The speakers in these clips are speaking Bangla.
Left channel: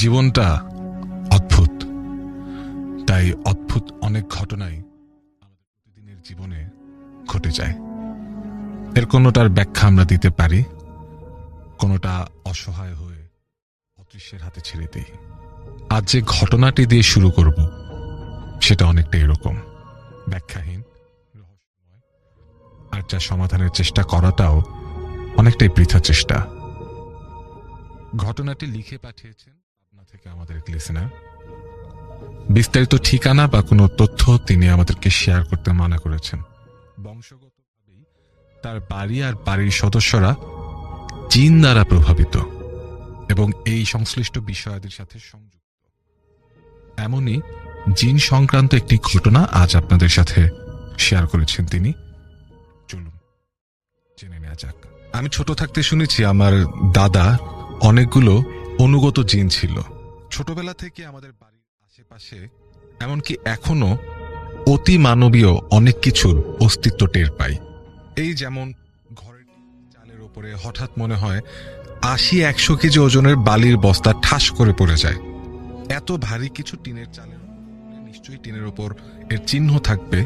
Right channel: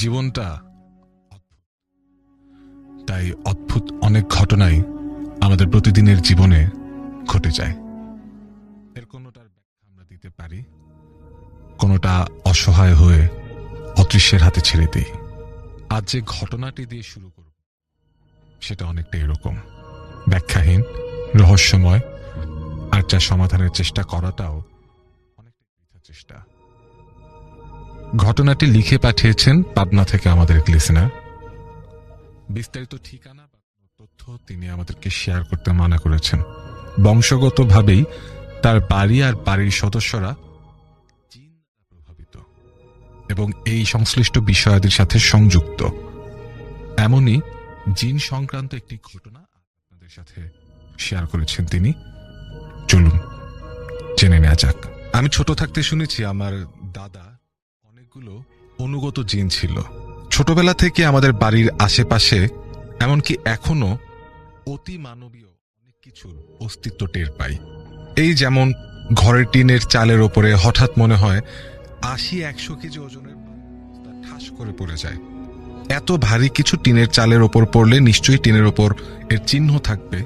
জীবনটা অদ্ভুত, তাই অদ্ভুত অনেক ঘটনাই আমাদের প্রতিদিনের জীবনে ঘটে যায়। এর কোনোটার ব্যাখ্যা আমরা দিতে পারি, কোনোটা অসহায় হয়ে অদৃশ্যের হাতে ছেড়ে দিই। আজ যে ঘটনাটি দিয়ে শুরু করব সেটা অনেকটা এরকম, ব্যাখ্যাহীন, রহস্যময়, আর যা সমাধানের চেষ্টা করাটাও অনেকটাই বৃথা চেষ্টা। ঘটনাটি লিখে পাঠিয়েছেন পাবনা থেকে আমাদের এক লিসেনার। বিস্তারিত ঠিকানা বা কোনো তথ্য তিনি আমাদেরকে শেয়ার করতে মানা করেছেন। বংশগতভাবেই তার বাড়ি আর বাড়ির সদস্যরা জিন দ্বারা প্রভাবিত এবং এই সংশ্লিষ্ট বিষয়াদির সাথে সংযুক্ত। এমনই জিন সংক্রান্ত একটি ঘটনা আজ আপনাদের সাথে শেয়ার করেছেন তিনি। চলুন জেনে নেওয়া যাক। আমি ছোট থাকতে শুনেছি আমার দাদা অনেকগুলো অনুগত জিন ছিল। ছোটবেলা থেকে আমাদের বাড়ির আশেপাশে, এমনকি এখনো অতি মানবীয় অনেক কিছুর অস্তিত্ব টের পাই। এই যেমন ঘরের টিনের চালের ওপরে হঠাৎ মনে হয় ৮০-১০০ কেজি ওজনের বালির বস্তা ঠাস করে পড়ে যায়। এত ভারী কিছু টিনের চালের ওপর পড়লে নিশ্চয়ই টিনের ওপর এর চিহ্ন থাকবে,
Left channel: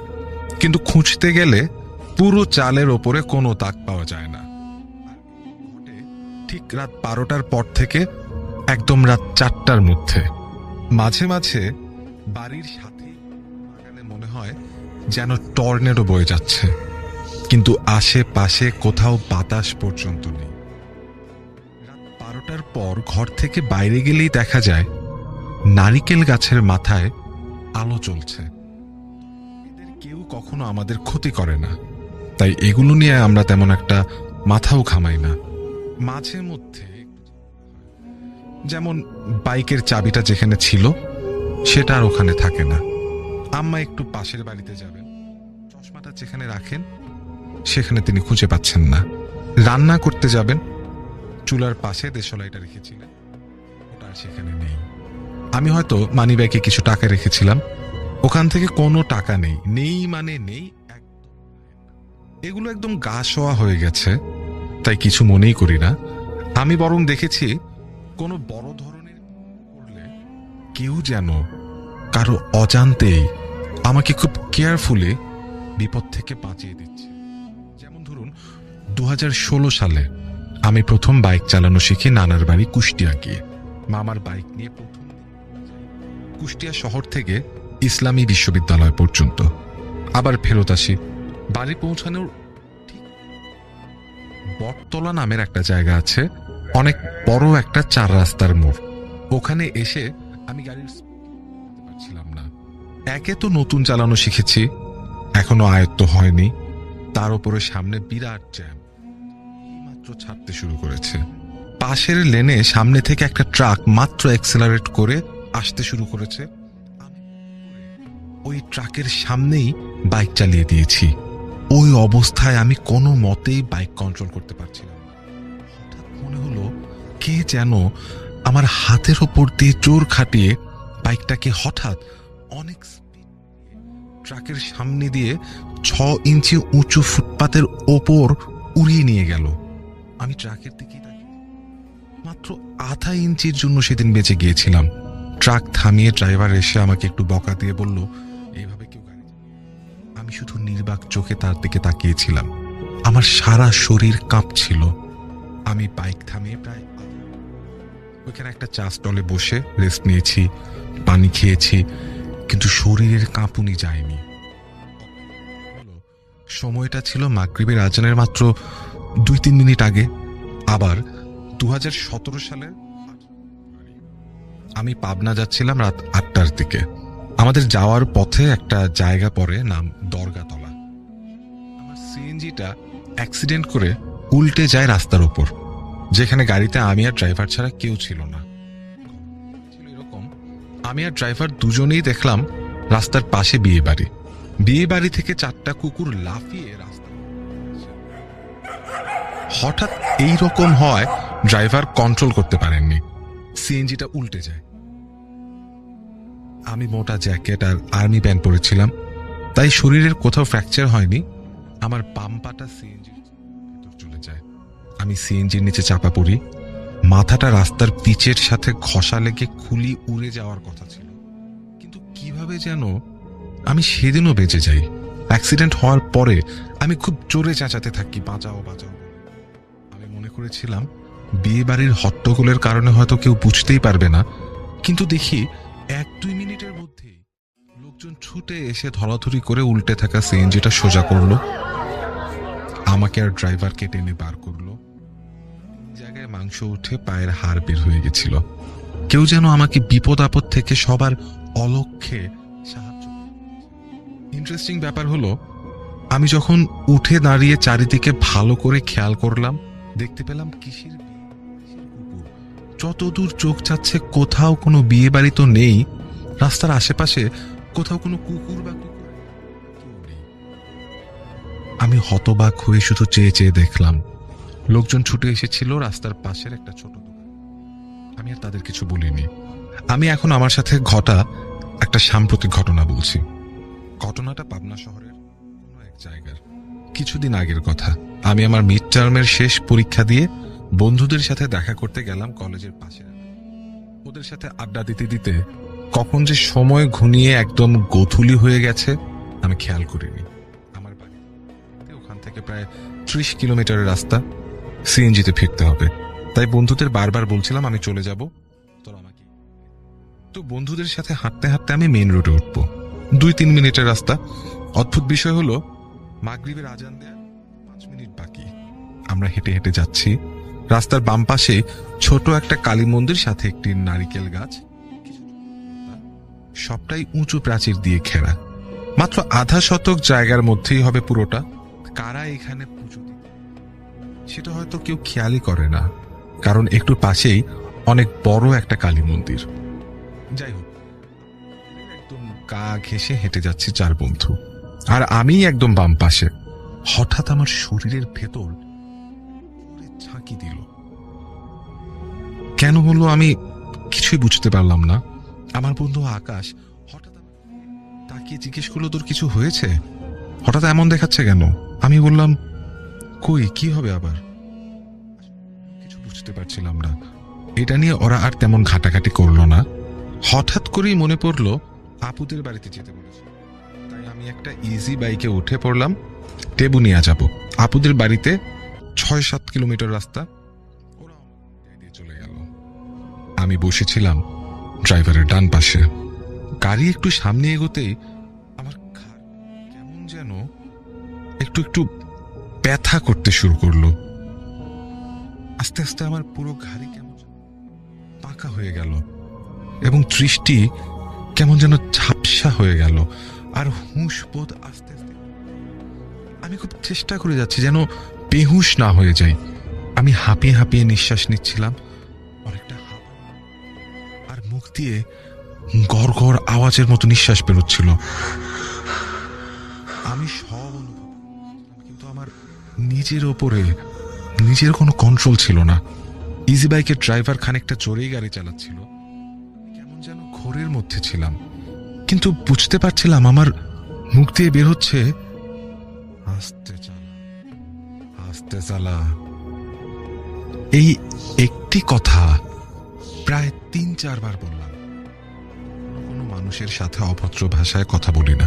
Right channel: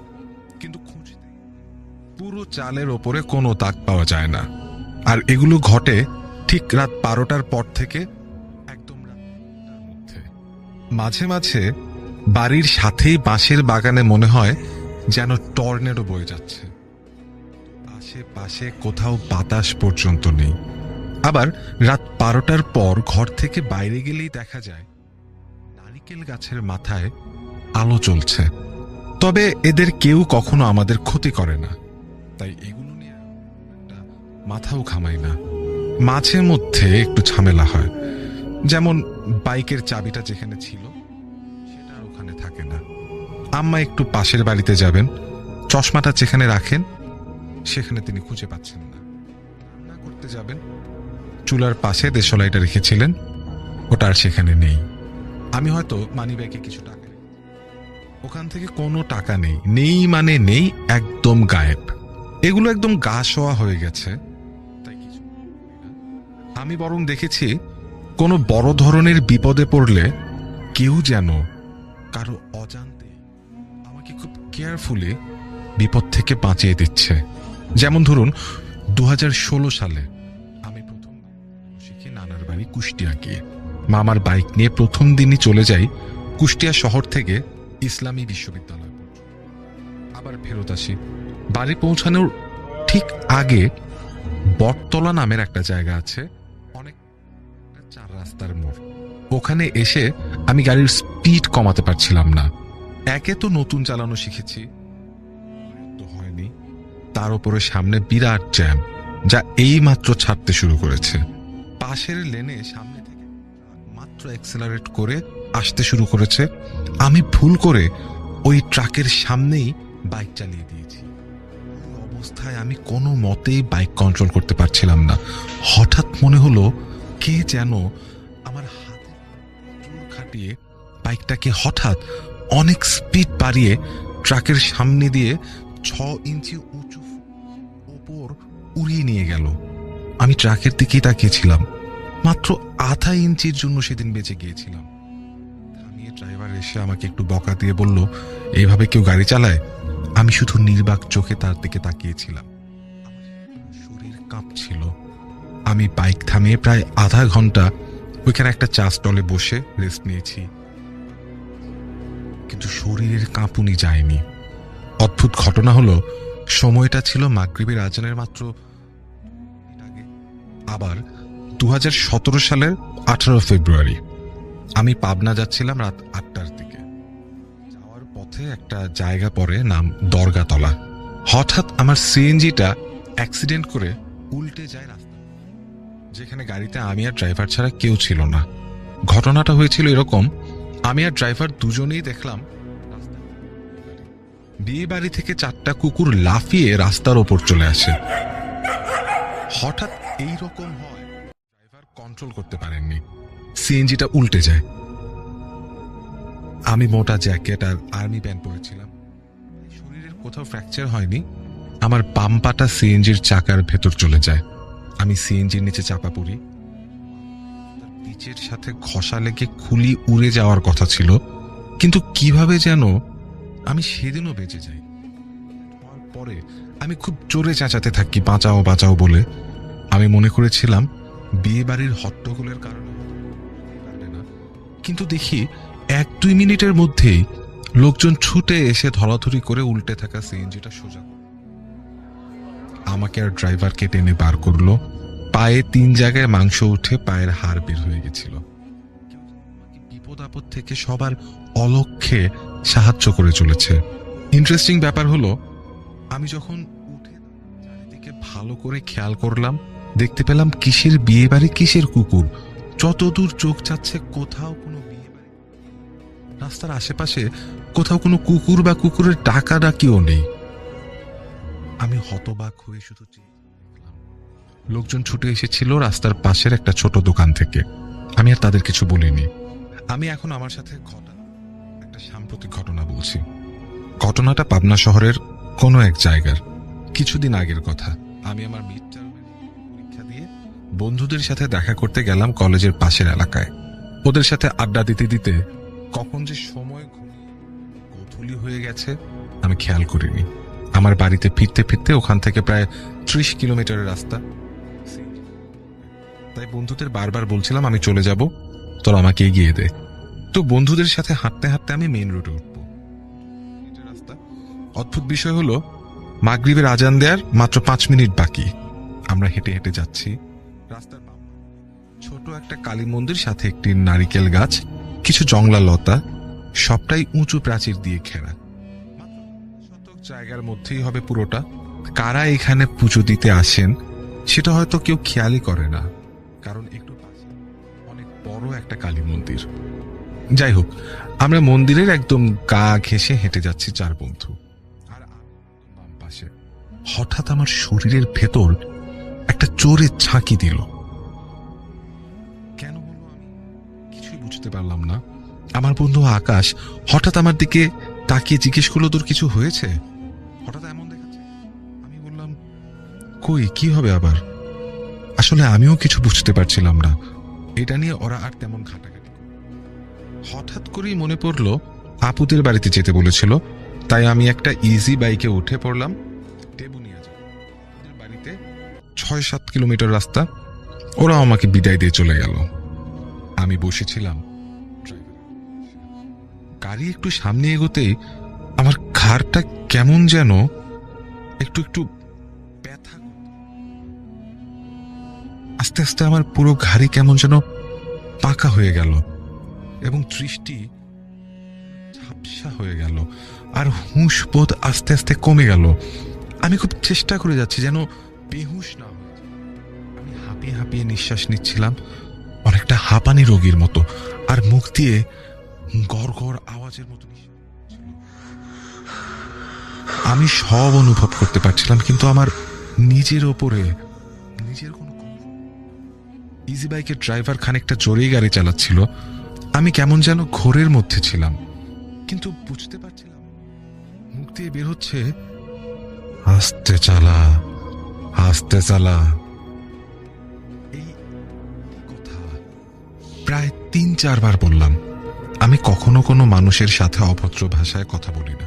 কিন্তু খুঁজতে গেলে পুরো চালের ওপরে কোনো দাগ পাওয়া যায় না। আর এগুলো ঘটে ঠিক রাত ১২টার পর থেকে একদম রাত ৪টার মধ্যে। মাঝে মাঝে বাড়ির সাথেই বাঁশের বাগানে মনে হয় যেন টর্নেডো বয়ে যাচ্ছে, কিন্তু আশেপাশে কোথাও বাতাস পর্যন্ত নেই। আবার রাত ১২টার পর ঘর থেকে বাইরে গেলেই দেখা যায় নারিকেল গাছের মাথায় আলো জ্বলছে। তবে এদের কেউ কখনো আমাদের ক্ষতি করে না, তাই এগুলো নিয়ে আমরা তেমন একটা মাথাও ঘামাই না। মাঝে মধ্যে একটু ঝামেলা হয়, যেমন বাইকের চাবিটা যেখানে ছিল সেটা আর ওখানে থাকে না। আম্মা একটু পাশের বাড়িতে যাবেন, চশমাটা যেখানে রাখেন সেখানে তিনি খুঁজে পাচ্ছেন না। রান্না করতে যাবেন, চুলার পাশে দেশলাইটা রেখেছিলেন, ওটা আর সেখানে নেই। আমি হয়তো মানিব্যাগে কিছু টাকা রেখেছিলাম, ওখান থেকে কোনো টাকা নেই। নেই মানে নেই, একদম গায়েব। এগুলো একদম গা শোয়া হয়ে গেছে, তাই কিছু মনেই করি না। আমি বরং দেখেছি কোনো বড় ধরনের বিপদে পড়লে কেউ যেন কারো অজান্তেই আমাকে খুব কেয়ারফুলি বিপদ থেকে বাঁচিয়ে দিচ্ছে। যেমন ধরুন ২০১৬ সালে আমি প্রথম বাইক চালানো শিখি নানার বাড়ি কুষ্টিয়া গিয়ে। মামার বাইক নিয়ে প্রথম দিনই চলে যাই কুষ্টিয়া শহর থেকে ইসলামী বিশ্ববিদ্যালয় পর্যন্ত, আবার ফেরত আসি। বাড়ি পৌঁছানোর ঠিক আগে বটতলা নামের একটা জায়গা আছে, অনেক বড় একটা ৪ রাস্তার মোড়। ওখানে এসে আমি গাড়ির স্পিড কমাতে পারছিলাম না। একে তো নতুন চালানো শিখেছি, এখনো আয়ত্ত হয়নি, তার উপরে সামনে বিরাট জ্যাম, যা এই মাত্র ছাড়তে শুরু করেছে। পাশের লেনে সামনে থেকে একটা ট্রাক মাত্র অ্যাক্সেলারেট করে আসতে শুরু করেছে। আমি ভুল করে ওই ট্রাকের সামনেই বাইক চালিয়ে দিয়েছি। ওই অবস্থায় আমি কোনো মতেই বাইক কন্ট্রোল করতে পারছিলাম না। হঠাৎ মনে হলো কে যেন আমার হাতের ওপর দিয়ে জোর খাটিয়ে বাইকটাকে হঠাৎ অনেক স্পিড বাড়িয়ে ট্রাকের সামনে দিয়ে ৬ ইঞ্চি উঁচু ফুটপাতের ওপর উড়িয়ে নিয়ে গেল। আমি ট্রাকের দিকেই তাকিয়েছিলাম। মাত্র আধা ইঞ্চির জন্য সেদিন বেঁচে গিয়েছিলাম। ট্রাক থামিয়ে ড্রাইভার এসে আমাকে একটু বকা দিয়ে বলল, এইভাবে কেউ গাড়ি চালায়? আমি শুধু নির্বাক চোখে তার দিকে তাকিয়েছিলাম। আমার সারা শরীর কাঁপছিল। আমি বাইক থামিয়ে প্রায় আধা ঘন্টা ওইখানে একটা চা স্টলে বসে রেস্ট নিয়েছি, পানি খেয়েছি, কিন্তু শরীরের কাঁপুনি যায়নি। অদ্ভুত ঘটনা হলো, সময়টা ছিল মাগরিবের আজানের মাত্র ২-৩ মিনিট আগে। আবার ২০১৭ সালের ১৮ ফেব্রুয়ারি আমি পাবনা যাচ্ছিলাম রাত ৮টার দিকে। আমাদের যাওয়ার পথে একটা জায়গা পড়ে, নাম দরগাতলা। হঠাৎ আমার সিএনজিটা অ্যাক্সিডেন্ট করে উল্টে যায় রাস্তার উপর, যেখানে গাড়িতে আমি আর ড্রাইভার ছাড়া কেউ ছিল না। ঘটনাটা হয়েছিল এরকম, আমি আর ড্রাইভার দুজনেই দেখলাম রাস্তার পাশে বিয়ে বাড়ি। বিয়ে বাড়ি থেকে ৪টা কুকুর লাফিয়ে রাস্তার ওপর চলে আসে। হঠাৎ এই রকম হয়, ড্রাইভার কন্ট্রোল করতে পারেননি, সিএনজিটা উল্টে যায়। আমি মোটা জ্যাকেট আর আর্মি প্যান্ট পরেছিলাম, তাই শরীরের কোথাও ফ্র্যাকচার হয়নি। আমার বাম পাটা সিএনজির চাকার ভেতর চলে যায়। আমি সিএনজির নিচে চাপা পড়ি। মাথাটা রাস্তার পিচের সাথে ঘষা লেগে খুলি উড়ে যাওয়ার কথা ছিল, কিন্তু কিভাবে যেন আমি সেদিনও বেঁচে যাই। অ্যাক্সিডেন্ট হওয়ার পরে আমি খুব জোরে চেঁচাতে থাকি, বাঁচাও বাঁচাও বলে। আমি মনে করেছিলাম বিয়ে বাড়ির হট্টগোলের কারণে হয়তো কেউ বুঝতেই পারবে না, কিন্তু দেখি 1-2 মিনিটের মধ্যেই লোকজন ছুটে এসে ধরাধরি করে উল্টে থাকা সিএনজিটা সোজা করলো, আমাকে আর ড্রাইভারকে টেনে বার করলো। পায়ে 3 জায়গায় মাংস উঠে পায়ের হাড় বের হয়ে গেছিল। কেউ যেন আমাকে বিপদ আপদ থেকে সবার অলক্ষ্যে সাহায্য করে চলেছে। ইন্টারেস্টিং ব্যাপার হলো, আমি যখন উঠে দাঁড়িয়ে চারিদিকে ভালো করে খেয়াল করলাম, দেখতে পেলাম কিসের বিয়ে বাড়ি কিসের কুকুর। যতদূর চোখ যাচ্ছে কোথাও কোনো বিয়ে বাড়ি তো নেই, রাস্তার আশেপাশে কোথাও কোনো কুকুর বা কুকুরের ডাকাডাকিও নেই। আমি হতবাক হয়ে শুধু চেয়ে চেয়ে দেখলাম। লোকজন ছুটে এসেছিল রাস্তার পাশের একটা ছোট দোকান থেকে। আমি আর তাদের কিছু বলিনি। আমি এখন আমার সাথে ঘটা একটা সাম্প্রতিক ঘটনা বলছি। ঘটনাটা পাবনা শহরের কোনো এক জায়গার, কিছুদিন আগের কথা। আমি আমার মিড টার্মের শেষ পরীক্ষা দিয়ে বন্ধুদের সাথে দেখা করতে গেলাম কলেজের পাশের এলাকায়। ওদের সাথে আড্ডা দিতে দিতে কখন যে সময় ঘনিয়ে একদম গোধূলি হয়ে গেছে আমি খেয়াল করিনি। আমার বাড়িতে ফিরতে ফিরতে ওখান থেকে প্রায় 30 কিলোমিটারের রাস্তা, সিএনজিতে ফিরতে হবে। তাই বন্ধুদের বারবার বলছিলাম আমি চলে যাব, তোরা আমাকে এগিয়ে দে। তো বন্ধুদের সাথে হাঁটতে হাঁটতে আমি মেইন রোডে উঠবো। 2-3 মিনিটের রাস্তা। অদ্ভুত বিষয় হলো, মাগরিবের আজান দেওয়ার মাত্র 5 মিনিট বাকি। আমরা হেঁটে হেঁটে যাচ্ছি। রাস্তার বাম পাশে ছোট একটা কালী মন্দির, সাথে একটি নারিকেল গাছ, কিছু জংলা লতা, সবটাই উঁচু প্রাচীর দিয়ে ঘেরা। মাত্র আধা শতক জায়গার মধ্যেই হবে পুরোটা। কারা এখানে পুজো দিতে আসেন সেটা হয়তো কেউ খেয়ালই করে না, কারণ একটু পাশেই অনেক বড় একটা কালী মন্দির। যাই হোক, আমরা মন্দিরের একদম গা ঘেঁষে হেঁটে যাচ্ছি 4 বন্ধু, আর আমি একদম বাম পাশে। হঠাৎ আমার শরীরের ভেতর একটা জোরে ঝাঁকি দিল। কেন হলো আমি কিছুই বুঝতে পারলাম না। আমার বন্ধু আকাশ হঠাৎ আমার দিকে তাকিয়ে জিজ্ঞেস করলো, তোর কিছু হয়েছে? হঠাৎ এমন দেখাচ্ছে কেন? আমি বললাম, কই কি হবে আবার? আসলে আমিও কিছু বুঝতে পারছিলাম না। এটা নিয়ে ওরা আর তেমন ঘাটাঘাটি করলো না। হঠাৎ করেই মনে পড়লো আপুদের বাড়িতে যেতে বলেছিল, তাই আমি একটা ইজি বাইকে উঠে পড়লাম। টেবুনিয়া যাব। আপুদের বাড়িতে 6-7 কিলোমিটার রাস্তা। ওরা আমাকে বিদায় দিয়ে চলে গেল। আমি বসেছিলাম ড্রাইভারের ডান পাশে। গাড়ি একটু সামনে এগোতেই আমার ঘাড়টা কেমন যেন একটু একটু ব্যথা করতে শুরু করলো। আস্তে আস্তে আমার পুরো ঘাড়ি কেমন যেন পাকা হয়ে গেল এবং দৃষ্টি কেমন যেন ঝাপসা হয়ে গেল, আর হুঁশ বোধ আস্তে আস্তে কমে গেল। আমি খুব চেষ্টা করে যাচ্ছি যেন বেহুশ না হয়ে যাই। আমি হাঁপিয়ে হাঁপিয়ে নিঃশ্বাস নিচ্ছিলাম, অনেকটা হাঁপানি রোগীর মতো, আর মুখ দিয়ে গড় গড় আওয়াজের মতো নিঃশ্বাস বেরোচ্ছিল। আমি সব অনুভব করতে পারছিলাম, কিন্তু আমার নিজের ওপরে নিজের কোনো কন্ট্রোল ছিল না। ইজি বাইকের ড্রাইভার খানিকটা জোরেই গাড়ি চালাচ্ছিল। আমি কেমন যেন ঘোরের মধ্যে ছিলাম, কিন্তু বুঝতে পারছিলাম আমার মুখ দিয়ে বের হচ্ছে, আস্তে চালা, আস্তে চালা। এই একটি কথা প্রায় 3-4 বার বললাম। আমি কখনো কোনো মানুষের সাথে অভদ্র ভাষায় কথা বলি না,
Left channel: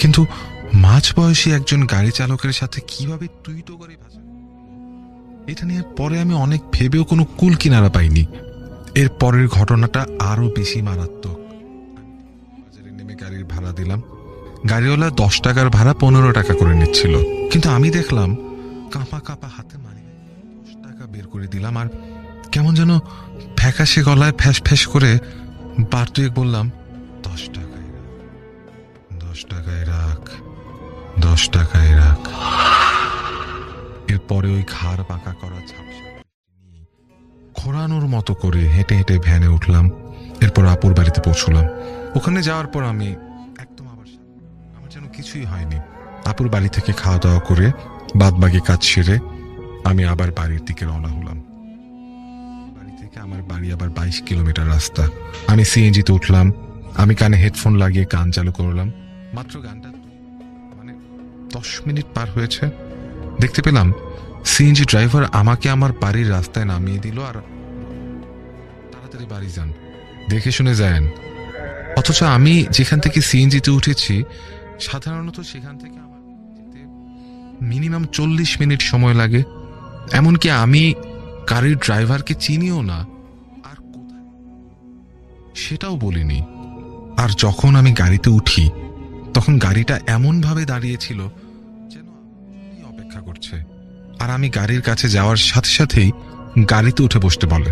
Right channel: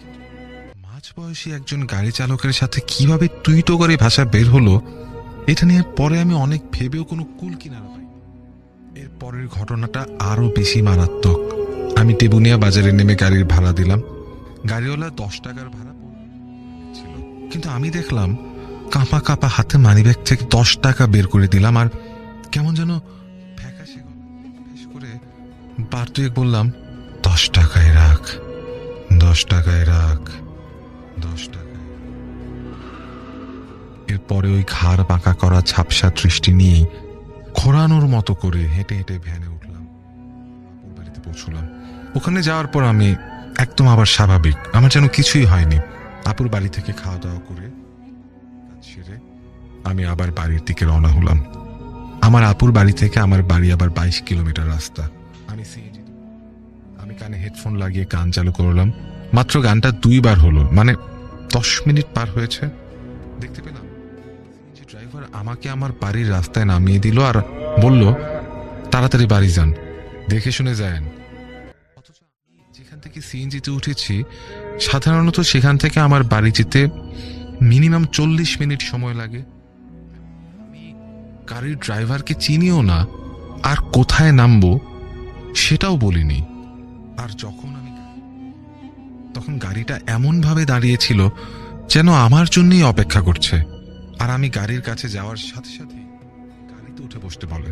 কিন্তু মাঝবয়সী একজন গাড়ি চালকের সাথে কিভাবে তুই তো করে ভাষা বের হলো, এটা নিয়ে পরে আমি অনেক ভেবেও কোনো কুল কিনারা পাইনি। এর পরের ঘটনাটা আরো বেশি মারাত্মক। আমি টেবুনিয়া বাজারে নেমে গাড়ির ভাড়া দিলাম। গাড়িওয়ালা 10 টাকার ভাড়া 15 টাকা করে নিচ্ছিল, কিন্তু আমি দেখলাম কাঁপা কাঁপা হাতে মানিব্যাগ থেকে 10 টাকা বের করে দিলাম, আর কেমন যেন ফ্যাকাশে গলায় ফ্যাস ফ্যাস করে বার দুয়েক বললাম, 10 টাকায় রাখ, 10 টাকায় রাখ, 10 টাকায় রাখ। এরপরে ওই ঘাড় বাঁকা করা ঝাপসা দৃষ্টি নিয়েই খোঁড়ানোর মতো করে হেঁটে হেঁটে ভ্যানে উঠলাম। এরপর আপুর বাড়িতে পৌঁছলাম। ওখানে যাওয়ার পর আমি একদম আবার স্বাভাবিক, আমার যেন কিছুই হয়নি। আপুর বাড়ি থেকে খাওয়া দাওয়া করে বাদবাকি কাজ সেরে আমি আবার বাড়ির দিকে রওনা হলাম। আমার আপুর বাড়ি থেকে আমার বাড়ি আবার 22 কিলোমিটার রাস্তা। আমি সিএনজিতে উঠলাম। আমি কানে হেডফোন লাগিয়ে গান চালু করলাম। মাত্র গানটা 2 বার হলো, মানে 10 মিনিট পার হয়েছে। দেখতে পেলাম সিএনজি ড্রাইভার আমাকে আমার বাড়ির রাস্তায় নামিয়ে দিল, আর বলল, তাড়াতাড়ি বাড়ি যান, দেখে শুনে যায়েন। অথচ আমি যেখান থেকে সিএনজিতে উঠেছি সাধারণত সেখান থেকে আমার বাড়ি যেতে মিনিমাম 40 মিনিট সময় লাগে। এমনকি আমি গাড়ির ড্রাইভারকে চিনিও না, আর কোথায় নামবো সেটাও বলিনি। আর যখন আমি গাড়িতে উঠি তখন গাড়িটা এমনভাবে দাঁড়িয়েছিল যেন আমার জন্যই অপেক্ষা করছে। আর আমি গাড়ির কাছে যাওয়ার সাথে সাথেই গাড়িতে উঠে বসতে বলে।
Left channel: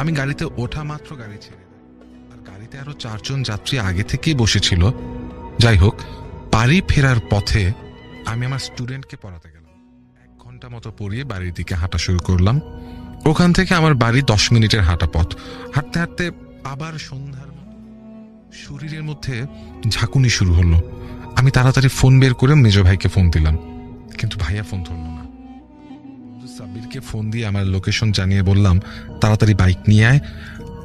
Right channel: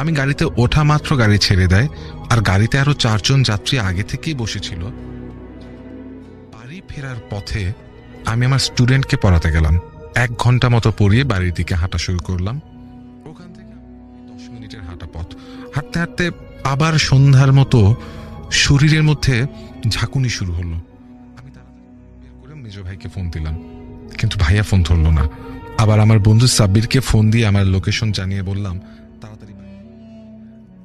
আমি গাড়িতে ওঠা মাত্র গাড়ি ছেড়ে দেয়, আর গাড়িতে আরো 4 জন যাত্রী আগে থেকেই বসেছিল। যাই হোক, বাড়ি ফেরার পথে আমি আমার স্টুডেন্টকে পড়াতে গেলাম। 1 ঘন্টা মতো পড়িয়ে বাড়ির দিকে হাঁটা শুরু করলাম। ওখান থেকে আমার বাড়ি 10 মিনিটের হাঁটা পথ। হাঁটতে হাঁটতে আবার সন্ধ্যার মতো শরীরের মধ্যে ঝাঁকুনি শুরু হলো। আমি তাড়াতাড়ি ফোন বের করে মেজো ভাইকে ফোন দিলাম, কিন্তু ভাইয়া ফোন ধরলো না। আবার আমার বন্ধু সাব্বিরকে ফোন দিয়ে আমার লোকেশন জানিয়ে বললাম, তাড়াতাড়ি বাইক নিয়ে আয়,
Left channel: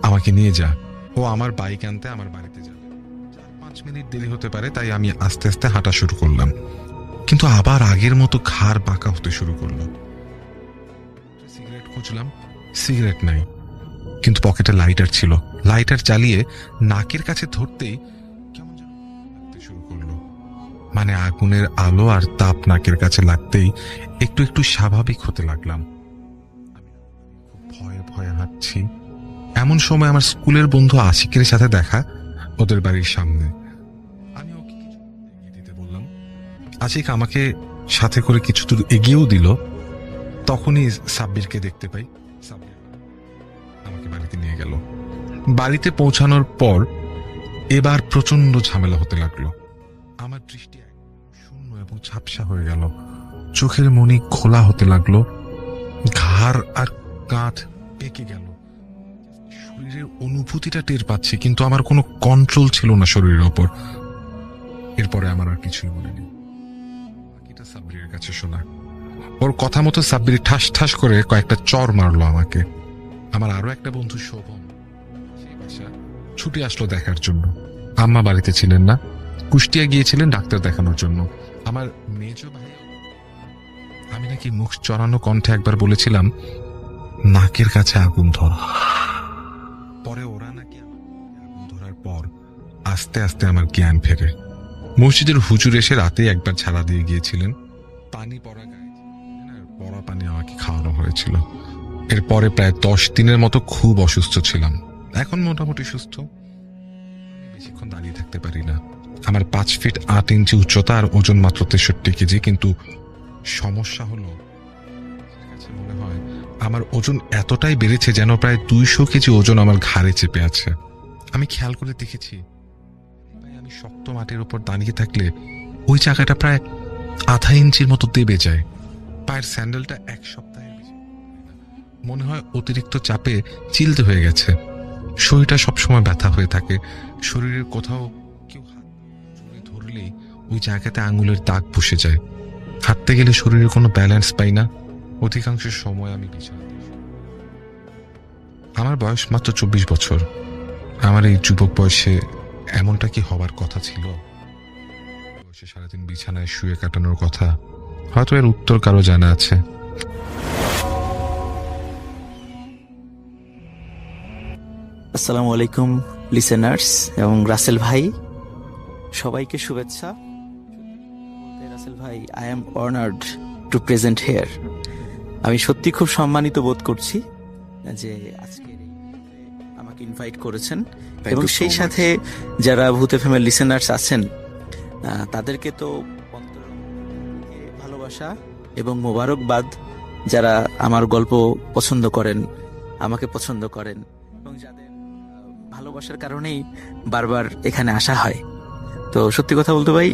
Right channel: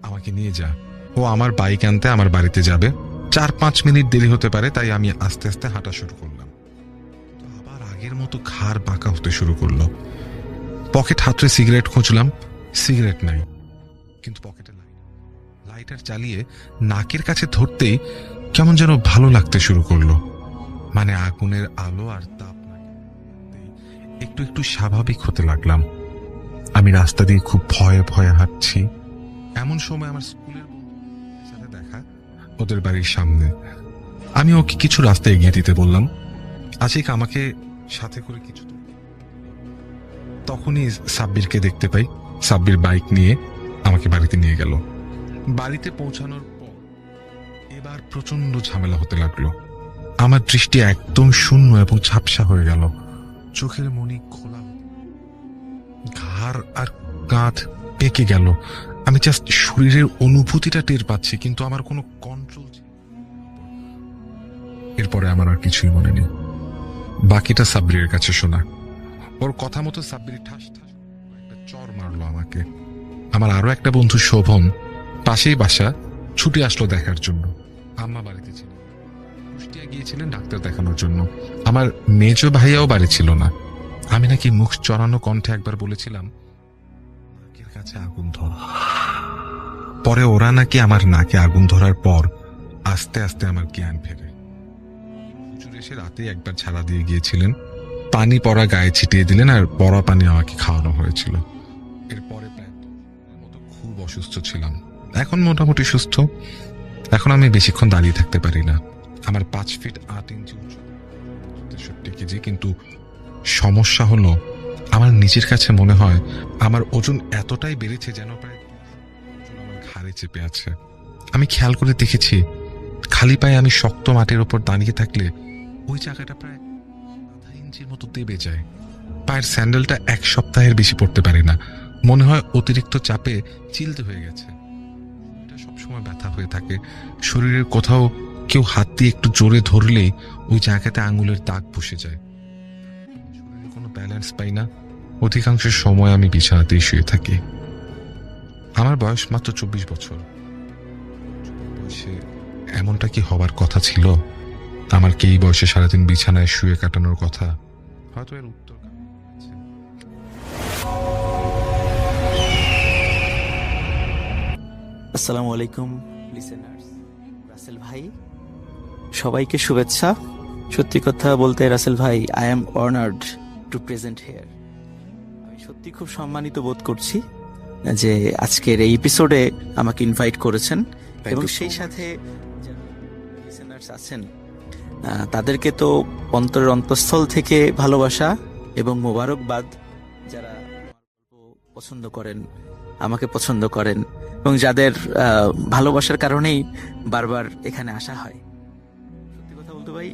আমাকে নিয়ে যা। ও আমার বাইক আনতে আমার বাড়িতে যাবে, 4-5 মিনিট দেরি হতে পারে, তাই আমি আস্তে আস্তে হাঁটা শুরু করলাম। কিন্তু আবার আগের মতো ঘাড় বাঁকা হতে শুরু করলো। পকেট হাতড়ে সিগারেট খুঁজলাম, সিগারেট নাই, কিন্তু পকেটে লাইটার ছিল। লাইটার জ্বালিয়ে নাকের কাছে ধরতেই কেমন যেন ভালো লাগতে শুরু করলো। মানে আগুনের আলো আর তাপ নাকের কাছে লাগতেই একটু একটু স্বাভাবিক হতে লাগলাম। আমি রাস্তা দিয়ে খুব ভয়ে ভয়ে হাঁটছি। এমন সময় আমার স্কুলের বন্ধু আশিকের সাথে দেখা, ওদের বাড়ির সামনে। আমি ওকে কিছু রাস্তা এগিয়ে দিতে বললাম। আশিক আমাকে সাথে করে কিছু দূর এগিয়েও দিল। তখনই সাব্বিরকে দেখতে পাই। সাব্বির বাইক নিয়ে আমাকে বাড়িতে নিয়ে গেল। বাড়িতে পৌঁছানোর পর এবার প্রচন্ড ঝামেলা হতে লাগলো। আমার দৃষ্টি একদম শূন্য এবং ঝাপসা হয়ে গেল। চোখের মনি খোলা হতে লাগলো, ঘাড় আর কাঁধ পেকে গেল। আমি জাস্ট শরীরের অনুভূতিটা টের পাচ্ছি, কিন্তু আমার কোনো কন্ট্রোল ছিল না শরীরের ওপর। এরপরে আমার আর কিছুই মনে নেই। বাকিটা সাব্বিরের কাছে শোনা। ওর কথা মতো সাব্বির ঠাস ঠাস করে কয়েকটা চর মারলো আমাকে। আমার আরো একটা বন্ধু শোভন, পাশেই বাসা, ছুটে আসলো দেখার জন্য। আম্মা বাড়িতে ছিলেন না, কুষ্টিয়া গিয়েছিলেন ডাক্তার দেখানোর জন্য। আমার মেজো ভাইয়াও বাড়ি ছিল না। আমি নাকি মুখ চড়ানো কণ্ঠে একবার বলেছিলাম, নাকের কাছে আগুন ধরা। পরে ওরা নাকি আমার নাকে আগুন ধরার পর আস্তে আস্তে আমার জ্ঞান ফেরে। মসজিদের হুজুর এসে রাতে একবার ঝাড়া দিয়ে গিয়েছিলেন, পানি পড়া গায়ে ছিটিয়ে দিলেন, আর পড়া পানি আমাকে খাওয়ানো হয়েছিল। এরপরে প্রায় 10 দিনের মতো খুব অসুস্থ ছিলাম। এখন মোটামুটি সুস্থ। এখন আমি বেশিক্ষণ দাঁড়িয়ে থাকতে পারি না। আমার 5 ফিট 8 ইঞ্চি উচ্চতা আর ওজন মাত্র 63 কেজি। কিন্তু সমস্যা হলো, আমার নিজের কাছে মনে হয় আমার ওজন এতটাই বেড়েছে যেন প্রায় 200 কেজি ওজন আমার ঘাড়ে চেপে আছে। আমি খেয়াল করে দেখেছি, খালি পায়ে আমি শক্ত মাটির ওপর দাঁড়িয়ে থাকলে ওই জায়গাটা প্রায় আধা ইঞ্চির মতো দেবে যায়। পায়ের স্যান্ডেলটা 1 সপ্তাহের বেশি পড়তে পারি না। মনে হয় অতিরিক্ত চাপে চিলতে হয়ে গেছে। শরীরটা সবসময় ব্যথা হয়ে থাকে। শরীরের কোথাও কেউ হাত দিয়ে একটু জোরে ধরলেই ওই জায়গাতে আঙুলের দাগ বসে যায়। হাঁটতে গেলে শরীরের কোনো ব্যালেন্স পাই না। অধিকাংশ সময় আমি বিছানাতেই শুয়ে থাকি। আমার বয়স মাত্র 24 বছর। আমার এই যুবক বয়সে এমনটা কি হবার কথা ছিল? আমার কি এই বয়সে সারাদিন বিছানায় শুয়ে কাটানোর কথা? হয়তো এর উত্তর কারো জানা আছে। আসসালামু আলাইকুম লিসেনার্স এবং রাসেল ভাই, সবাইকে শুভেচ্ছা। সত্যি কথা বলতে রাসেল ভাই, I am honoured two present hair. আমি সত্যি খুব সম্মানিত বোধ করছি যে আজকের এই এপিসোডে আমাকে ইনভাইট করেছেন, এবং সেই সাথে যারা ভূত এফএমের লিসেনার্স আছেন তাদেরকে তো অন্তরের অন্তঃস্থল থেকে ভালোবাসা এবং মোবারকবাদ। যারা আমার গল্প পছন্দ করেন, আমাকে পছন্দ করেন, এবং যাদের ভালোবাসার কারণেই বারবার এখানে আসা হয়। তো সত্যি কথা বলতে ভাই,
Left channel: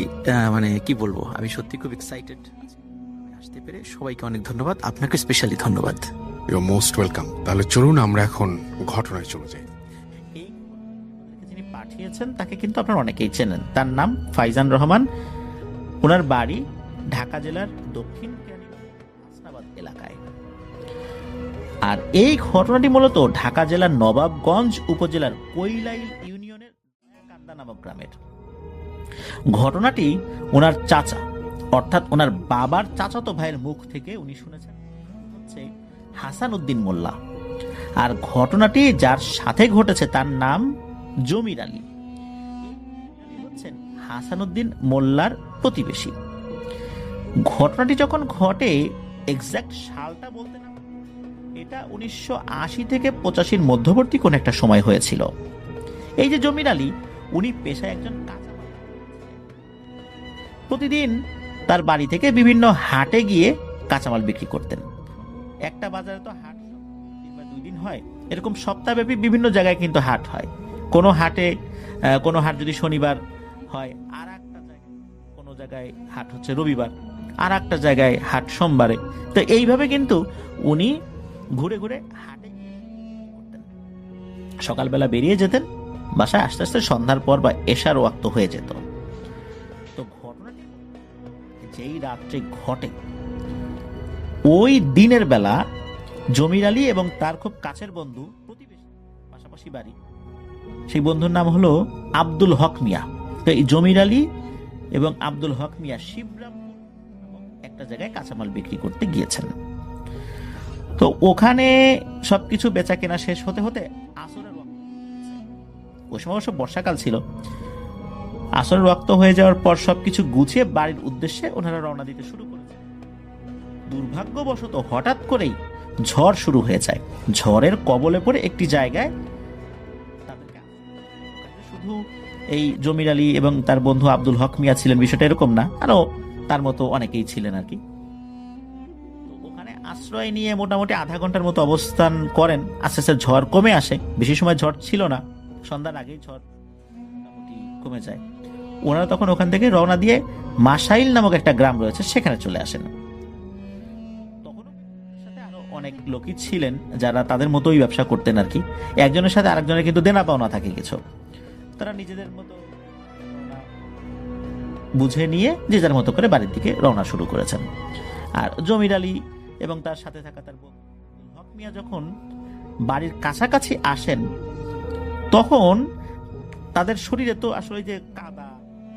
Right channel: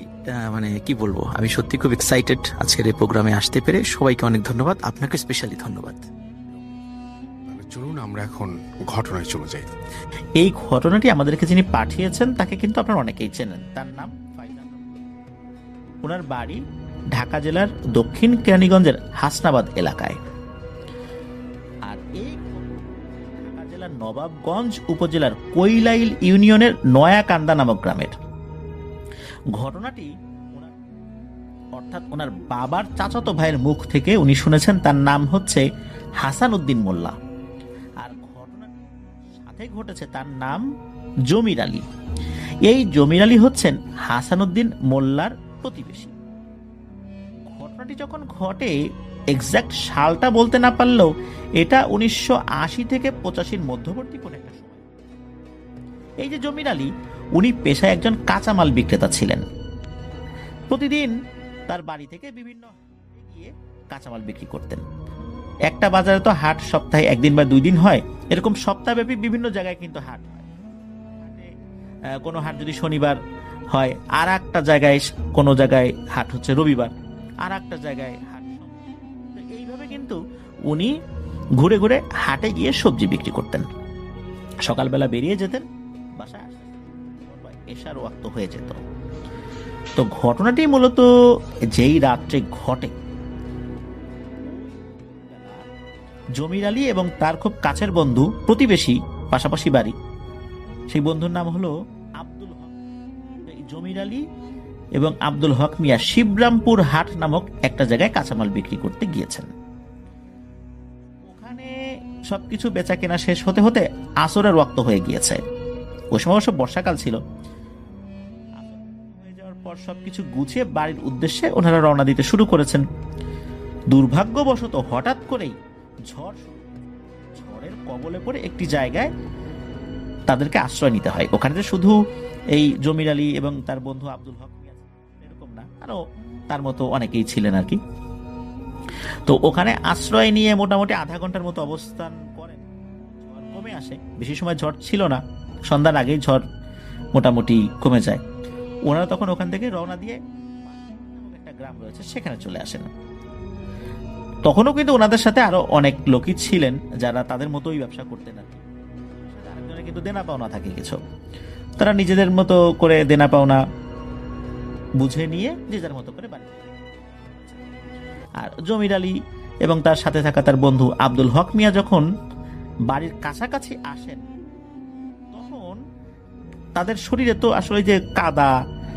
মানে কি বলবো, আমি সত্যি খুব এক্সাইটেড আজকের এই প্রোগ্রামে আসতে পেরে। সবাইকে অনেক ধন্যবাদ, আপনাকে স্পেশালি ধন্যবাদ। You most welcome. তাহলে চলুন আমরা এখন ঘটনায় চলে যাই। এই ঘটনাটি আমাদেরকে যিনি পাঠিয়েছেন তাকে কিন্তু আপনারা অনেকেই চেনেন। তার নাম ফাইজান রহমান। ওনার বাড়ি ঢাকা জেলার দক্ষিণ কেরানীগঞ্জের হাসনাবাদ এলাকায়। আর এই ঘটনাটি মূলত ঢাকা জেলার নবাবগঞ্জ উপজেলার কৈলাইল ইউনিয়নের নয়াকান্দা নামক গ্রামের। ঘটনাটি ওনার চাচা, অর্থাৎ ওনার বাবার চাচাতো ভাইয়ের মুখ থেকে উনি শুনেছেন। তার নাম হচ্ছে হাসান উদ্দিন মোল্লা। আর ঘটনাটি যার সাথে ঘটেছে তার নাম জমির আলী। এই জমির আলী হচ্ছেন হাসানুদ্দিন মোল্লার প্রতিবেশী। ঘটনাটি যখন ঘটে এক্সাক্ট সালটা বলতে না পারলেও এটা 1980 থেকে 85 মধ্যবর্তী কোন একটা সময় হয়েছিল। এই যে জমির আলী, উনি পেশায় একজন কাঁচামাল বিক্রেতা ছিলেন। প্রতিদিন তার বাড়ি থেকে বিভিন্ন হাটে গিয়ে কাঁচামাল বিক্রি করতেন। একটা বাজারে তো হাট সপ্তাহে 1 দিন বা 2 দিন হয়, এরকম সপ্তাহব্যাপী বিভিন্ন জায়গায় কিন্তু হাট হয়। কোনো হাট যদি শনিবার হয়, আর একটা জায়গায় কোনো জায়গায় হাট হচ্ছে রবিবার, আর একটা জায়গায় হাট সোমবারে। তো এইভাবে কিন্তু উনি ঘুরে ঘুরে হাটে গিয়ে সবজি বিক্রি করতেন। সকালবেলা বেরিয়ে যেতেন, বাসায় আস্তে আস্তে সন্ধ্যার পর বা এশার ওয়াক্ত হয়ে যেত। তো ঘটনাটি মূলত যেই রাত্রে ঘটে, ওই দিনের বেলা জমির আলী এবং তার খুব কাছের বন্ধু, প্রতিবেশী, পাশাপাশি বাড়ি, সেই বন্ধুর নাম হলো আব্দুল হক মিয়া। তো এই জমির আলী এবং আব্দুল হক মিয়া শিবরামপুর হাট নামক একটা জায়গায় কাঁচামাল বিক্রি করতে গিয়েছেন। তো ওখানে সবকিছু বেচা কেনা শেষ হতে হতে আসরের ওয়াক্ত হয়ে গিয়েছে। ওই সময় অবশ্য বর্ষাকাল ছিল। আসরের ওয়াক্ত হয়ে যাওয়ার পর সবকিছু গুছিয়ে বাড়ির উদ্দেশ্যে ওনারা রওনা দিতে শুরু করেছেন। দুর্ভাগ্যবশত হঠাৎ করেই ঝড় শুরু হয়ে যায়। ঝড়ের কবলে পড়ে একটি জায়গায় তাদেরকে আশ্রয় নিতে হয়। ওখানে যে শুধু এই জমির আলী এবং তার বন্ধু আব্দুল হক মিয়া ছিলেন বিষয়টা এরকম না, আরো তার মতো অনেকেই ছিলেন আর কি। তো ওখানে আশ্রয় নিয়ে মোটামুটি আধা ঘন্টার মতো অবস্থান করেন। আস্তে আস্তে ঝড় কমে আসে। বেশি সময় ঝড় ছিল না, সন্ধ্যার আগেই ঝড় মোটামুটি কমে যায়। ওনারা তখন ওখান থেকে রওনা দিয়ে মাসাইল নামক একটা গ্রাম রয়েছে সেখানে চলে আসেন। তখনও কিন্তু ওনাদের সাথে আরো অনেক লোকই ছিলেন যারা তাদের মতোই ব্যবসা করতেন আর কি। একজনের সাথে আরেকজনের কিন্তু দেনা পাওনা থাকে কিছু। তারা নিজেদের মতো করে দেনা পাওনা বুঝে নিয়ে যে যার মতো করে বাড়ির দিকে রওনা শুরু করেছেন। আর জমির আলী এবং তার সাথে থাকা তার বন্ধু আব্দুল হক মিয়া যখন বাড়ির কাছাকাছি আসেন, তখন তাদের শরীরে তো আসলে যে কাদা,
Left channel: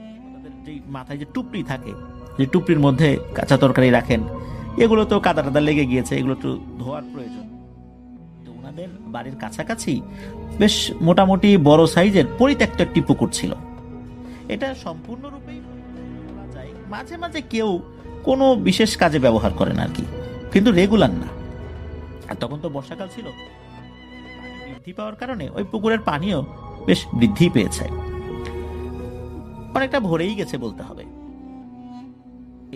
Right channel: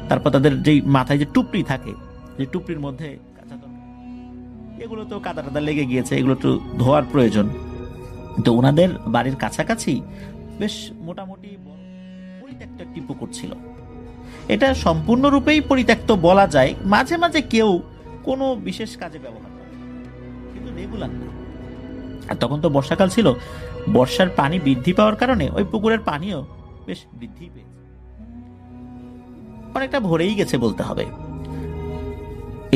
তারপর তাদের যেই মাথায় যে টুপরি থাকে, যে টুপরির মধ্যে কাঁচা তরকারি রাখেন, এগুলো তো কাদা টাদা লেগে গিয়েছে, এগুলো তো ধোয়ার প্রয়োজন। তো ওনাদের বাড়ির কাছাকাছি বেশ মোটামুটি বড় সাইজের পরিত্যক্ত একটি পুকুর ছিল। এটা সম্পূর্ণরূপেই পরিত্যক্ত বলা যায়, মাঝে মাঝে কেউ কোনো বিশেষ কাজে ব্যবহার করেন আর কি, কিন্তু রেগুলার না। আর তখন তো বর্ষাকাল ছিল, বর্ষার পানি বৃদ্ধি পাওয়ার কারণে ওই পুকুরের পানিও বেশ বৃদ্ধি পেয়েছে, অনেকটা ভরেই গেছে বলতে হবে।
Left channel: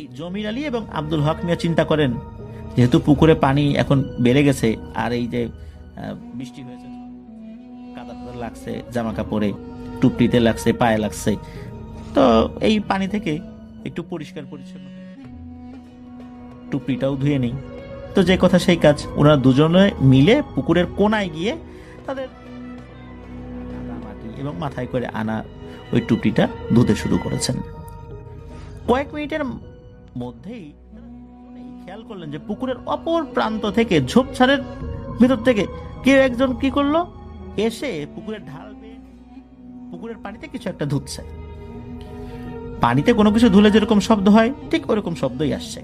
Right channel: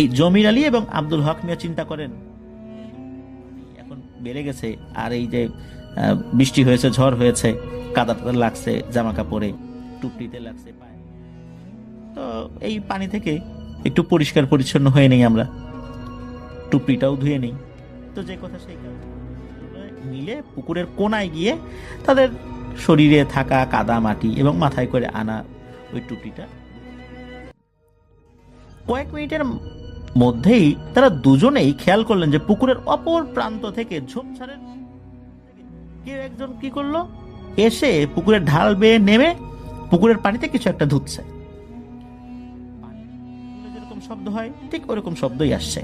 এই জমির আলী এবং আব্দুল হক মিয়া চিন্তা করেন, যেহেতু পুকুরে পানি এখন বেড়ে গেছে, আর এই যে বৃষ্টি হয়েছে, ঝড় হয়েছে, কাদা টাদা লাগছে জামা কাপড়ে, টুপটিতে লাগছে, পায়ে লাগছে, তো এই পানি থেকে একটু পরিষ্কার পরিচ্ছন্ন হয়ে নেই, আমরা টুপটিটাও ধুয়ে নেই। তো যে কথা সেই কাজ, ওনারা দুজনে মিলে পুকুরের কোনায় গিয়ে তাদের শরীরে থাকা কাদা মাটি এবং মাথায় করে আনা ওই টুপটিটা ধুতে শুরু করেছেন। কয়েক মিনিটের মধ্যেই তারা দুজনেই খেয়াল করলেন যে পুকুরের অপর প্রান্ত থেকে, ঝোপঝাড়ের ভিতর থেকে কেউ একজন কি করলো, এসে পুকুরের ঢাল বেয়ে নেমে পুকুরের পানিতে কিছু একটা ধুচ্ছে। পানিতে কোনো কিছু ধুলে যেরকম শব্দ হয় ঠিক ওরকম শব্দই আসছে।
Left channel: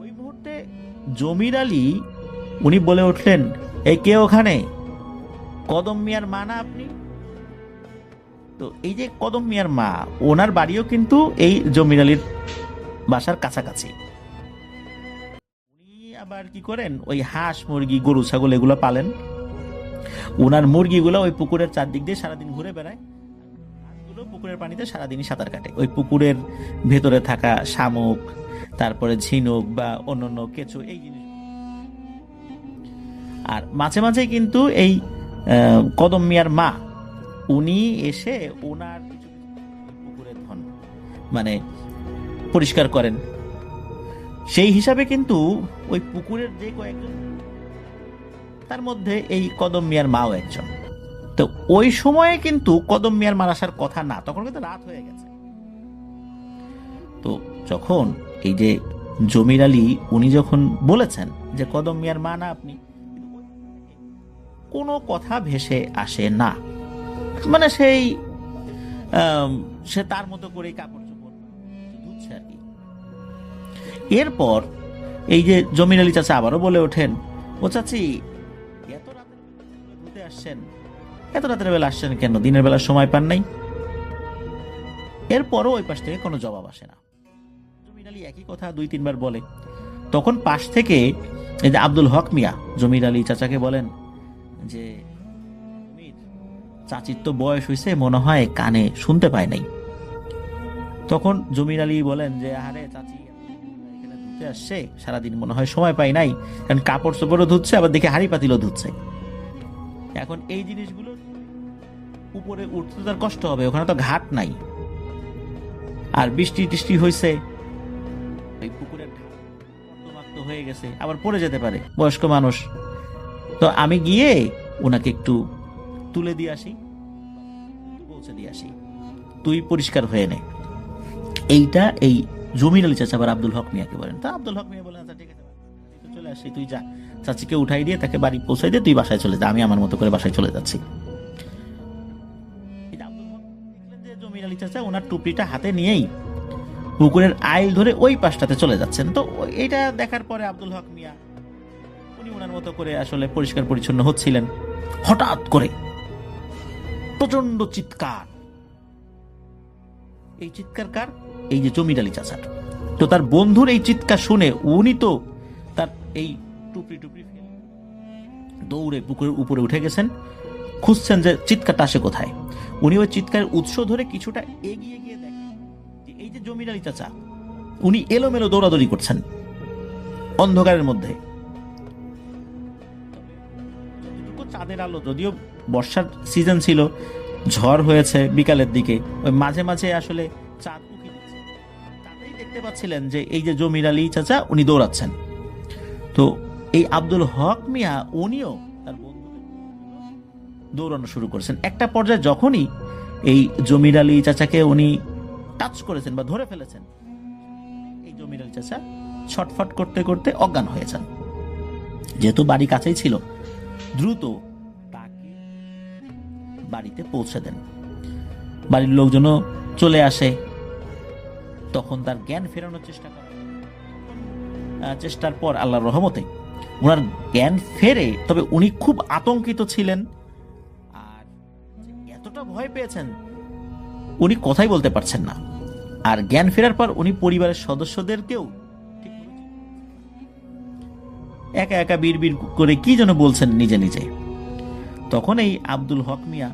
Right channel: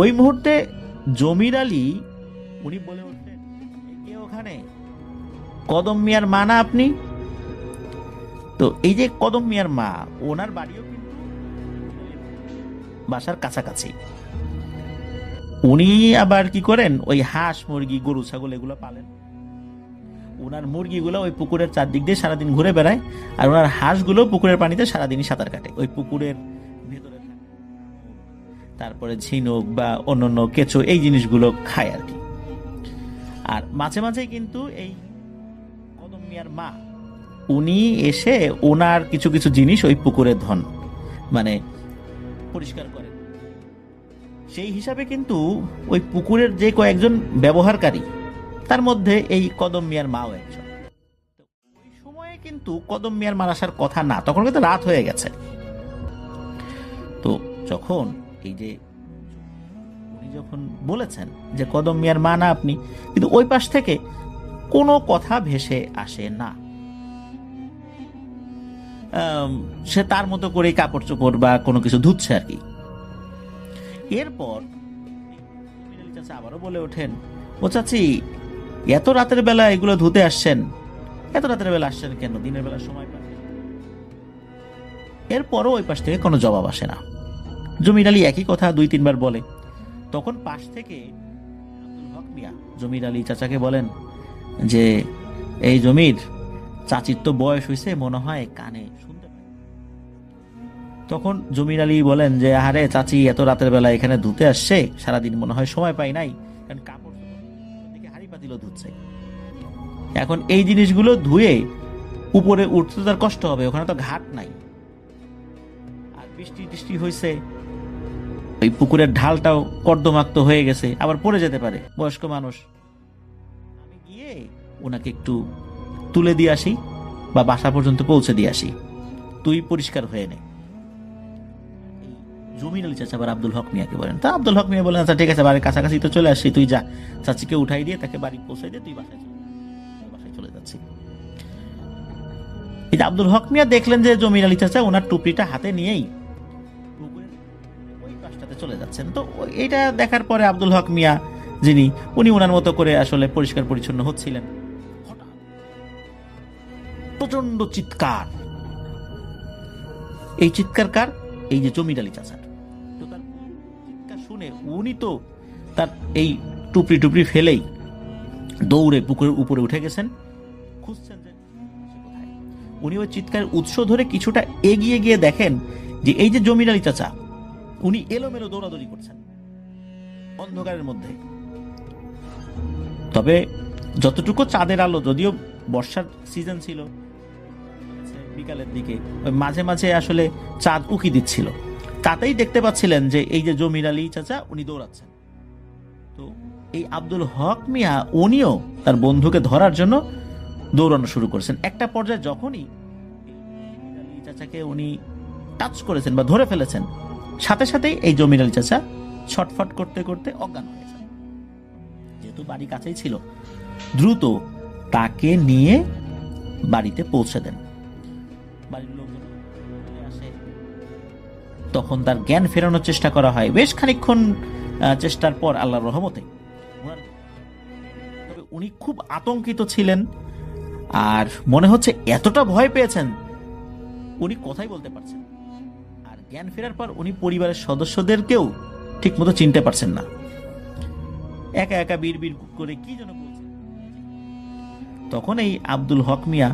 ওই মুহূর্তে জমির আলী উনি বলে উঠলেন, এই কে ওখানে? কদম মিয়ার মা না আপনি? তো এই যে কদম মিয়ার মা, ওনার বাড়িও কিন্তু এই জমির আলীর বাসার কাছাকাছি। উনি আবার কি করেন, ওই হাঁস মুরগি গরু ছাগল এগুলো পালেন। ওনার মুরগিগুলো ওই পুকুরের চারদিক দিয়ে সারাদিন ঘুরে বেড়ায়, আর ওনার হাঁসগুলো পুকুরের পানিতে সারাদিনই সাঁতার কাটে। ওই পুকুরের ভেতরে থাকা শামুক, তারপরে ঝিনুক বা অন্যান্য কেঁচো, এই জিনিসগুলো খায় আর কি। আর মাঝে মাঝে কিন্তু এই কদম মিয়ার মা উনি এসে ওনার কিছু কিছু জিনিস ওই পুকুরের ধন মানে পরিষ্কার করেন। সেই হিসাবে কিন্তু ওই পুকুরের যে কয়েকজন ব্যবহারকারী, তার মধ্যে এই কদম মিয়ার মাও একজন। তো ওই সময়ে কিন্তু কদম মিয়ার মার আসার কথা না, তখন কিন্তু রাত হয়ে গেছে। তো যখন এই যে জমির আলী উনি যখন বলেছেন যে কদম মিয়ার মা না আপনি, কিন্তু ওই পাশ থেকে কোনো কথা ভেসে আসে না। মানে সে তার মতো করে কাপড় চোপড় বা কোনো কিছু ধুচ্ছে আর কি। এরপর এই যে জমির আলী চাচা আবারও বলে ওঠেন, ও চাচি এত রাতের বেলা এগুলো ধুতে আসছেন, এত রাতের বেলা আসছেন কেন, দিনের বেলা সময় পান নাই? এরপরও ওই পাশ থেকে কোনো জবাব আসে না। জমির আলী একই কথা 2-3 বার বলে। তখন পাশ থেকে এই যে আব্দুল হক মিয়া জমির আলী চাচাকে বলেন যে, এই জমির, চাচির তো বয়স হয়েছে, মনে হয় কানে শুনতে পায় নাই। তখন জমির আলী বলেন যে, আরে চাচি এত রাতের বেলা এখানে ধুতে আসছে, সারাদিন মনে হয় সময় পাই নাই, কারণ কাপড় চোপড়ও ধুচ্ছে, আবার দেখে হাঁড়ি পাতিলও ধুচ্ছে। এখন এই জিনিসগুলো ধুয়ে উপরে উঠতে তার কষ্ট হবে, ওখানে তো ঘাট নাই, আর বৃষ্টি টিষ্টি হয়েছে, ওই পুকুরের ঢালটাও কর্দমাক্ত হয়ে গেছে, আবার পড়ে যেতে পারে, বয়স্ক মানুষ। তো আমি গিয়ে ওনাকে একটু তুলে দিয়ে আসি বা বাসা পর্যন্ত পৌঁছে দিয়ে আসি, তুই পরিষ্কার হয়ে নে। এইটা এই জমির আলী চাচা আবার আব্দুল হক মিয়াকে বলেন। তা আব্দুল হক মিয়া বলেন, আচ্ছা ঠিক আছে, বাড়ির কাছাকাছি তো চলে আসছি, তুই যা, চাচিকে উঠাই দিয়ে তাকে বাড়ি পৌঁছাই দিয়ে তুই বাসায় চলে যা, আমি আমার মতো করে বাসায় চলে যাচ্ছি। এই যে আব্দুল হক মিয়া দেখলেন যে জমির আলী চাচা ওনার টুপরিটা হাতে নিয়েই পুকুরের আইল ধরে ওই পাশটাতে চলে যাচ্ছেন। তো এটা দেখার পরে আব্দুল হক মিয়া যিনি, উনি ওনার মতো করে আসলে পরিষ্কার পরিচ্ছন্ন হচ্ছিলেন, হঠাৎ করে প্রচন্ড চিৎকার। এই চিৎকার কার? এই যে জমির আলী চাচার। তো তার বন্ধুর এই চিৎকার শুনে উনি তো তার এই টুপরি ফেলেই দৌড়ে পুকুরের উপরে উঠে গেছেন, খুঁজছেন যে চিৎকারটা আসে কোথায়। উনি ওই চিৎকারের উৎস ধরে কিছুটা এগিয়ে গিয়ে দেখেন যে এই যে জমির আলী চাচা, উনি এলোমেলো দৌড়াদৌড়ি করছেন অন্ধকারের মধ্যে। তবে যতটুকু চাঁদের আলো, যদিও বর্ষার সিজন ছিল, ঝড় হয়েছে বিকালের দিকে, ওই মাঝে মাঝে আসলে চাঁদ উকি দিচ্ছিল, তাতেই দেখতে পাচ্ছিলেন যে এই যে জমির আলী চাচা উনি দৌড়াচ্ছেন। তো এই আব্দুল হক মিয়া উনিও তার বন্ধুকে ধরার জন্য দৌড়ানো শুরু করেছেন। একটা পর্যায়ে যখনই এই জমির আলী চাচাকে উনি টাচ করেছেন বা ধরে ফেলেছেন, সাথে সাথেই এই জমির আলী চাচা ছটফট করতে করতে অজ্ঞান হয়ে যান। যেহেতু বাড়ি কাছেই ছিল, দ্রুত তাকে নিয়ে বাড়িতে পৌঁছে দেন। বাড়ির লোকজনও চলে আসে। তখন তার জ্ঞান ফেরানোর চেষ্টা করা হয়। বেশ খানিকক্ষণ চেষ্টার পর আল্লাহর রহমতে ওনার জ্ঞান ফেরে। তবে উনি খুব আতঙ্কিত ছিলেন, আর মনে হচ্ছে এতটা ভয় পেয়েছেন উনি কথাই বলতে পারছেন না। আর জ্ঞান ফেরার পর উনি পরিবারের সদস্যদেরকেও ঠিক মতো চিনতে পারছেন না, একা একা বিড়বিড় করে কি যেন বলছেন নিজে নিজে। তখন এই আব্দুল হক মিয়া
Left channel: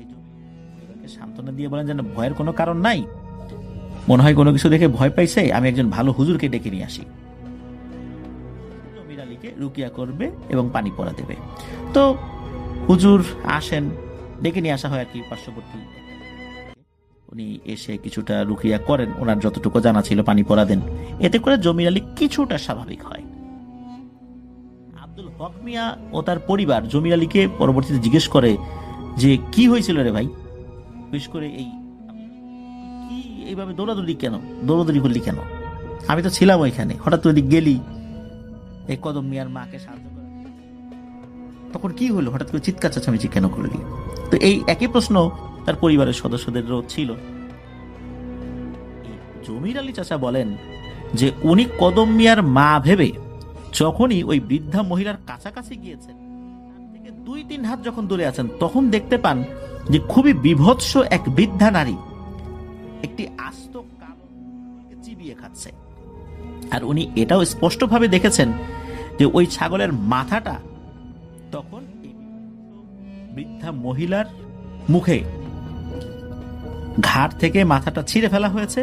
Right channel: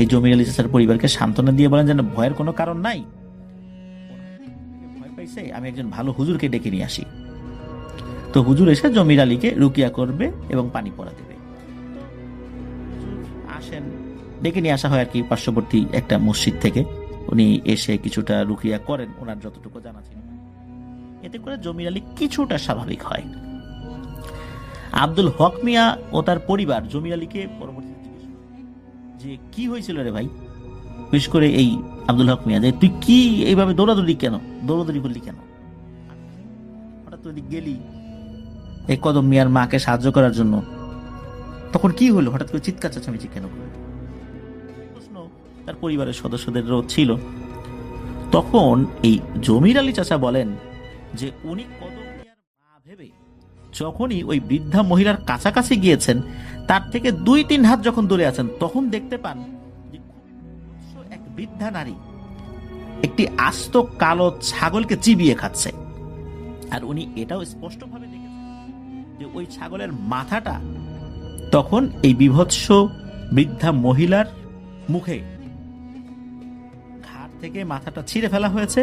এই জমির আলী চাচার পরিবারকে সান্ত্বনা দিয়ে বলেন, যেন ভয়ের কোনো কারণ নাই, মনে হয় কোনো কিছু দেখে ভয় পাইছে, আমি একজন ভালো হুজুরকে ডেকে নিয়ে আসি। তো হুজুর এসে জমির আলীকে রুকিয়া করবে এবং পানি পড়া দেবে। তো হুজুর আসেন, ডেকে নিয়ে আসা হয় আর কি পার্শ্ববর্তী একটা মসজিদ থেকে। উনি এসে কিছুটা রুকিয়া করেন, ওনার যতটুকু জানা ছিল পানি পড়া দেন। এতে করে জমির আলী কিছুটা স্বাভাবিক হয়। আব্দুল হক মিয়া ও তার পরিবার জমির আলীকে পরবর্তীতে জিজ্ঞেস করে যে, কি হয়েছিল রে ভাই? বিশেষ করে এই আব্দুল হক মিয়া, যে তুই কি এইভাবে দৌড়াদৌড়ি করলি কেন? আমি তো ছিলাম ওইখানে, হঠাৎ তুই গেলি এই কদম মিয়ার মাকে সাহায্য করার জন্য, তখন কি হলো, হঠাৎ করে চিৎকার চেঁচামেচি কেন করলি? তো এই একই প্রশ্ন তার পরিবারের সদস্যদেরও ছিল। তখন এই জমির আলী চাচা বলেন যে উনি কদম মিয়ার মা ভেবে যখনই ওই বৃদ্ধা মহিলার কাছাকাছি গিয়েছেন, তার থেকে 2-3 হাত যখন দূরে আছেন, তখন দেখতে পান যে খুবই বিভৎস এক বৃদ্ধা নারী একটি আস্ত কালো ছাগলকে চিবিয়ে খাচ্ছে। আর উনি এটাও স্পষ্টভাবে দেখেছেন যে ওই ছাগলের মাথাটা তখন এই বিভৎস বৃদ্ধা মহিলার মুখে, ঘাড় থেকে মাথাটা ছিঁড়ে ফেলা হয়েছে,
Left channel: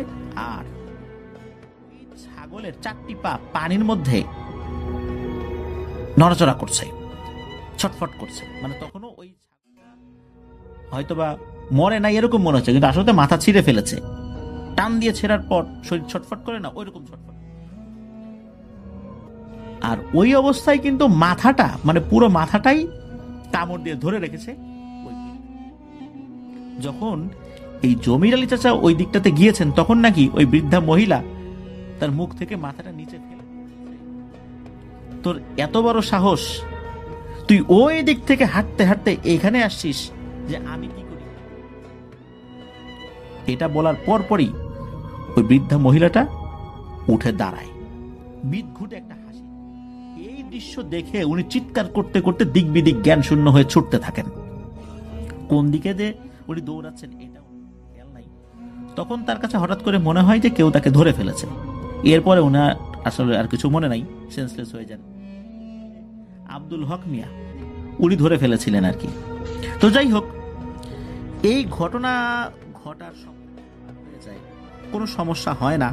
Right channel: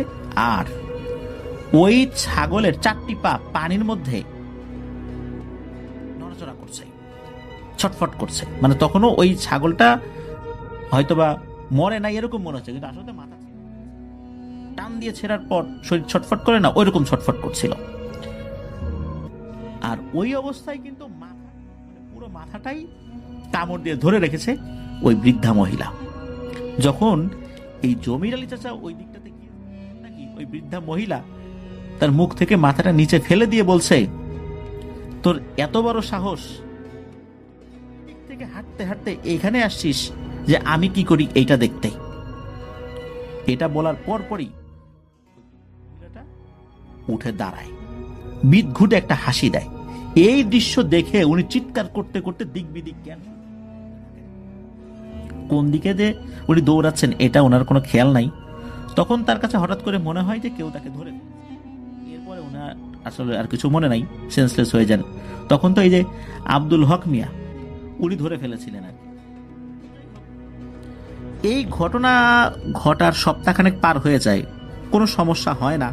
আর ওই ছাগলের 4টি পা পানির মধ্যে নড়াচড়া করছে, ছটফট করছে। মানে তখনও ওই ছাগলটা হয়তোবা মরে নাই এরকম মনে হচ্ছে, কিন্তু আসলে মাথা ছিঁড়ে ফেলেছে। টান দিয়ে ছেঁড়ার পর শরীর ছটফট করে না, ওইরকম ছটফট করছিল। আর ওই অবস্থায় কিন্তু মাথাটা, মানে পুরো মাথাটাই কামড় দিয়ে ধরে রেখেছে ওই বৃদ্ধা মহিলা। যখন এই জমির আলী চাচা ওই দিকটাতে গিয়েছেন, তখন নাকি ওই বৃদ্ধা মহিলা তার মুখ থেকে মাথাটা নিচে ফেলে দিয়ে বলছে, তোর এত বড় সাহস, তুই ওই দিক থেকে হাঁটতে হাঁটতে এখানে আসছিস যে আমি কি করি এইটা দেখতে। এটা বলার পরপরই ওই বৃদ্ধা মহিলাটা উঠে দাঁড়ায়, বিদঘুটে একটা হাসি দেয় এই দৃশ্য দেখে উনি চিৎকার করতে করতে দিক বিদিক জ্ঞান শূন্য হয়ে ছুটতে থাকেন। কোন দিকে যে উনি দৌড়াচ্ছেন এটা ওনার কোনো খেয়াল নাই। তখন তার কাছে হঠাৎ করে মনে হয় যে কেউ তাকে ধরে ফেলেছে। এরপরে ওনার আসলে আর কিছু মনে নাই, সেন্সলেস হয়ে যান। তখন তো এই যে আব্দুল হক মিয়া উনি ধরে ফেলেছিলেন আর কি। তো যাই হোক, এই ঘটনা ঘটার সপ্তাহখানেক পার হয়ে যায়, কোনো সমস্যা হয় না।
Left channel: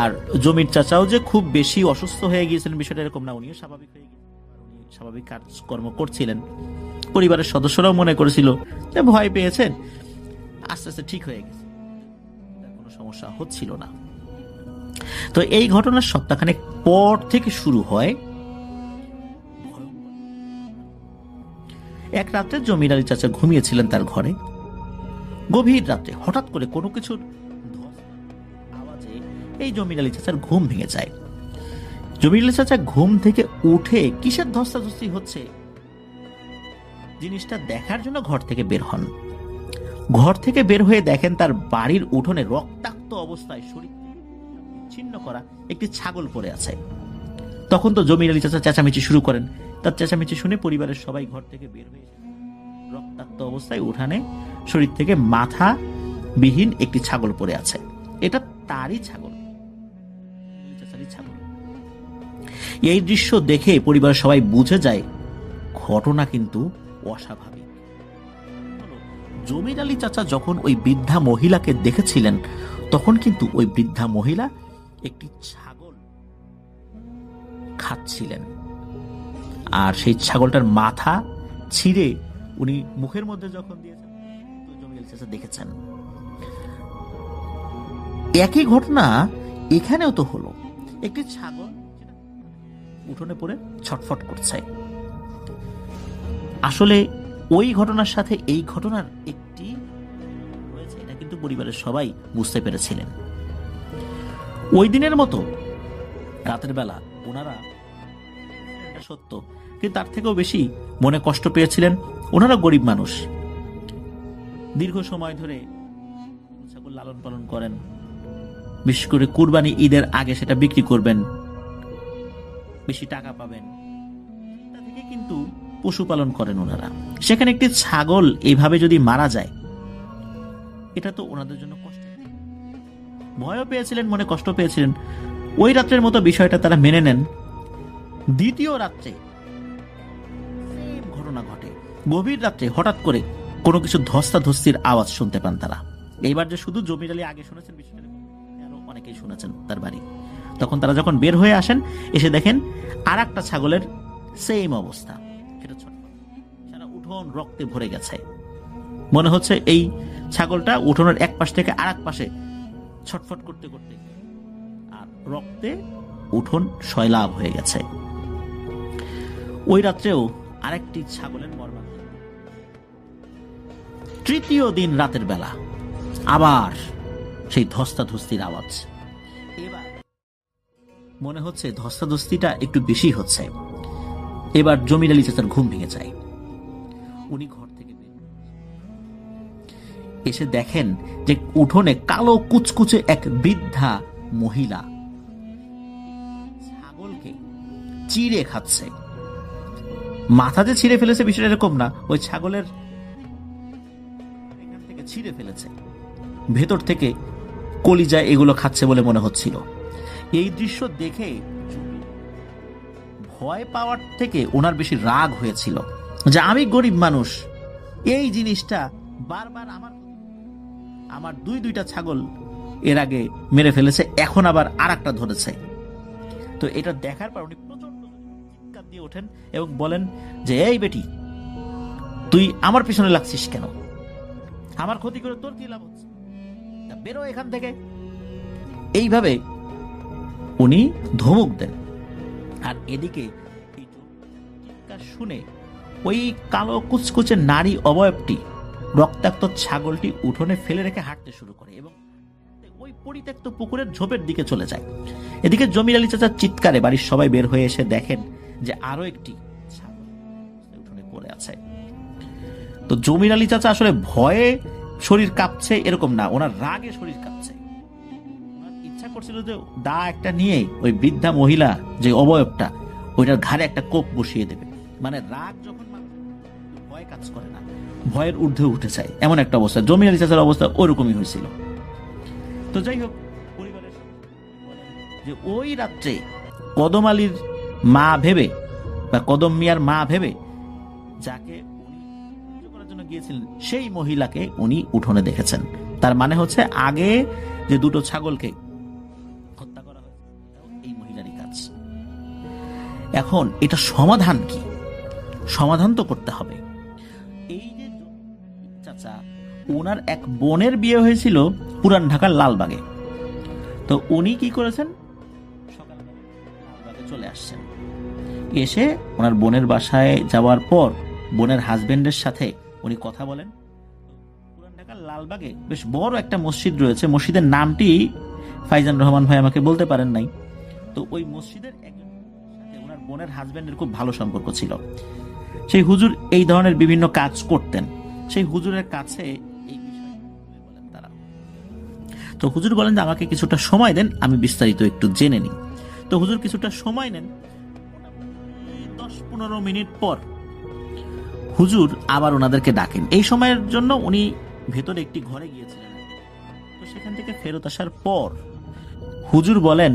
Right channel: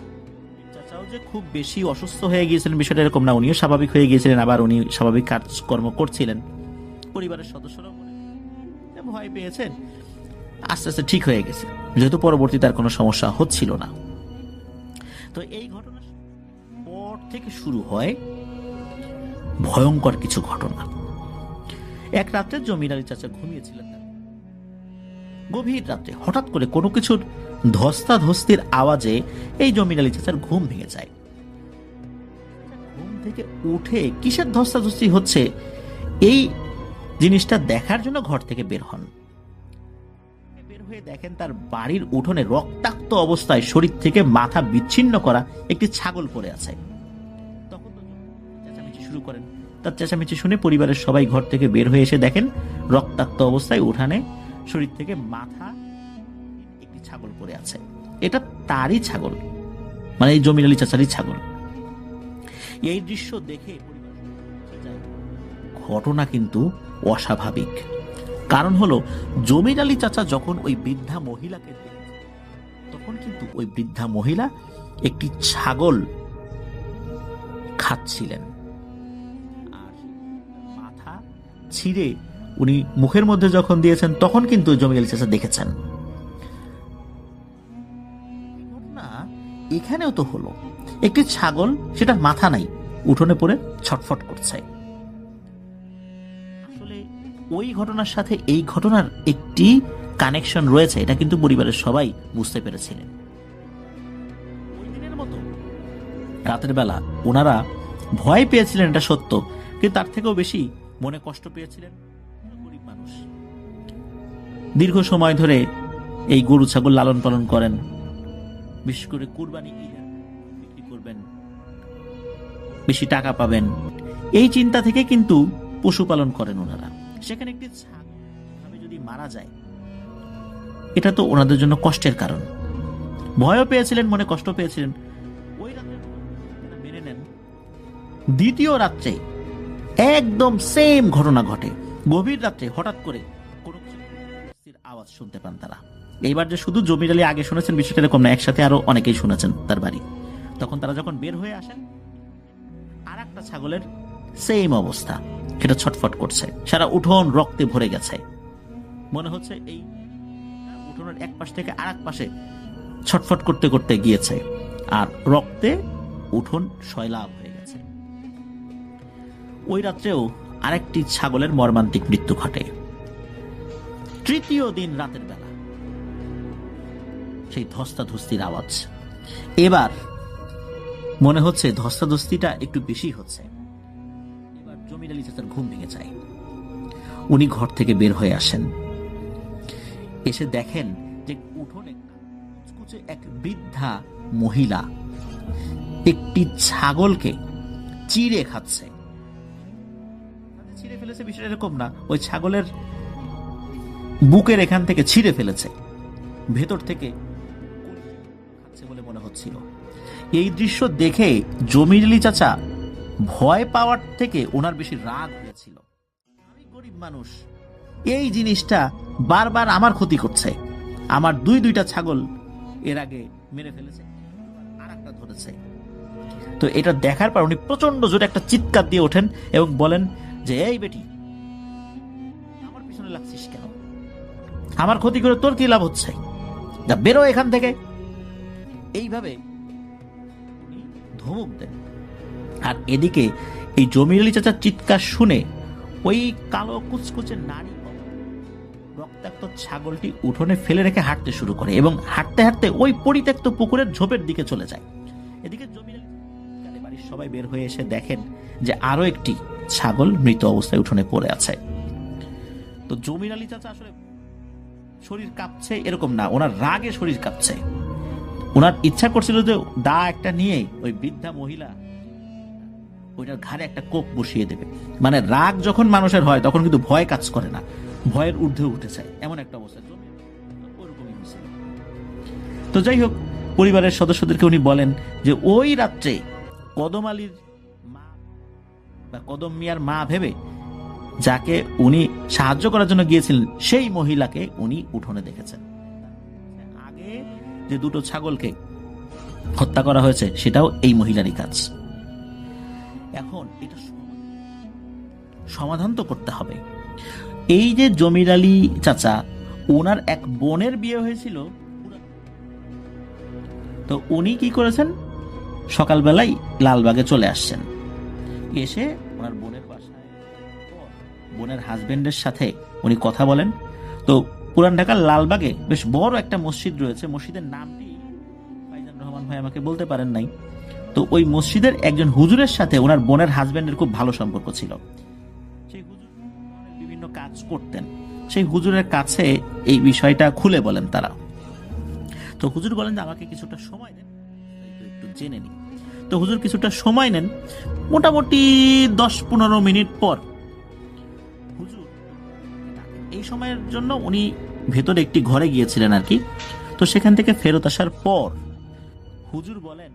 আর জমির চাচাও যে খুব বেশি অসুস্থ হয়ে গিয়েছিলেন বিষয়টা এরকম না, উনিও স্বাভাবিক হয়ে গিয়েছিলেন, আবার উনি স্বাভাবিক কাজকর্ম করছিলেন। পরিবারের সদস্যরাও মনে করেছিল যে ভয় পেয়েছেন, আস্তে আস্তে ঠিক হয়ে গেছে, যেহেতু পরবর্তীতে আর কোনো সমস্যা হচ্ছিল না। তো এই ঘটনার সপ্তাহখানেক পর থেকে শুরু হয় ভয়ঙ্কর কিছু ঘটনা। এক রাত্রে জমির আলী চাচা ঘুমিয়েছিলেন তার ঘরে। গভীর রাত্রে হঠাৎ করে কোনো কিছুর ধস্তাধস্তির আওয়াজে এই জমির আলী চাচার ঘুম ভেঙে যায়। জমির আলী চাচা ঘুম থেকে উঠে কিসের ধস্তাধস্তি হচ্ছে এই জিনিসটা দেখার জন্য ঘর থেকে বের হন। ঘর থেকে বের হয়ে দেখেন তার বাড়ির উঠোনে রক্তাক্ত অবস্থায় শরীর থেকে মাথা বিচ্ছিন্ন করা একটি ছাগল পড়ে আছে। তখন তো জমির আলী চাচা চেঁচামেচি শুরু করেন। তার চেঁচামেচি শুনে পরিবারের সবাই ঘর থেকে বের হয়ে এসে দেখেন রক্তাক্ত অবস্থায় উঠানে শরীর থেকে মাথা বিহীন একটি ছাগল পড়ে আছে। এটা তারই ছাগল, মানে এই জমির আলী চাচারই ছাগল। এই দৃশ্য দেখে পরিবারের সবাই বুঝে যায় ঘটনা কিন্তু অস্বাভাবিক। কারণ হলো জমির আলী চাচা যখন ওই বৃদ্ধা মহিলাকে দেখেছিলেন তখন কিন্তু ওই বৃদ্ধা মহিলা একটি ছাগল খাচ্ছিলেন, আর সেই ছাগলটার মাথা ছিঁড়ে উনি মুখের মধ্যে যখন দিয়েছেন তখন কিন্তু জমির আলী চাচা দেখেছেন। একই ঘটনা এখানেও তো হলো, একটি ছাগল, সেটার মাথা নাই, উঠোনে পড়ে ছটফট করছে। আসলে ওই ঘটনার সাথে এই ঘটনার একটি কানেকশন রয়েছে, এটা কিন্তু পরিবারের সবাই বুঝতে পেরেছিলেন। ওই দিনের মতো রাতের বেলা ওনারা ভয় পেয়েছিলেন, এটা সত্য, কিন্তু তার থেকেও বেশি মনে কষ্ট পেয়েছিলেন। ওনারা গরিব মানুষ, দীর্ঘ সময় ধরে এই গরু ছাগল লালন পালন করেন, বিশেষ করে কুরবানি ঈদের আগে সেটা বিক্রি করবেন, বেশি টাকা পাবেন, এই চিন্তা থেকে কিন্তু পশুপালন করেন ওনারা। সেখানে একটি ছাগল এইভাবে যদি মারা যায় এটা তো ওনাদের জন্য কষ্টের কারণ। ভয়ও পেয়েছিলেন, মনে কষ্ট পেয়েছিলেন। ওই রাত্রের মতো বিষয়টা তারা মেনে নেন। দ্বিতীয় রাত্রে একদম সেম ঘটনা ঘটে। গভীর রাত্রে হঠাৎ করে কোনো কিছু ধস্তাধস্তির আওয়াজ শুনতে পান তারা। এইবার যে শুধু জমির আলী আগে শুনেছেন বিষয়টা এরকম না, একসাথে আরো অনেকেই শুনেছেন তার বাড়ি। তখন তারা যখন বের হয়ে আসেন এসে দেখেন আর একটা ছাগলের সেম অবস্থা, সেটা ছটফট করছে, সারা উঠোন রক্তে ভরে গেছে। মনে হচ্ছে এই ছাগলটা উঠোনের এক পাশ থেকে আর এক পাশে ছটফট করতে করতে গিয়েছে, আর রক্তে উঠোন সয়লাভ হয়ে গেছে। ওই রাত্রেও আরেকটি ছাগলের মর্মান্তিক মৃত্যু ঘটে। তৃতীয় দিন রাতের বেলা আবার সেই ধস্তাধস্তির আওয়াজ। এবার মনে হচ্ছে ধস্তাধস্তিটা একটু বেশি হচ্ছে। এবার জমির আলী চাচার ঘুম ভেঙে যায়। উনি ঘর থেকে বের হয়ে আসেন, এসে দেখেন যে উঠোনে কালো কুচকুচে এক বৃদ্ধা মহিলা একটি ছাগলকে চিড়ে খাচ্ছে। মাথা যে ছিঁড়ে ফেলেছে বিষয়টা এরকম না, ওই ছাগলের বুকের এখান থেকে ছিঁড়ে ফেলেছে, ভেতর থেকে কলিজা এগুলো খাচ্ছে বলে মনে হচ্ছিল। এই দৃশ্য দেখে জমির আলী চাচা ভয় পাওয়ার থেকে ওনার বেশি রাগ হয়েছিল যে আমি গরিব মানুষ, এই জিনিসটা বারবার আমার ক্ষতি করছে, আমার দুইটা ছাগল এর আগে মেরে ফেলেছে, এখন আবার আর একটা ধরেছে। তো এটা দেখার পর উনি প্রচন্ড জোরে একটা চিৎকার দিয়ে ওঠেন এবং বলেন যে এই বেটি, তুই আমার পিছনে লাগছিস কেন? আমার ক্ষতি করে তোর কি লাভ হচ্ছে? যা বেরো এখান থেকে। এইভাবে উনি ধমক দেন। আর এদিকে এই জমির আলী চাচার চিৎকার শুনে ওই কালো কুচকুচে নারী অবয়বটি রক্তাক্ত ছাগলটি উঠোনে ফেলে রেখে হাঁটতে শুরু করে এবং হাঁটতে হাঁটতে ওই পরিত্যক্ত পুকুরের ঝোপের দিকে চলে যায়। এদিকে জমির আলী চাচার চিৎকারে বাড়ির সবাই বের হয়ে এসে দেখেন যে আরো একটি ছাগল মৃত অবস্থায় উঠোনে পড়ে আছে। তো জমির আলী চাচা আসলে ভয়ে শরীর কাঁপছে এরকম না, ওনার রাগে শরীর কাঁপছে। ওনার ইচ্ছা করছিল যে দা একটা নিয়ে ওই বৃদ্ধা মহিলা যে অবয়বটা, ওইটার ঘাড়ে একটা কোপ বসিয়ে দেবে। মানে রাগ যখন মানুষের হয় তখন কিন্তু ভয় কাজ করে না, ভয়ের ঊর্ধ্বে উঠে যায়, এমন একটা অবস্থা। জমির আলী চাচার অবস্থা ওইরকমই হয়েছিল। তো যাই হোক, পরিবারের সদস্যদেরকে উনি বলেন যে ওই রাত্রে কদম আলীর মা ভেবে বা কদম মিয়ার মা ভেবে যাকে উনি সাহায্য করার জন্য গিয়েছিলেন সেই মহিলাকে উনি উঠোনে দেখেছেন। তার মানে হচ্ছে আগে যে দুটো ছাগলকে হত্যা করা হয়েছে সেটাও এই মহিলারই কাজ। এখন এটা সমাধান কি? সমাধান তো করতে হবে। এই যে জমির আলী চাচা, ওনার এক বোনের বিয়ে হয়েছিল পুরান ঢাকার লালবাগে। তো উনি কি করেছেন, সকালবেলাই লালবাগে চলে আসছেন। এসে ওনার বোনের বাসায় যাওয়ার পর বোনের হাজবেন্ডের সাথে উনি কথা বলেন। তো পুরান ঢাকার লালবাগে বেশ বড় একটা মসজিদ রয়েছে, মসজিদের নামটি ফাইজান রহমান ভাই আমাকে বলতে পারেন নাই। তো ওই মসজিদের একজন হুজুরের সাথে ওনার বোনের হাজবেন্ডের খুব ভালো সম্পর্ক ছিল। সেই হুজুর এই ধরনের বিভিন্ন কাজ করতেন। সেই হুজুরের কাছে এই বিষয়টা খুলে বলেন তারা। তো হুজুর বলেন যে আমাকে কিছুটা সময় দেন, আমি বিস্তারিত একটু জেনে নিই। তো হুজুর কিছুটা সময় নেন, মোটামুটি 10-15 মিনিট পর হুজুর আবার ওনাদেরকে ডাকেন। এই সময়ের জন্য উনি ভেতরে একটি ঘরে গিয়েছিলেন আর কি। তো সেখান থেকে ফেরত আসার পর হুজুর বলেন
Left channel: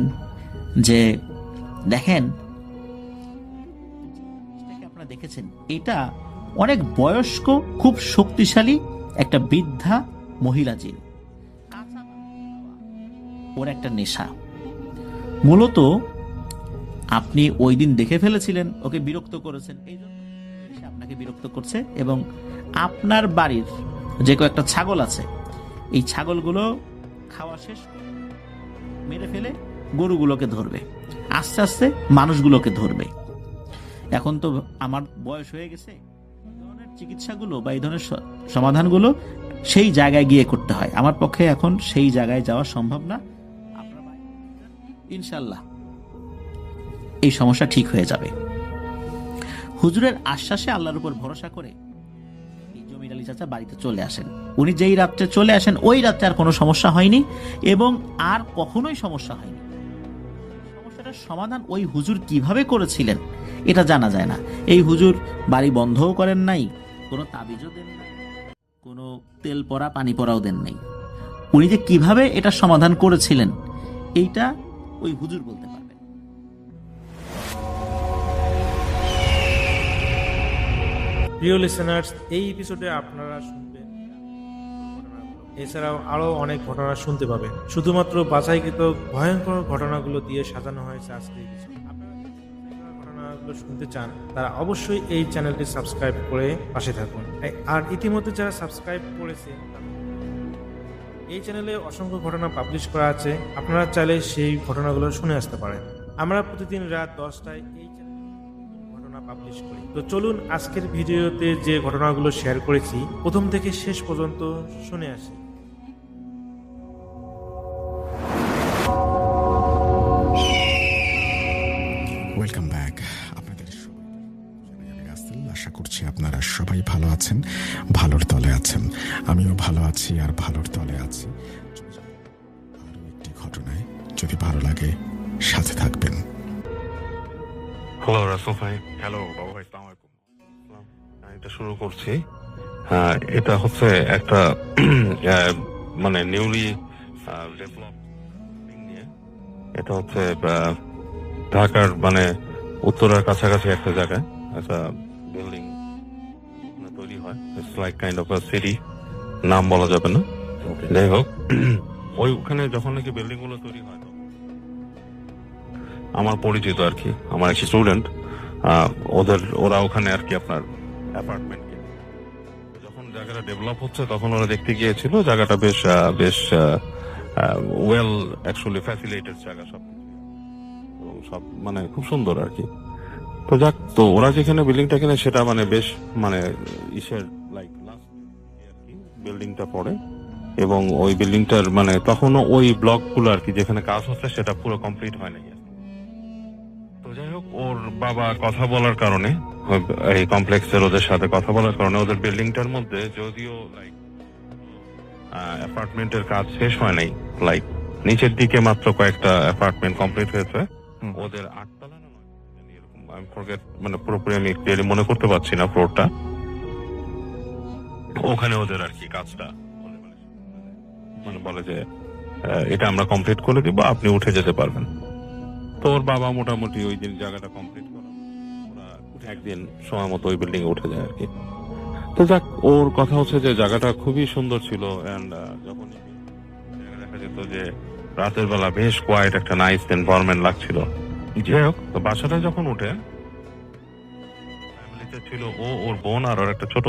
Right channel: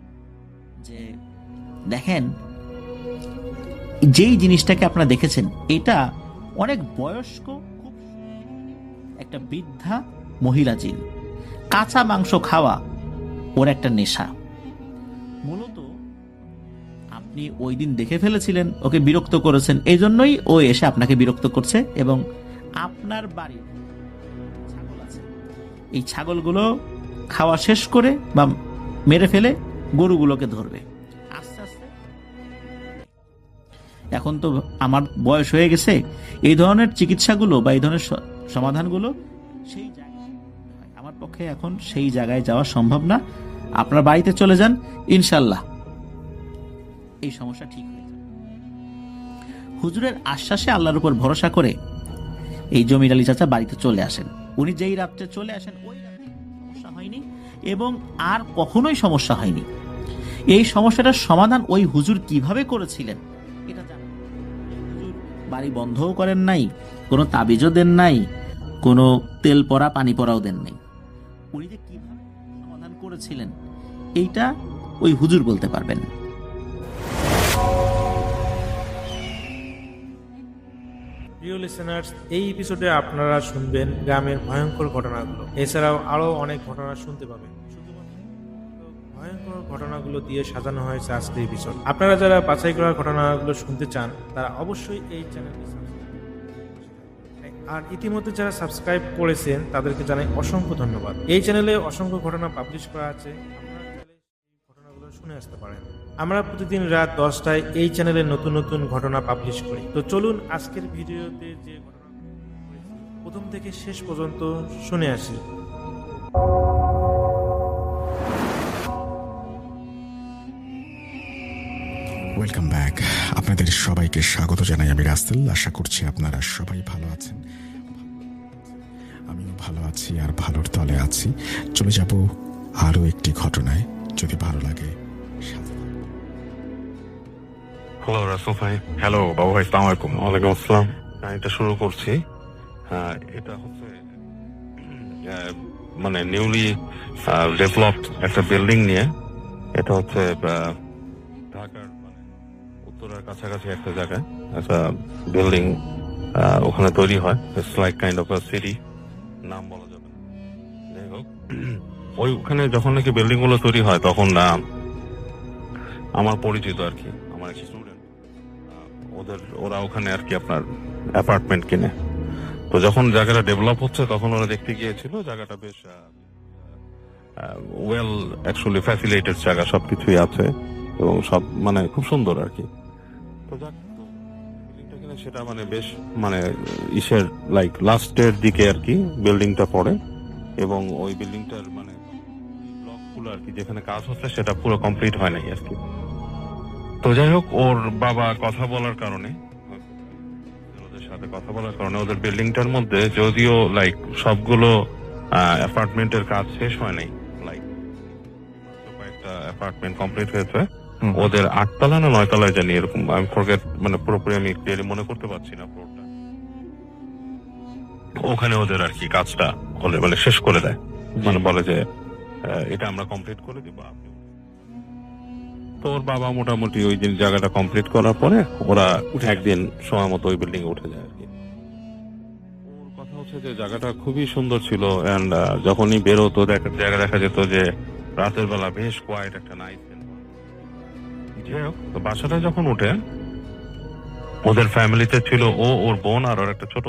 যে দেখেন, যেই জিনিসটাকে আপনারা দেখেছেন এটা অনেক বয়স্ক, খুব শক্তিশালী একটা বৃদ্ধা মহিলা জিন। কাঁচা মাংস খাওয়া ওর একটা নেশা। মূলত আপনি ওই দিন দেখে ফেলেছিলেন, ওকে বিরক্ত করেছেন, এই জন্যই ও এসে আপনাকে বিরক্ত করছে। এবং আপনার বাড়ির যে কয়েকটা ছাগল আছে, এই ছাগলগুলো খাওয়া শেষ করে বা মেরে ফেলে গরুগুলোকে ধরবে, আস্তে আস্তে মানুষগুলোকে ধরবে। এখন তো আমার বয়স হয়ে গেছে, এই ধরনের চিকিৎসাগুলো বা এই ধরনের সমাধানগুলো সেই জায়গায় গিয়ে করতে হয়। আমার পক্ষে এখন সেই জায়গায় যাওয়া সম্ভব না। আপনার বাড়িতে চলে যান, ইনশাল্লাহ এই সমস্যা ঠিক হয়ে যাবে। হুজুরের আশ্বাসে আল্লাহর উপর ভরসা করে এই জমির আলী চাচা বাড়িতে চলে আসেন। উনি যেই রাত্রে চলে আসেন ওই রাত্রে আর কোনো সমস্যা হয়নি এবং আর কখনোই সমস্যা হয়নি। এই সমস্যাটার সমাধান ওই হুজুর কিভাবে করেছিলেন এটা জানা যায় না। এই হুজুর বাড়ি বন্ধও করেন নাই, কোনো তাবিজও দেন নাই, কোনো তেল পড়া পানি পড়াও দেন নাই। উনি যে কিভাবে এটা সমাধান করেছিলেন এইটা ওই হুজুর বলতে পারবেন। প্রিয় লিসেনার্স, এই এপিসোডে আপনারা শুনবেন গ্রামের ভয়ঙ্কর ঘটনাগুলো। এছাড়াও আরো অনেক ঘটনা শুনতে পাবেন। শুধুমাত্র বাছাইকৃত ভয়ঙ্কর ঘটনাগুলো দিয়ে সাজানো হয়েছে আজকের এপিসোড। আপনারা যারা বাছাই করা ঘটনাগুলো শুনতে চান তারা অবশ্যই এই চ্যানেলটি সাবস্ক্রাইব করে পাশে থাকুন। আর ইতিমধ্যে যারা সাবস্ক্রাইব করেছেন তাদেরকে জানাই অসংখ্য ধন্যবাদ। এই চ্যানেলে অসংখ্য ঘটনা পাবলিশ করা আছে, আপনারা চাইলে সেই ঘটনাগুলো শুনে আসতে পারেন। আমরা প্রতিদিন রাত 10টায় এই চ্যানেলে নতুন নতুন ঘটনা পাবলিশ করি। তো চলুন আজকের ভিডিওতে যে ঘটনাগুলো শেয়ার করেছি প্রথম থেকে শেষ পর্যন্ত শুনে আসি। Welcome back. আপনাদের সবাইকে স্বাগত জানাই আমি রাসেল। আশা করছি আপনারা সবাই ভালো আছেন, ভালোর তলে আছেন। আমিও ভালো আছি আর ভালোর তলে আছি। চলে যাব আরও একটি ঘটনায়। যদি ভালো লাগে সাথে থাকবেন। হ্যালো রাসেল ভাই। হ্যালো বাবু ভাই, সালাম আলাইকুম। ওয়ালাইকুম আসসালাম। এটা শুরু করছি। এটা হচ্ছে একটা মানে নিউলি ডেভেলপড একটা বিল্ডিং নিয়ে। এটা হচ্ছে ঢাকার মানে উত্তরার কাছাকাছি একটা জায়গায় একটা বিল্ডিং ওখানে তৈরি হয়। It's like kind of a city, নাম বলা যাবে না। যাই হোক, ওইখানে যখন নাকি বিল্ডিং গুলো তৈরি হয় তখন আমার পরিচিত আর কি, আমার এক স্টুডেন্ট, ওরা ওখানে আর কি আপনার অ্যাপার্টমেন্ট কিনে। তো যখন জায়গাটা ডেভেলপ হচ্ছে তখন ওরা দেখতে গিয়েছিল জায়গাটা বেশ বেশ ওয়েল অ্যাকচুয়ালি ফ্যাসিলিটেড জায়গা, সবকিছুই আছে এবং সব মানে খুব সুন্দর আর কি। তো যাক, তো ওরা যেখানে বিল্ডিংটা কিনে সেটা মানে বেশ মানে ইসের লাইক লাস্টের দিকে আর কি বিল্ডিংটা পড়ে এবং ওই বিল্ডিংটার মানে তখনও ওই ব্লকগুলো আর কি যেখানে কাজ হচ্ছে সেটা পুরো কমপ্লিট হয় নাই আর কি। তো যাই হোক, ওর বাবা কথা বলার কারণে, এই কমপ্লেক্সের ওদের সাথে কথা বলার কারণে ওদের বিল্ডিংটার মধ্যে যদিও লাইক সবগুলো অ্যাপার্টমেন্টের কাজ শেষ হয় নাই, লাইক নিচের দিকে মাত্র কয়েকটা অ্যাপার্টমেন্ট কমপ্লিট হয়েছে, ওদের 8 তলা না 9 তলায় জানি এরকম, আমি ফরগেট, মানে পুরোপুরি আমি ক্লিয়ারলি মনে করতে পারছি না ফ্লোরটা। ওখানে ওদের আর কি কাজটা মানে শেষ করে দেয়, মানে বলে যে এটা আমরা কমপ্লিট করে দিব, আপনি উঠে যেতে পারবেন। তো ওর বাবা মোটামুটি ওই দিন জায়গাটা কমপ্লিট করার পরে ওরা একদিন সময় মতো ওই বিল্ডিং এ উঠে যায় আর কি। তো যাক, ওর কথা হচ্ছে যে জায়গাটা খুবই সুন্দর ছিল, এন্ড যখনই বেরোতো দেখা যেত যে রাতের বেলা বেশ কোয়াইট একটা নাইস এনভায়রনমেন্ট লাগছিল। যাই হোক, তো বাসাটা যখন উঠে, ওদের ফ্যামিলিতে ছিল ও, ওর বোন আর ওর একটা ছোট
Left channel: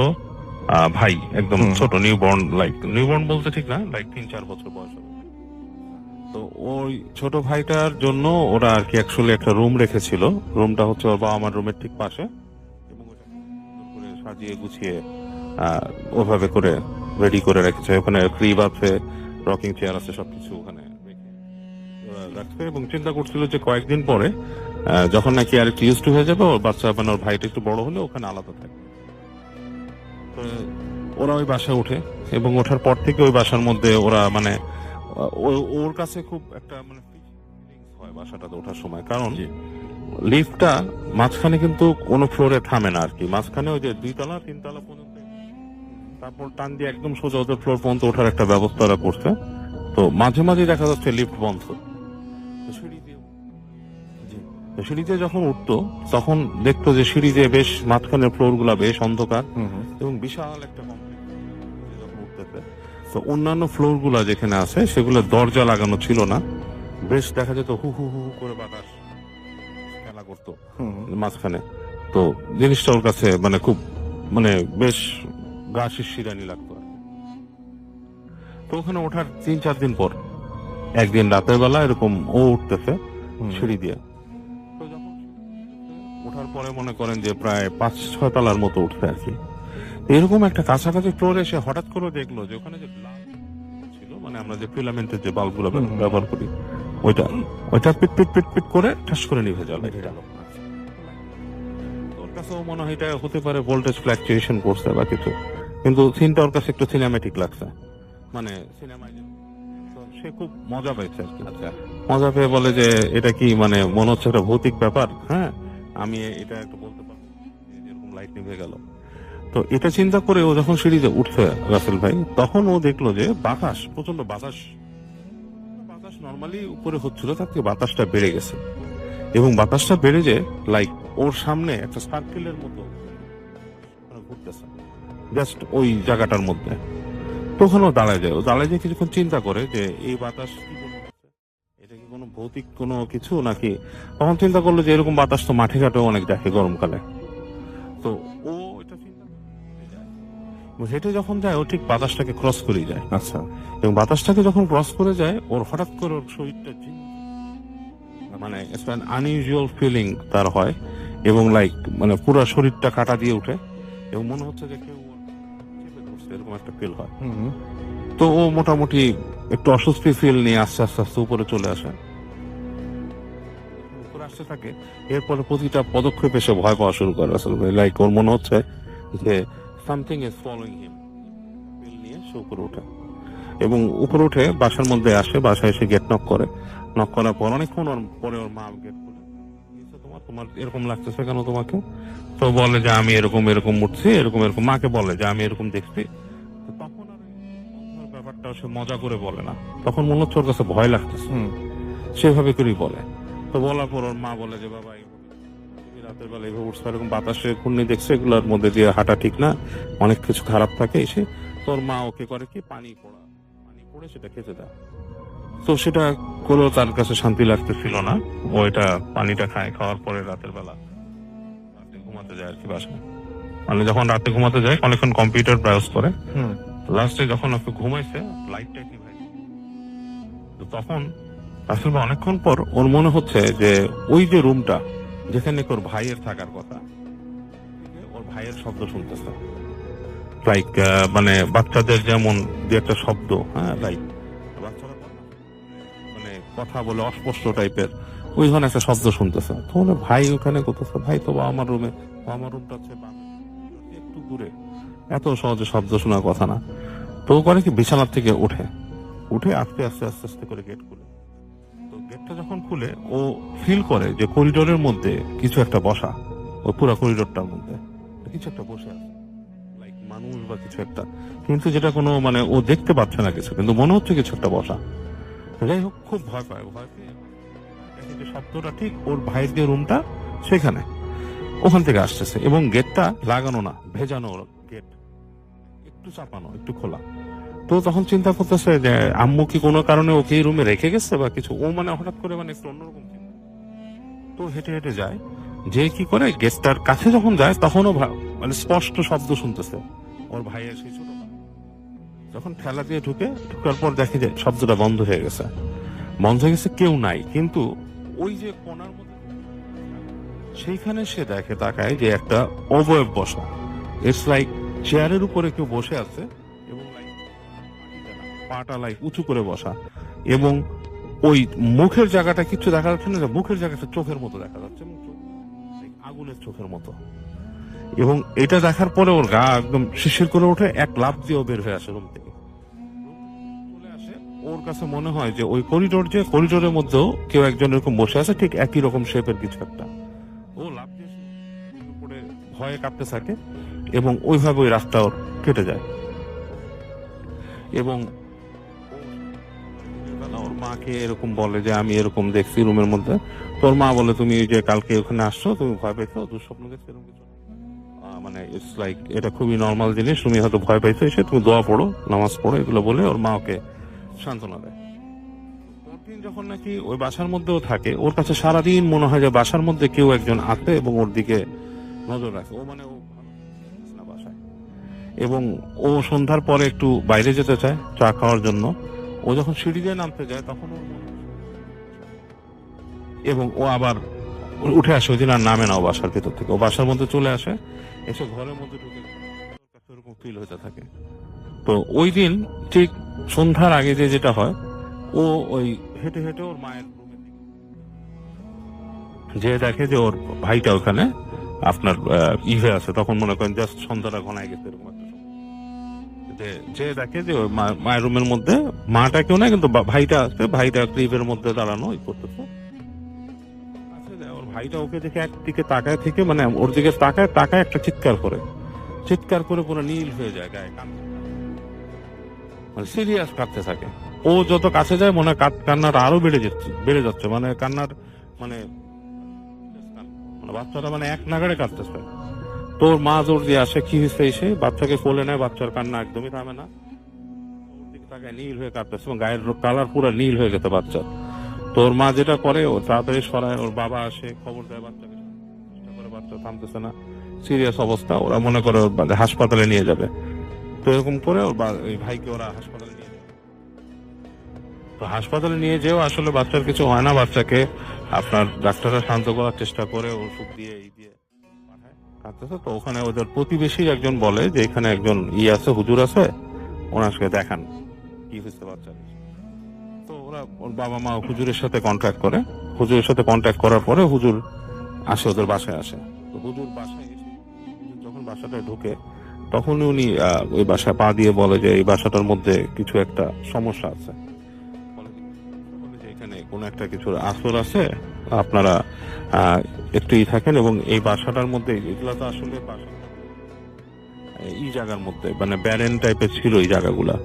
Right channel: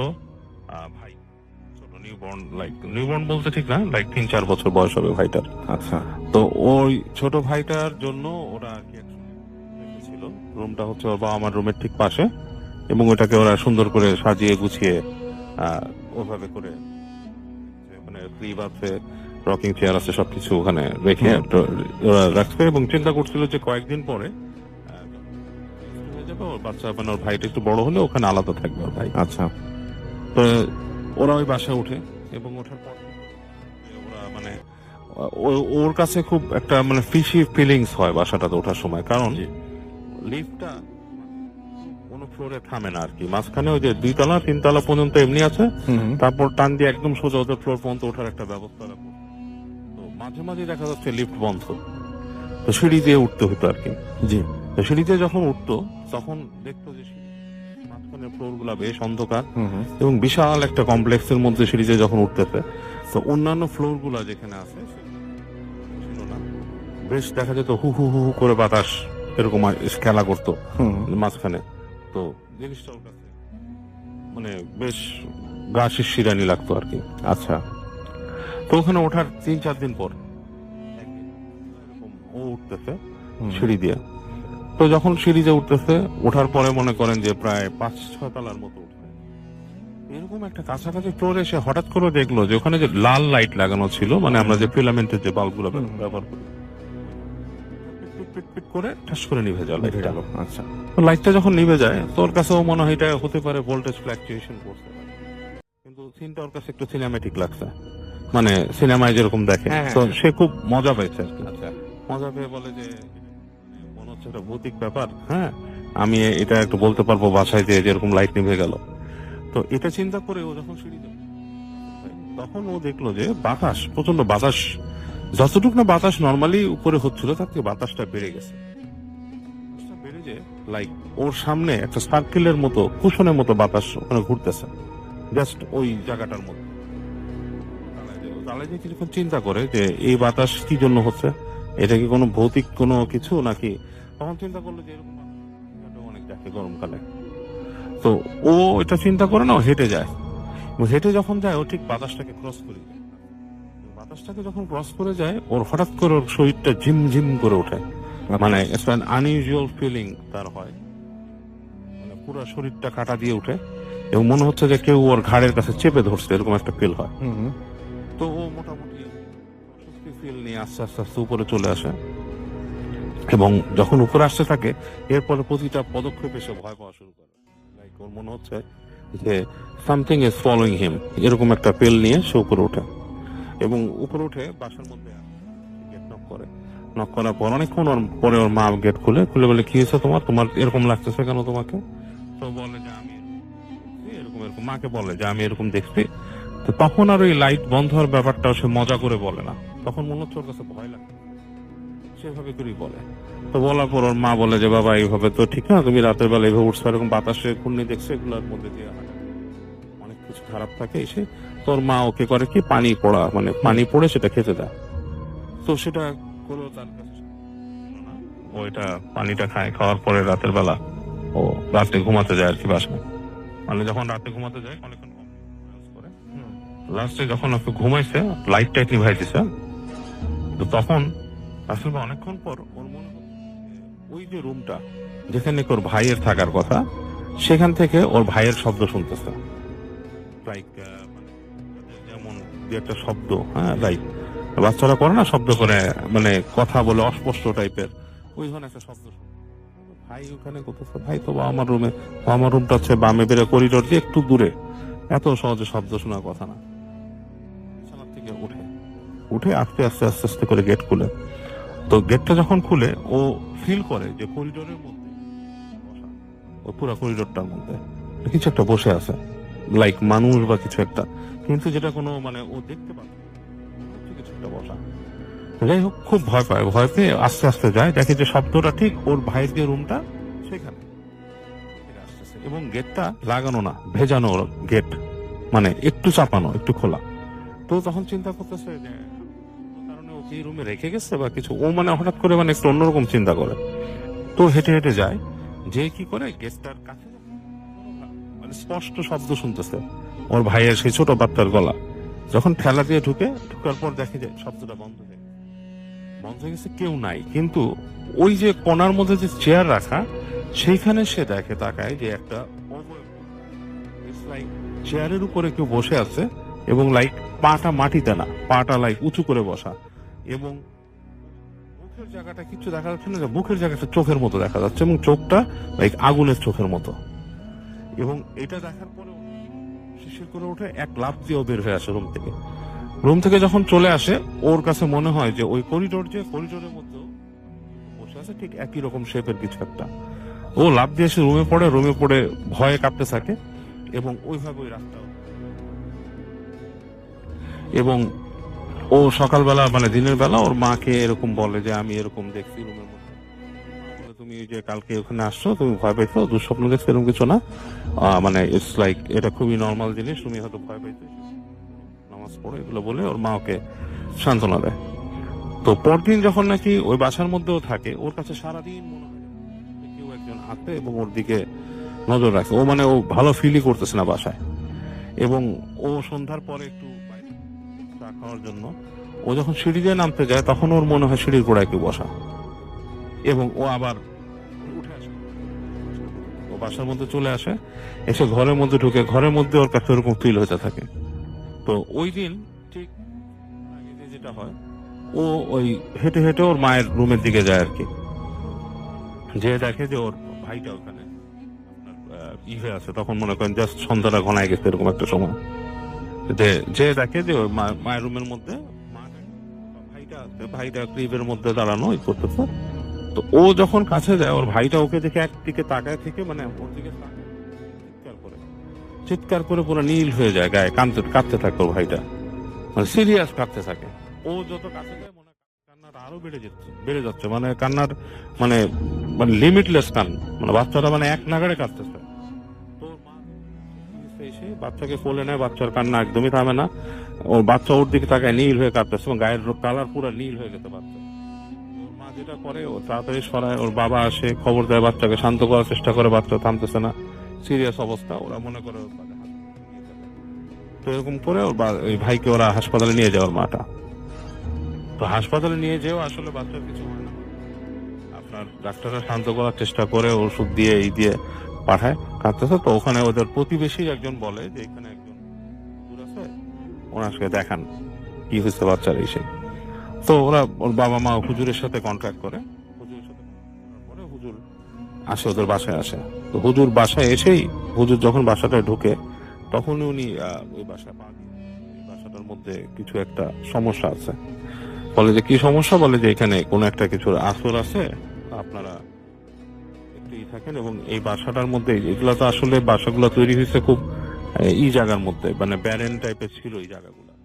ভাই, একদম ছোট নিউবর্ন বলতে ঠিক না, 3-4 বছর বয়স হবে ভাইটার। আচ্ছা। তো ওই ছোট ভাইটার জন্য ওরা আর কি অ্যাকচুয়ালি একটা রুম রেখেছিল। রুমটা হচ্ছে ওর বাবা আমার রুমের ঠিক পাশে, এবং ওটাকে ওরা সুন্দর করে সাজিয়ে গুছিয়ে ওভাবে করে রেডি করে রেখেছে। ওখানে ক্রিব আছে, রকিং চেয়ার আছে, সবকিছু ওখানে রেখে ওরা রাখছে, এবং চিন্তা করছিল যে কয়েকদিন পরে যখন নাকি আর একটু ইউজ টু হয়ে যাবে, ওর বাচ্চা মানে ওর ভাইটা একটু বড় হলে ওখানে আলাদা থাকবে ওর ভাই। আচ্ছা। তো ওরা ওই বাসায় ওঠে, এবং ওঠার পর থেকে ওই বাসার মধ্যে ওরা মানে ওর কাছে খুব একটা মানে ফিশি ফিলিংস হয় বাসাটাতে ওঠার সময়, কারণ লিফটটা মাঝখানে কিন্তু কোনো ফ্লোরে থামে না আর কি। মাঝখানে ওই যে 2 তলা 3 তলা পর্যন্ত এমনি আছে, তারপর টান দিয়ে একদম সোজা ওদের ফ্লোর পর্যন্ত ওঠার একটা ব্যবস্থা ওরা করছে। তো মাঝে মাঝে দেখা যাচ্ছে লিফট বন্ধ, তো সিঁড়ি দিয়ে উঠতে হতো আর কি। জি। তো সিঁড়িতে যখন উঠতো তখন দেখতো যে সিঁড়িতে বেশ মাঝখানের ফ্লোর গুলা বেশ অন্ধকার, এবং বিশাল একটা কমপ্লেক্সের মধ্যে সিঁড়িতে যখন উঠতেছে, তো অন্যান্য ফ্লোর গুলা যেখানে আছে সেগুলো দরজা লাগানো ছিল না, বেশ দেখা যেত হু হু হু করে বাতাস এরকম খেলা করতো মাঝখানে। তো জিনিসটা ওর কাছে মানে খুব মানে বেশ গা শিরশিরানি লাগতো আর কি। আচ্ছা। তো ওখানে ওঠার 3-4 দিন পর একদিন রাতের বেলা এরকম ও উঠতেছে সিঁড়ি দিয়ে। তো যখন সিঁড়ি দিয়ে উঠতেছে, ওঠার পরে মনে করেন যে প্রায় 5-6 তলার মতো উঠছে আর কি। এরকম একটা কাছাকাছি ফ্লোরে এসে হঠাৎ করে দেখলো যে ওখানে যে লাল লাইট লাগানো ছিল, মানে আমরা যে ফিলামেন্টের যে বাল্বগুলো ব্যবহার করি, ওইটা পিট পিট পিট পিট করে ঠাস করে নিভে যায় লাইটটা। আচ্ছা। তো লাইটটা যখন নিভে যায়, তোর কাছেও মনে হয় এটা হতে পারে ভোল্টেজ ফ্ল্যাকচুয়েশন করছে বা কিছু, কিন্তু সিনটা ওর কাছে একটু সিনেমেটিক লাগছে, মানে সিনেমায় যেরকম দেখে। তো সে খুব মজা পেয়েছে আর কি। আচ্ছা। মজা পেয়ে বলে যে এটা কি মানে মনে হচ্ছে একটা ভৌতিক ব্যাপার, হ্যাঁ আমি এটা একটু বলতে পারবো বাসায় যে যেরকম লাইট নিভে গেল। তো এটা চিন্তা করে ও যখন সিঁড়িতে উঠছে রাসেল ভাই, তখন ও দেখলো যে বাতাস, প্রচন্ড বাতাস, যতটুকু না বাতাস নর্মালি উপরে হচ্ছিল তার থেকে বাতাসটা বেড়ে গেছে, এবং বাতাসটা বেড়ে যে ওর সামনে একটা সার্কেলের মতো কুশনের মতো বাতাস ওখানে ঘুরতেছে জাস্ট ওই জায়গাটার মধ্যে। তখন ও দাঁড়ায় যায় কিছুক্ষণ চিন্তা করে যে এই বাতাস কি জন্য হচ্ছে, এটা কি কোনো ভৌতিক কোনো কিছু নাকি। তখন চিন্তা করলো যে এরকম বাতাস তো মাঠে ঘাটেও অনেক দেখে গরমকালে। তো ও এটা চিন্তা করে না, হেঁটে যায়, হেঁটে যখন যায় ও ঠিক বাতাসটাকে ক্রস করে যায়। আচ্ছা। এবং বাতাসটাকে যখন ক্রস করে যায়, ওর হঠাৎ করে ওর শরীরটা ঝিমঝিম করে ওঠে, মানে আনইউজুয়াল ফিলিং তার হয়, এবং মানে পুরো শরীরটা কাটা দিয়ে উঠে, এবং মনে হচ্ছে যে কেউ ওর ঘাড়ের কাছে চেপে ধরছে, এরকম একটা ফিল হয়। তো ও মোটামুটি একটু অস্বস্তি ফিল নিয়ে আস্তে আস্তে আস্তে উপরে চলে আসে, এবং যখন উপরে আসতে থাকে এরপরে প্রতিটা পদক্ষেপে সে ভয় পাওয়া শুরু করে আসলে। ওর মনে হচ্ছে যে সামথিং ইজ ফলোইং হিম, এরকম একটা ফিল নিয়ে সে উপরে ওঠে, এবং উপরে উঠে বাসার মধ্যে আসে। বাসায় এসে গেট নক করার পর অনেকক্ষণ পরে ওর মা গেট খুলে বলে কি হয়েছে তোমার এরকম লাগতেছে কেন তোমাকে? তো বলে যে আমি এরকম উঠছি, এরকম মাকে বলে যে আমি এরকম দেখছি। তো তখন আর ওই লাইট বন্ধ হওয়ার ব্যাপারটা সে মজা করে বলে না, তখন মনে হচ্ছে ওর কাছে ভয় লাগতেছে, সেভাবে করেই বলে। তো বলার পর ওর মা বলে যে বাবা এইভাবে তো ঠিক না, তুমি রাতের বেলা এইভাবে উঠছো, এরকম বাতাসে ঘূর্ণি দেখছো, এগুলোর মধ্যে দিয়ে হাঁটা ঠিক না, অনেক কিছু খারাপ থাকে এসে। তোর মা ওকে করে কি পানি পড়ে সেটা খেতে দেয়। তো সেটা করলেও তার কাছে শান্তি লাগতেছিল না, ও এটা পানিটা খাওয়ার পরে রাতের বেলা ও রাতে ঘুমাতে যায় আর কি বাসায়। মানে যখন রাতে ঘুমাতে যায় অনেকক্ষণ কম্পিউটার ব্রাউজ করে, লাস্টে যখন ওকে ঘুমাইছে লাইট টাইট নিভাই দিছে, তো তখন আসলে অনেকক্ষণ পর ওর মনে হচ্ছে যে ওই যে রুমটা যেখানে ওর ভাইয়ের থাকার কথা, সেখান থেকে ওর ভাইয়ের শব্দ শুনতেছে, মানে বাচ্চাদের যেমন যে একটা শব্দ, হ্যাঁ বাচ্চারা করে না শব্দ করে, মানে কথা বলে অস্পষ্ট টাইপের, ওই ধরনের একটা শব্দ শুনতেছে। তো বলে ভাই ওখানে করতেছে, ভাই তো আমার রুমটা হচ্ছে বামে বেড়ে করিডোর দিয়ে একটু দূরে, এত সহজে শব্দ শোনার কথা না। তো করে কি বিছানার থেকে উঠে আস্তে আস্তে করে গেট খুলে তো গেটটা যখন খুলে ও ফিল করে যে করিডোরের মধ্যে কিছু একটা বসা, ওই পুরো করিডোরটার মধ্যে কিছু একটা বসে আছে, লাইক মানুষ বা কিছু একটা, কিন্তু যেটা কোনো মানে ও দেখতে পাচ্ছে না কিছু, কিন্তু মনে হচ্ছে কিছু একটা বসা। যাই হোক, খুব ভয় পায়, ভয় পেয়ে আস্তে আস্তে যায়, দেখে যে শব্দটা ঠিক ওর ভাইয়ের যে রুমটা সেখানে, ওখান থেকে আসতেছে, এবং গেটটা লাগানো না, ভেজানো গেট, মানে একটু চাপানো, একটু খোলা। তো তখন চিন্তা করতেছে যে আম্মু কি কোনো কারণে ওকে এই রুমে রেখে গেছে বা কিছু, ও মানে হঠাৎ করে মানে একটু অন্যরকম চিন্তা করে। তো হেঁটে হেঁটে যায়, যে কি করে গেটটার কাছে যখন যায় তখনও মানে স্পষ্ট শব্দ শুনতেছে ওর ভাইয়ের সেই ছোট বাচ্চার গলা। যখন ঠেলা দিয়ে ঢুকার পর দেখে যে শব্দটা বন্ধ হয়ে গেছে, কেউ নাই, কিন্তু ওই যে কোণার মধ্যে যে চেয়ার রাখা সেইখানে সে দেখে, তাকায় যে একটা অবয়ব বসা। ইটস লাইক চেয়ারের উপরে কেউ বসে আছে, এবং লাইক পাটা মাটিতে না, পাটা লাইক উঁচু করে বসা, এবং ওই মুখের জায়গাটা কিছু দেখা যাচ্ছে না, মুখের জায়গাটা চোখের মতো দেখা যাচ্ছে, এবং চোখটা লাইক আগুনের চোখের মতো। এবং এটা দেখার পরে ওর গা একদম শিরশির করে ওঠে, এক লাফ দিয়েও বের হয়ে আসে রুম থেকে যখন চলে আসে, ওর কাছে মনে হয় যে ওই করিডোরের মধ্যেও কেউ একজন এরকম বসে আছে, ঠিক একই রকম শেপের কিছু একটা। ও লাফ দিয়ে এসে রুমে পড়ে ভয়ে কাঁপতে থাকে, এবং ওইভাবে ওই রাস্তা ওর কেটে যায়। এবং ও সকালবেলা মানে দিনের বেলা ওর মাকে এরকম বলে যে আমি এরকম দেখছি রুমের মধ্যে। তোর মা বলে, তুমি যে কালকে ওখানে আসছো, তুমি ভয় পাইছো, দুঃস্বপ্ন দেখছো, এরকম কিছু না, মানে ইটস লাইক এটা খুবই নর্মাল জিনিস, তুমি হয়তো ভয় পাইছো, এসে তুমি দোয়া পড়ো, নামাজ পড়ো, এগুলো বলে ওর মা ওকে সান্ত্বনা দেয়। তো পরদিন যখন নাকি ওই বাসার মধ্যেও থাকে, ওর কাছে সারাদিন মনে হয় যে বাসার মধ্যে কেউ একজন আছে এবং ওর দিকে নজর রাখে। ও ভালো ফিলই করতেছে না বাসায়, এবং ও সন্ধ্যার পরে একটু বাইরে যেতে চায় চা খাওয়ার জন্য। ও যখন সিঁড়ি দিয়ে নামতে যায় তখন ওর মনে হয় সিঁড়ির গোড়ায় কেউ বসা, এবং ও আবার উঠে আসে, ওই দিন আর নামে না ও বাসার ভিতর থেকে। ও বাসার মধ্যে চলে আসে, এসে ঘরের মধ্যে ঢুকে, ঘরের মধ্যে ওর কাছে ওরকম ফিল হতে থাকে। তো ওই দিন ঠিক সন্ধ্যার আগে যেটা হয়, ও ওই হেঁটে হেঁটে ওর মায়ের রুমের দিকে যায় আর কি, যে দেখে যে ওর ভাইটা ওখানে আপনার ইভে আছে। তখন মনে করেন জাস্ট সন্ধ্যাটা ঘনায় গেছে এরকম একটা সময়, যে দেখে যে ওই মায়ের রুমের মধ্যে মাটা কেউ নাই, কিন্তু ভাইটা আছে, ভাইটা ইভের মধ্যে দাঁড়ানো করতেছে। তো ও যখন কাছে যায়, ওর ভাইটা ওকে দেখে একদিকে তাকায় থেকে, মানে ওর দিকে তাকায় একটা চিৎকার করে পুরো নীল হয়ে যায়, গায়ে কাঁদতে থাকে ওর ভাইটা, মানে সিরিয়াস কাঁদতে থাকে। ও যত কাছে যায় মনে হয় কান্নাটা আরো বেড়ে যাচ্ছে, মানে কান্নার মানে লিমিটলেস কান, মানে বাচ্চাটা মানে এক নাগাড়ে কাঁদতেছে। তোর মা জোর দিয়ে আসে, কি হয়েছে, এসে বাচ্চাকে কোলে নেয়, বাচ্চার কান্না একদমই থামে না, ওর বাচ্চা ওর দিকে তাকায় নীল হয়ে কাঁদতেছে, এবং গায়ের কালার পুরো নীল হয়ে গেছে বাচ্চা। তোর মা যেটা করে, ও তাড়াতাড়ি সরায়, ওর বাবা আসে, খবর দেয়, বাচ্চাকে শান্ত করার চেষ্টা করে, বাচ্চা থামতেছে না, সিরিয়াস অবস্থা। ওরা মনে করে হাসপাতালে নিয়ে যাবে, তো এরকম করে ওই ভাইকে ওরা হাসপাতালে নিয়ে যায়, ওর মাটা। তো হাসপাতালে নিয়ে যেও আসলে বাচ্চার কিছু হয় না, বাচ্চাকে আপনার ডাক্তাররা শান্ত করার চেষ্টা করে, ওষুধ দিয়ে এই দিয়ে পাঠায়, কাঁদতেছে। তো ওখানে ওদের প্রতিবেশী একজন বলে যে এখানে একজন আছে, হুজুর আছে, ওনার সাথে দেখান কি হয়েছে বাচ্চার এসে। তো ওরা ওর বাবা মা হুজুরের সাথে কন্ট্যাক্ট করে, হুজুরের সাথে কন্ট্যাক্ট করার পরে হুজুর আসে, ওদের বাসায় আসে। তো হুজুর বাসায় এসেই, হুজুর যখন বাসাটায় ঢুকে, তখনই উনি ওই বাসায় পা দিয়ে বলে যে এই বাসাটার মধ্যে কিছু একটা সমস্যা আছে। বলে যে কি সমস্যা, বলে যে এখানে কোনো একটা কিছুর আসর আছে, আপনারা একটু থাকেন, এবং এই বাসাটার মধ্যে, এগুলা তো আসলে বাসাগুলো তৈরি হয়েছে খুব জায়গার মধ্যে, মানে ব্যারেন টাইপের ছিল এই জায়গাগুলা।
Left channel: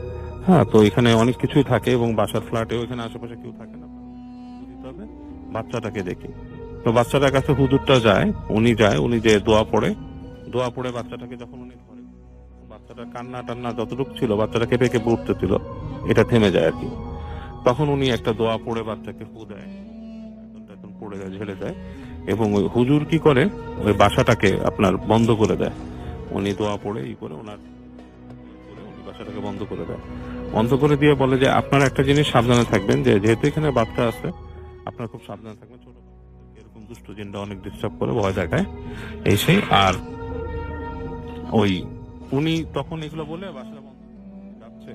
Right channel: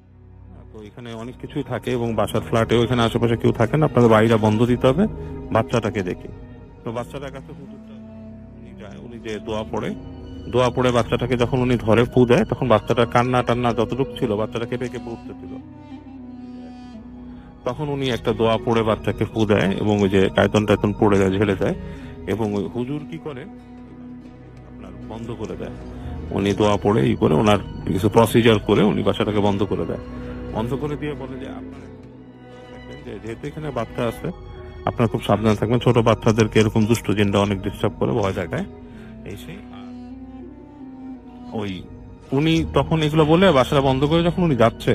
হ্যাঁ, তো এখানে অনেক কিছুই থাকে, এবং বাসার ফ্ল্যাটেও এখানে আশেপাশে কেউ থাকে না, আপনাদের বাইরে বন্ধ দিতে হবে, বাচ্চাটাকে দেখি। তো বাচ্চাটার কাছে হুজুরটা যায়, উনি যে দোয়া পড়ে বাচ্চাটাকে যখন উনি ধরে ফু দেয়, তখন বাচ্চাটার কান্না টান্না যতটুকু ছিল, বাচ্চাটা কেঁপে উঠতেছিল, এটা থেমে যায় আর কি। তখন উনি একটা দোয়া পড়ে বাচ্চাকে ফু দেয়, এবং ওই যে টায়তন পড়ে যায়, ঝেড়ে দেয়, এবং ওই হুজুর কি করে, ওই বাসাটাকে আপনার বন্ধ করে দেয়। উনি দোয়া পড়ে করে, ওনার কিছু প্রসিজার করে উনি বাসাটাকে বন্ধ করে দেয়। বন্ধ করে দিয়ে বলে যে আপনারা একটা জিনিস সাবধানে থাকবেন, যে যেহেতু এখানে বাচ্চা আছে, আপনারা খুব সাবধানে থাকবেন, ছোট বাচ্চাদেরকে এরকম দুষ্ট জিনটা অনেক ডিস্টার্ব করে, ভয় দেখায়, এই সেই। আর ওই উনি তখন এগুলো বলে বাসাটা বন্ধ করে যখন উনি যাচ্ছে,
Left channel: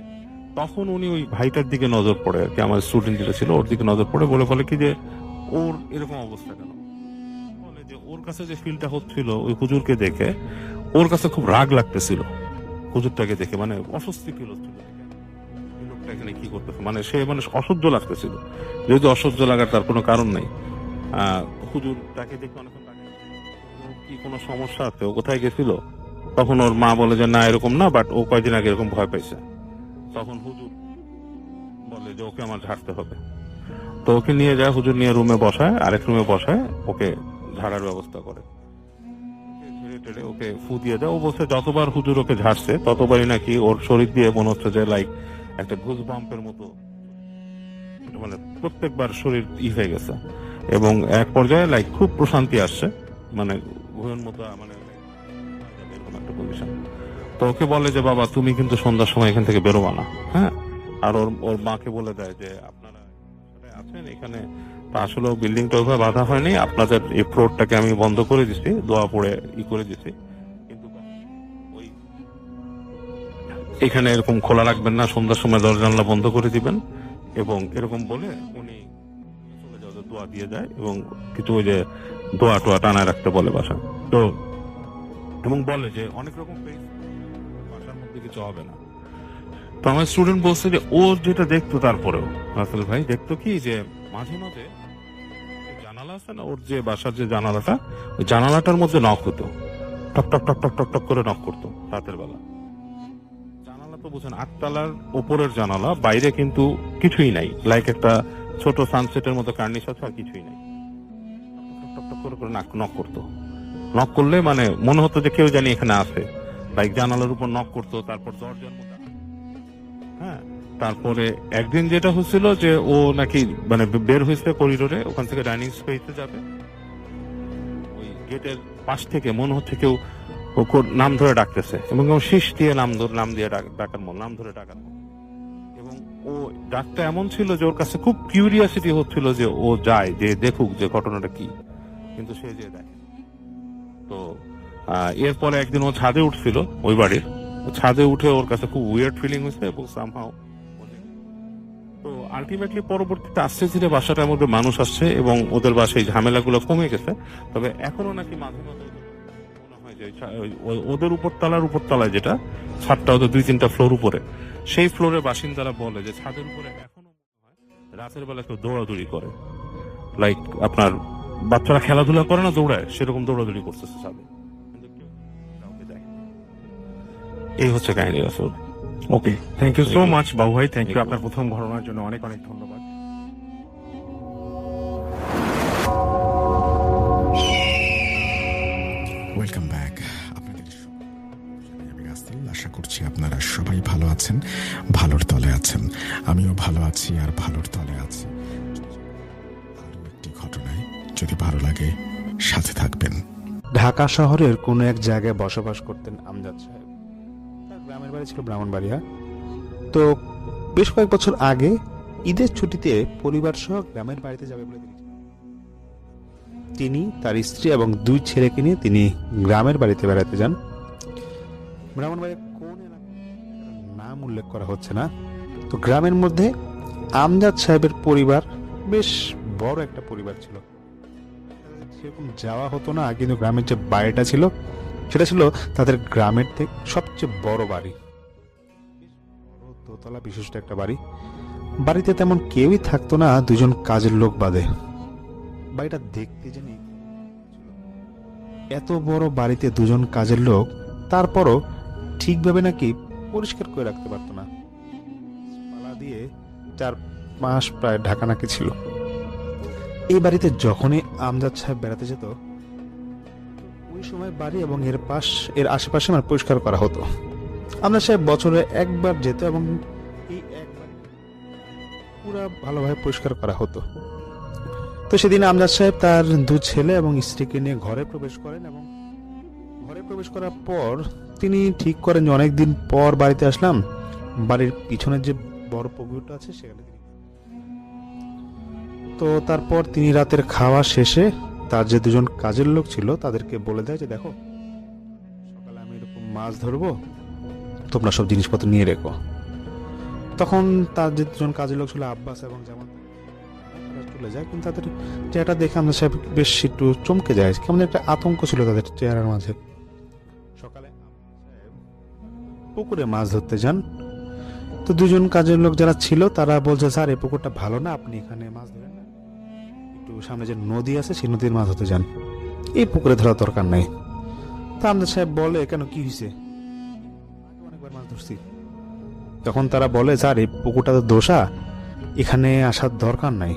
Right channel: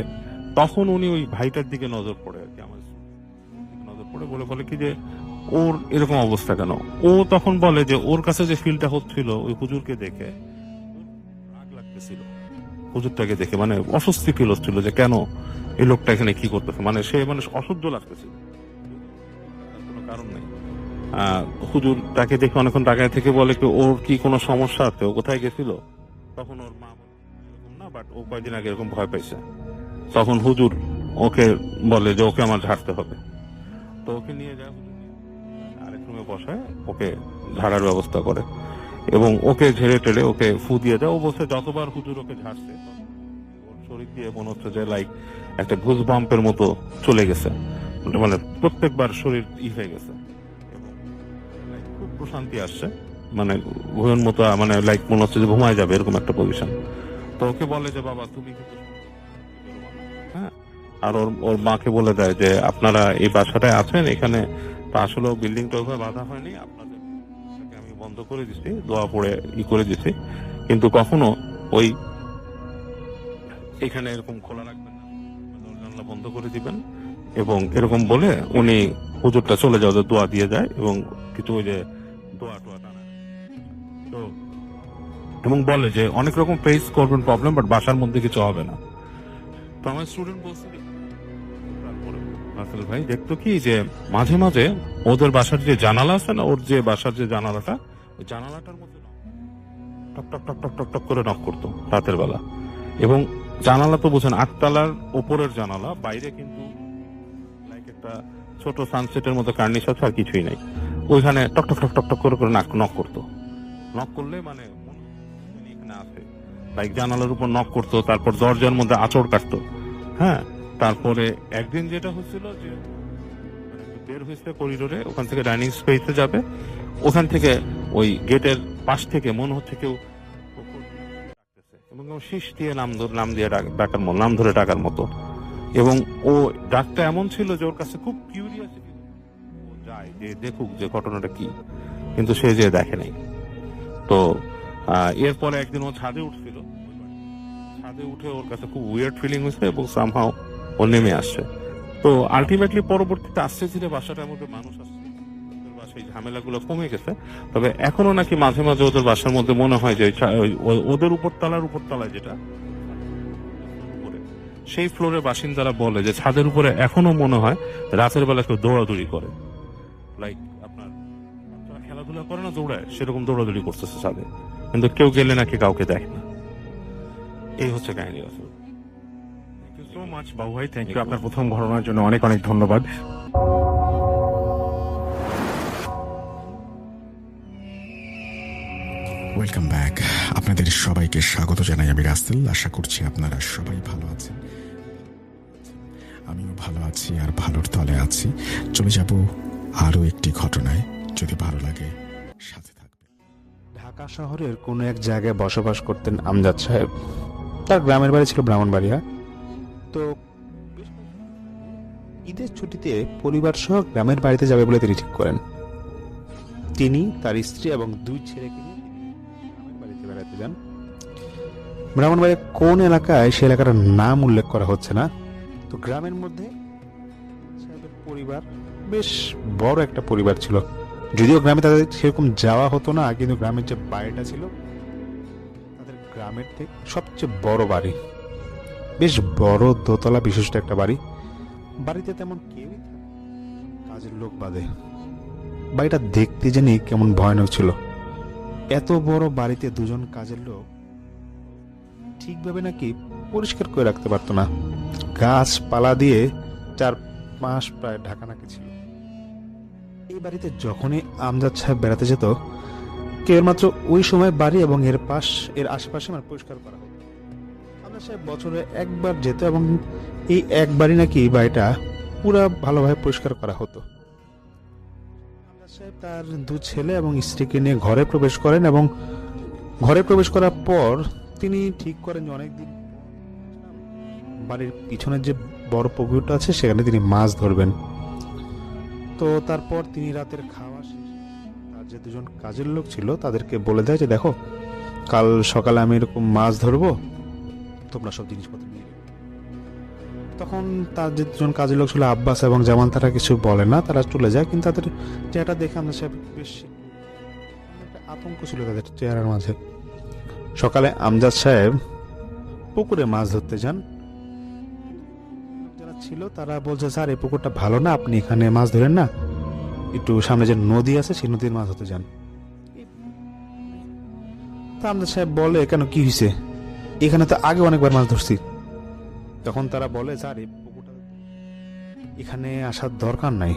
তখন উনি ওই ভাইটার দিকে নজর পড়ে আর কি, আমার স্টুডেন্ট যেটা ছিল ওর দিকে নজর পড়ে, বলে কি যে ওর এরকম অবস্থা কেন। ও তখন বলে যে ওর কাছে যে ফিলটা হচ্ছিল ওই হুজুরকে দেখে, ওর কাছে খুব রাগ লাগতেছিল হুজুরটাকে দেখে, মানে অস্বস্তি ফিল হচ্ছিল যে কেন এই লোকটা এখানে কি করতেছে, মানে সে মানে অসহ্য লাগতেছিল। যেহেতু অসহ্য লাগার তার কোনো কারণ নেই, হুজুর তাকে দেখে অনেকক্ষণ তাকায় থেকে বলে কি ওর কি কোনো সমস্যা আছে, ও কোথায় গেছিল? তখন ওর মা বলে যে না এরকম না, বাট ও কয়েকদিন আগে এরকম ভয় পাইছে। তখন হুজুর ওকে বলে যে ওকে আমার ঝাড়তে হবে। তো ওকে নিয়ে যায়, হুজুর নিয়ে রুমে বসায়, আরেক রুমে বসায়, ওকে ঝাড়ার ব্যবস্থা করে এবং ওকে ঝেড়ে টেড়ে ওকে ফু দিয়ে দেয়। ও বলছে যতবার হুজুর ওকে ঝাড়ছে ততবারই নাকি ওর শরীর দিয়ে মনে হচ্ছে যে লাইক একটা ঘুষ বাম্পের মতো চলে গেছে, মানে প্রত্যেকবার শরীর হয়ে গেছে এবং এক পর্যায়ে লাইক খুব প্রশান্তি আসছে, মানে ঘুমের মতো, মানে লাইক মনে হচ্ছে যে ঘুমায় যাবে এরকম একটা পজিশন। তো ওকে বলে যে বাবা তুমি কিন্তু সন্ধ্যার সময় এখান থেকে বেরোবা না, হ্যাঁ। আর ওর মাকে বলে দেয় যে আপনারা এই বাসাটায় আছেন, এখানে তো আসলে বিল্ডিংটা ওইভাবে বাধা হয়নি, আপনাদের এই ফ্লোরটাকে আমি বন্ধ করে দিছি, দোয়া পড়ে করে দিছি, কিন্তু কখনো ওই এখানে এরকম খোলা রাখবেন না, সন্ধ্যার সময় দরজা জানলা বন্ধ করে দিবেন। এবং এরকম বলে উনি হুজুরটা চলে যাওয়া দোয়া দিয়ে যায় এবং কিছু ওই যে দোয়া টোয়া টানায় রাখতে বলে বাসা। তো এবং বলে যে অনেক রকম ফেস করবেন প্রবলেম, বাট বাসার মধ্যে কিছু হবে না। তো আমার স্টুডেন্ট বলছে যে ও যেটা দেখতো, তারপরেও রাসেল ভাই দেখতো কি যে মাঝে মাঝে ওদের বাসার যে জানালা আছে না, ওর যে বাসার যে জানালাটা, ওই জানালাটার মধ্যে নক হতো, টক টক টক টক টক টক করে নক করতো রাতের বেলা। এবং জানালা তো বুঝেন 8 তলার ওপরের জানালা, বাইরে কিন্তু কিছুই নাই, লাইক একটা ছোট সানসেটের মতো কার্নিশ আছে আর কিছুই নাই। ওইখানে টক টক টক টক টক করে করে নক করতো। নক করলে মানে মনে হতো যে কেউ জানি এখানে আছে, লাইক জানালার উপর নক করতো, তারপর দরজার মধ্যে আঁচড় কাটতো, হ্যাঁ। তারপরে একদিন যেটা হচ্ছিল যে ও নাকি মানে বের হয়েছে করিডোরে, ওখান থেকে ডাইনিং স্পেসে যাবে, ওখান থেকে ওই গেটের পাশ থেকে মনে হচ্ছে কেউ নাম ধরে ডাকতেছে এবং শীষ দিয়ে নাম ধরে ডাকার মতো। এবং ও ডাকটা এমন ছিল যে ওর কাছে খুব কিউরিয়াসিটি হচ্ছিল যে ও যায় যে দেখুক যে ঘটনাটা কি, কিন্তু সে যে দেখে নাই। তো এরপরে একদিন ও ছাদে উঠছিল ওই বাড়ির, ছাদে উঠে ওর কাছে খুব উইয়ার্ড ফিলিং হয়েছে এবং সামহাও ও নেমে আসছে। তো আলটিমেটলি পরবর্তীতে আস্তে ধীরে বাসাটার মধ্যে মানুষ আসছে এবং ওদের বাসায় ঝামেলাগুলো কমে গেছে। তবে এখনো নাকি মাঝে মাঝে ওদের বাসার মধ্যে মনে হয় যে ওদের উপরতলায় যেটা ছাদটা, ওদের 2-3টা ফ্লোর উপরে, সেই ফ্লোরের বাসিন্দারা বলে যে ছাদের উপরে এখনো মনে হয় রাতের বেলা কেউ দৌড়াদৌড়ি করে, লাইক আপনার বাচ্চারা খেলাধুলা করে না দৌড়ায়, সেরকম দৌড়াদৌড়ি করতেছে ছাদে, কিন্তু কেউ গেলে নাকি কাউকে দেখে না। এই হচ্ছে কাহিনী রাসূল। ওকে, থ্যাংক ইউ সো মাচ বাবু ভাই, থ্যাংক ইউ। আপনার প্রথম ঘটনার জন্য অনেক অনেক ধন্যবাদ। Welcome back. আপনাদের সবাইকে স্বাগত জানাই আমি রাসেল। আশা করছি আপনারা সবাই ভালো আছেন, ভালোর তলে আছেন। আমিও ভালো আছি আর ভালোর তলে আছি। চলে যাব আরও একটি ঘটনায়, যদি ভালো লাগে সাথে থাকবেন। ঢাকা শহরের কোনো এক জায়গায় বসবাস করতেন আমজাদ সাহেব। তার গ্রামের বাড়ি ছিল ব্রাহ্মণবাড়িয়া। তো বেশ কয়েক বছর আগে ঈদের ছুটিতে পরিবার সহ গ্রামের বাড়িতে যাবে বলে তিনি ঠিক করেন। তিনি, তার স্ত্রী এবং 2 ছেলেকে নিয়ে তিনি গ্রামের বাড়িতে বেড়াতে যান। ব্রাহ্মণবাড়িয়া কোন এলাকায় সে এলাকার নাম উল্লেখ করা হচ্ছে না। তো গ্রামের মধ্যে আমজাদ সাহেবের পরিবার বেশ বড় একটা পরিবার ছিল। যদিও গ্রামে তাদের সেরকম যাওয়া হতো না, কিন্তু গ্রামের যে বাড়িটা ছিল সেটা ছিল তাদের গ্রামের থেকে সবচেয়ে বড় বাড়ি। বেশ বড় দোতলা বিশিষ্ট একটা বাড়ি। বাড়িতে তেমন কেউই থাকতো না, 2জন কাজের লোক বাদে। বাড়িটা দেখতে জানি কেমন ভয়ানক ছিল। এত বড় বাড়িতে 2জন কাজের লোক, তারপরও ঠিকভাবে নাকি পরিষ্কার করে রাখতে পারতো না। গাছপালা দিয়ে 4 প্রায় ঢাকা নাকি ছিল। এই বাড়িতে যখনই আমজাদ সাহেব বেড়াতে যেত, কেবলমাত্র ওই সময় বাড়ি এবং এর আশেপাশে পরিষ্কার করা হতো। আমজাদ সাহেব বছরে একবার যেত এবং এই একবারই নাকি বাড়িটা পুরো ভালোভাবে পরিষ্কার করা হতো। তো সেদিন আমজাদ সাহেব তার 2 ছেলে এবং স্ত্রীকে নিয়ে ঘরে প্রবেশ করেন এবং ঘরে প্রবেশ করার পর তিনি ঠিক করেন যে অনেকদিন পর বাড়িতে আসলাম, বাড়ির পিছনের যে বড় পুকুরটা আছে সেখানে তিনি মাছ ধরবেন। তো তারপর তিনি রাতের খাওয়া শেষে তার যে 2জন কাজের লোক ছিল তাদেরকে বলে দেয় যে দেখো, কাল সকালে আমি এরকম মাছ ধরবো, তোমরা সব জিনিসপত্র নিয়ে রেখো। তখন তার যে 2জন কাজের লোক ছিল আব্বাস এবং জামান, তারা কিছু বলে না, তারা চলে যায়। কিন্তু তাদের চেহারাটা দেখে আমজাদ সাহেব বেশ একটু চমকে যায়, কেমন একটা আতঙ্ক ছিল তাদের চেহারার মাঝে। সকালে আমজাদ সাহেব পুকুরে মাছ ধরতে যান। তো দুজন কাজের লোক যারা ছিল তারা বলছে, স্যার এই পুকুরটা ভালো না, আপনি এখানে মাছ ধরেন না, একটু সামনে যে নদী আছে সেই নদীর মাছ ধরতে যান, এই পুকুরে ধরার দরকার নাই। তা আমজাদ সাহেব বলে, কেন কি হয়েছে, এখানে তো আগে অনেকবার মাছ ধরছি। তখন তারা বলে, স্যার এই পুকুরটা তো দোষা, এখানে আসার দরকার নাই।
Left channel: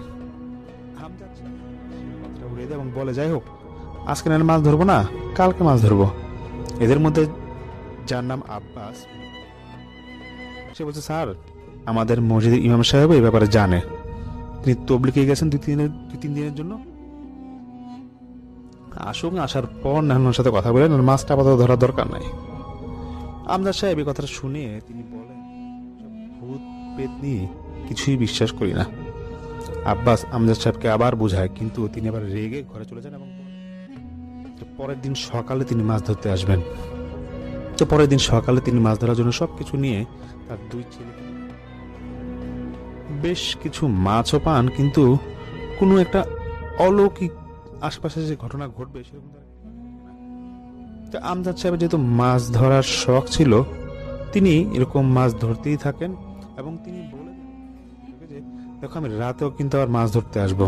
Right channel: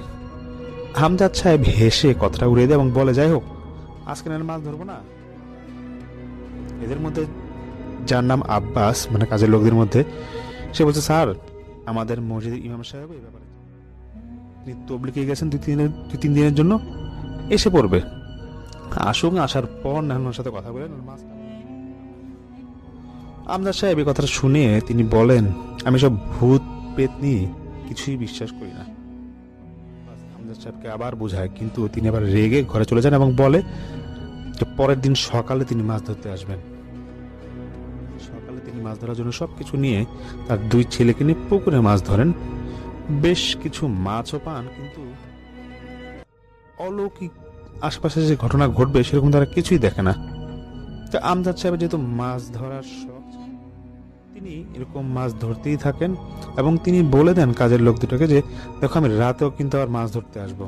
আমজাদ সাহেব হেসে কথাটা উড়িয়ে দেয় এবং বলে, যাই হোক, আজকে না মাছ ধরবো না, কালকে মাছ ধরবো। এদের মধ্যে যার নাম আব্বাস, মানে কাজের লোকদের মধ্যে, সে বলছে, স্যার আমাদের মসজিদের ইমাম সাহেব এই ব্যাপারে জানে, তিনি তবলিগে গেছেন 2-3 দিনের জন্য, এসে পড়বে, আসুন, আসার পর নাহলের সাথে কথা বলেন, মাছটা আপাতত ধরার দরকার নাই। আমজাদ সাহেব এই কথাটা শুনে তিনি বলেন, আমি সব ভূত পেত নিয়ে কিছুই বিশ্বাস করি না। আব্বাস আমজাদ সাহেবকে আবার বোঝায়, কিন্তু তিনি আবার রেগে ঘরে চলে যান এবং বলে যে পরের দিন সকালে তিনি মাছ ধরতে আসবেন। তো পরের দিন সকালে তিনি মাছ ধরার জন্য সবকিছু নিয়ে তার 2 ছেলেকে নিয়ে পুকুরে মাছ ধরেন। বেশ কিছু মাছও পান, কিন্তু কোনো একটা অলৌকিক আশপাশে যে ঘটনা ঘটবে সেরকম তারা কিছুই দেখে না। তো আমজাদ সাহেবের যেহেতু মাছ ধরার শখ ছিল, তিনি এরকম মাছ ধরতেই থাকেন এবং তিনি বলে দেন কাজের লোক দুটোকে যে, দেখো আমি রাতেও কিন্তু আবার মাছ ধরতে আসবো।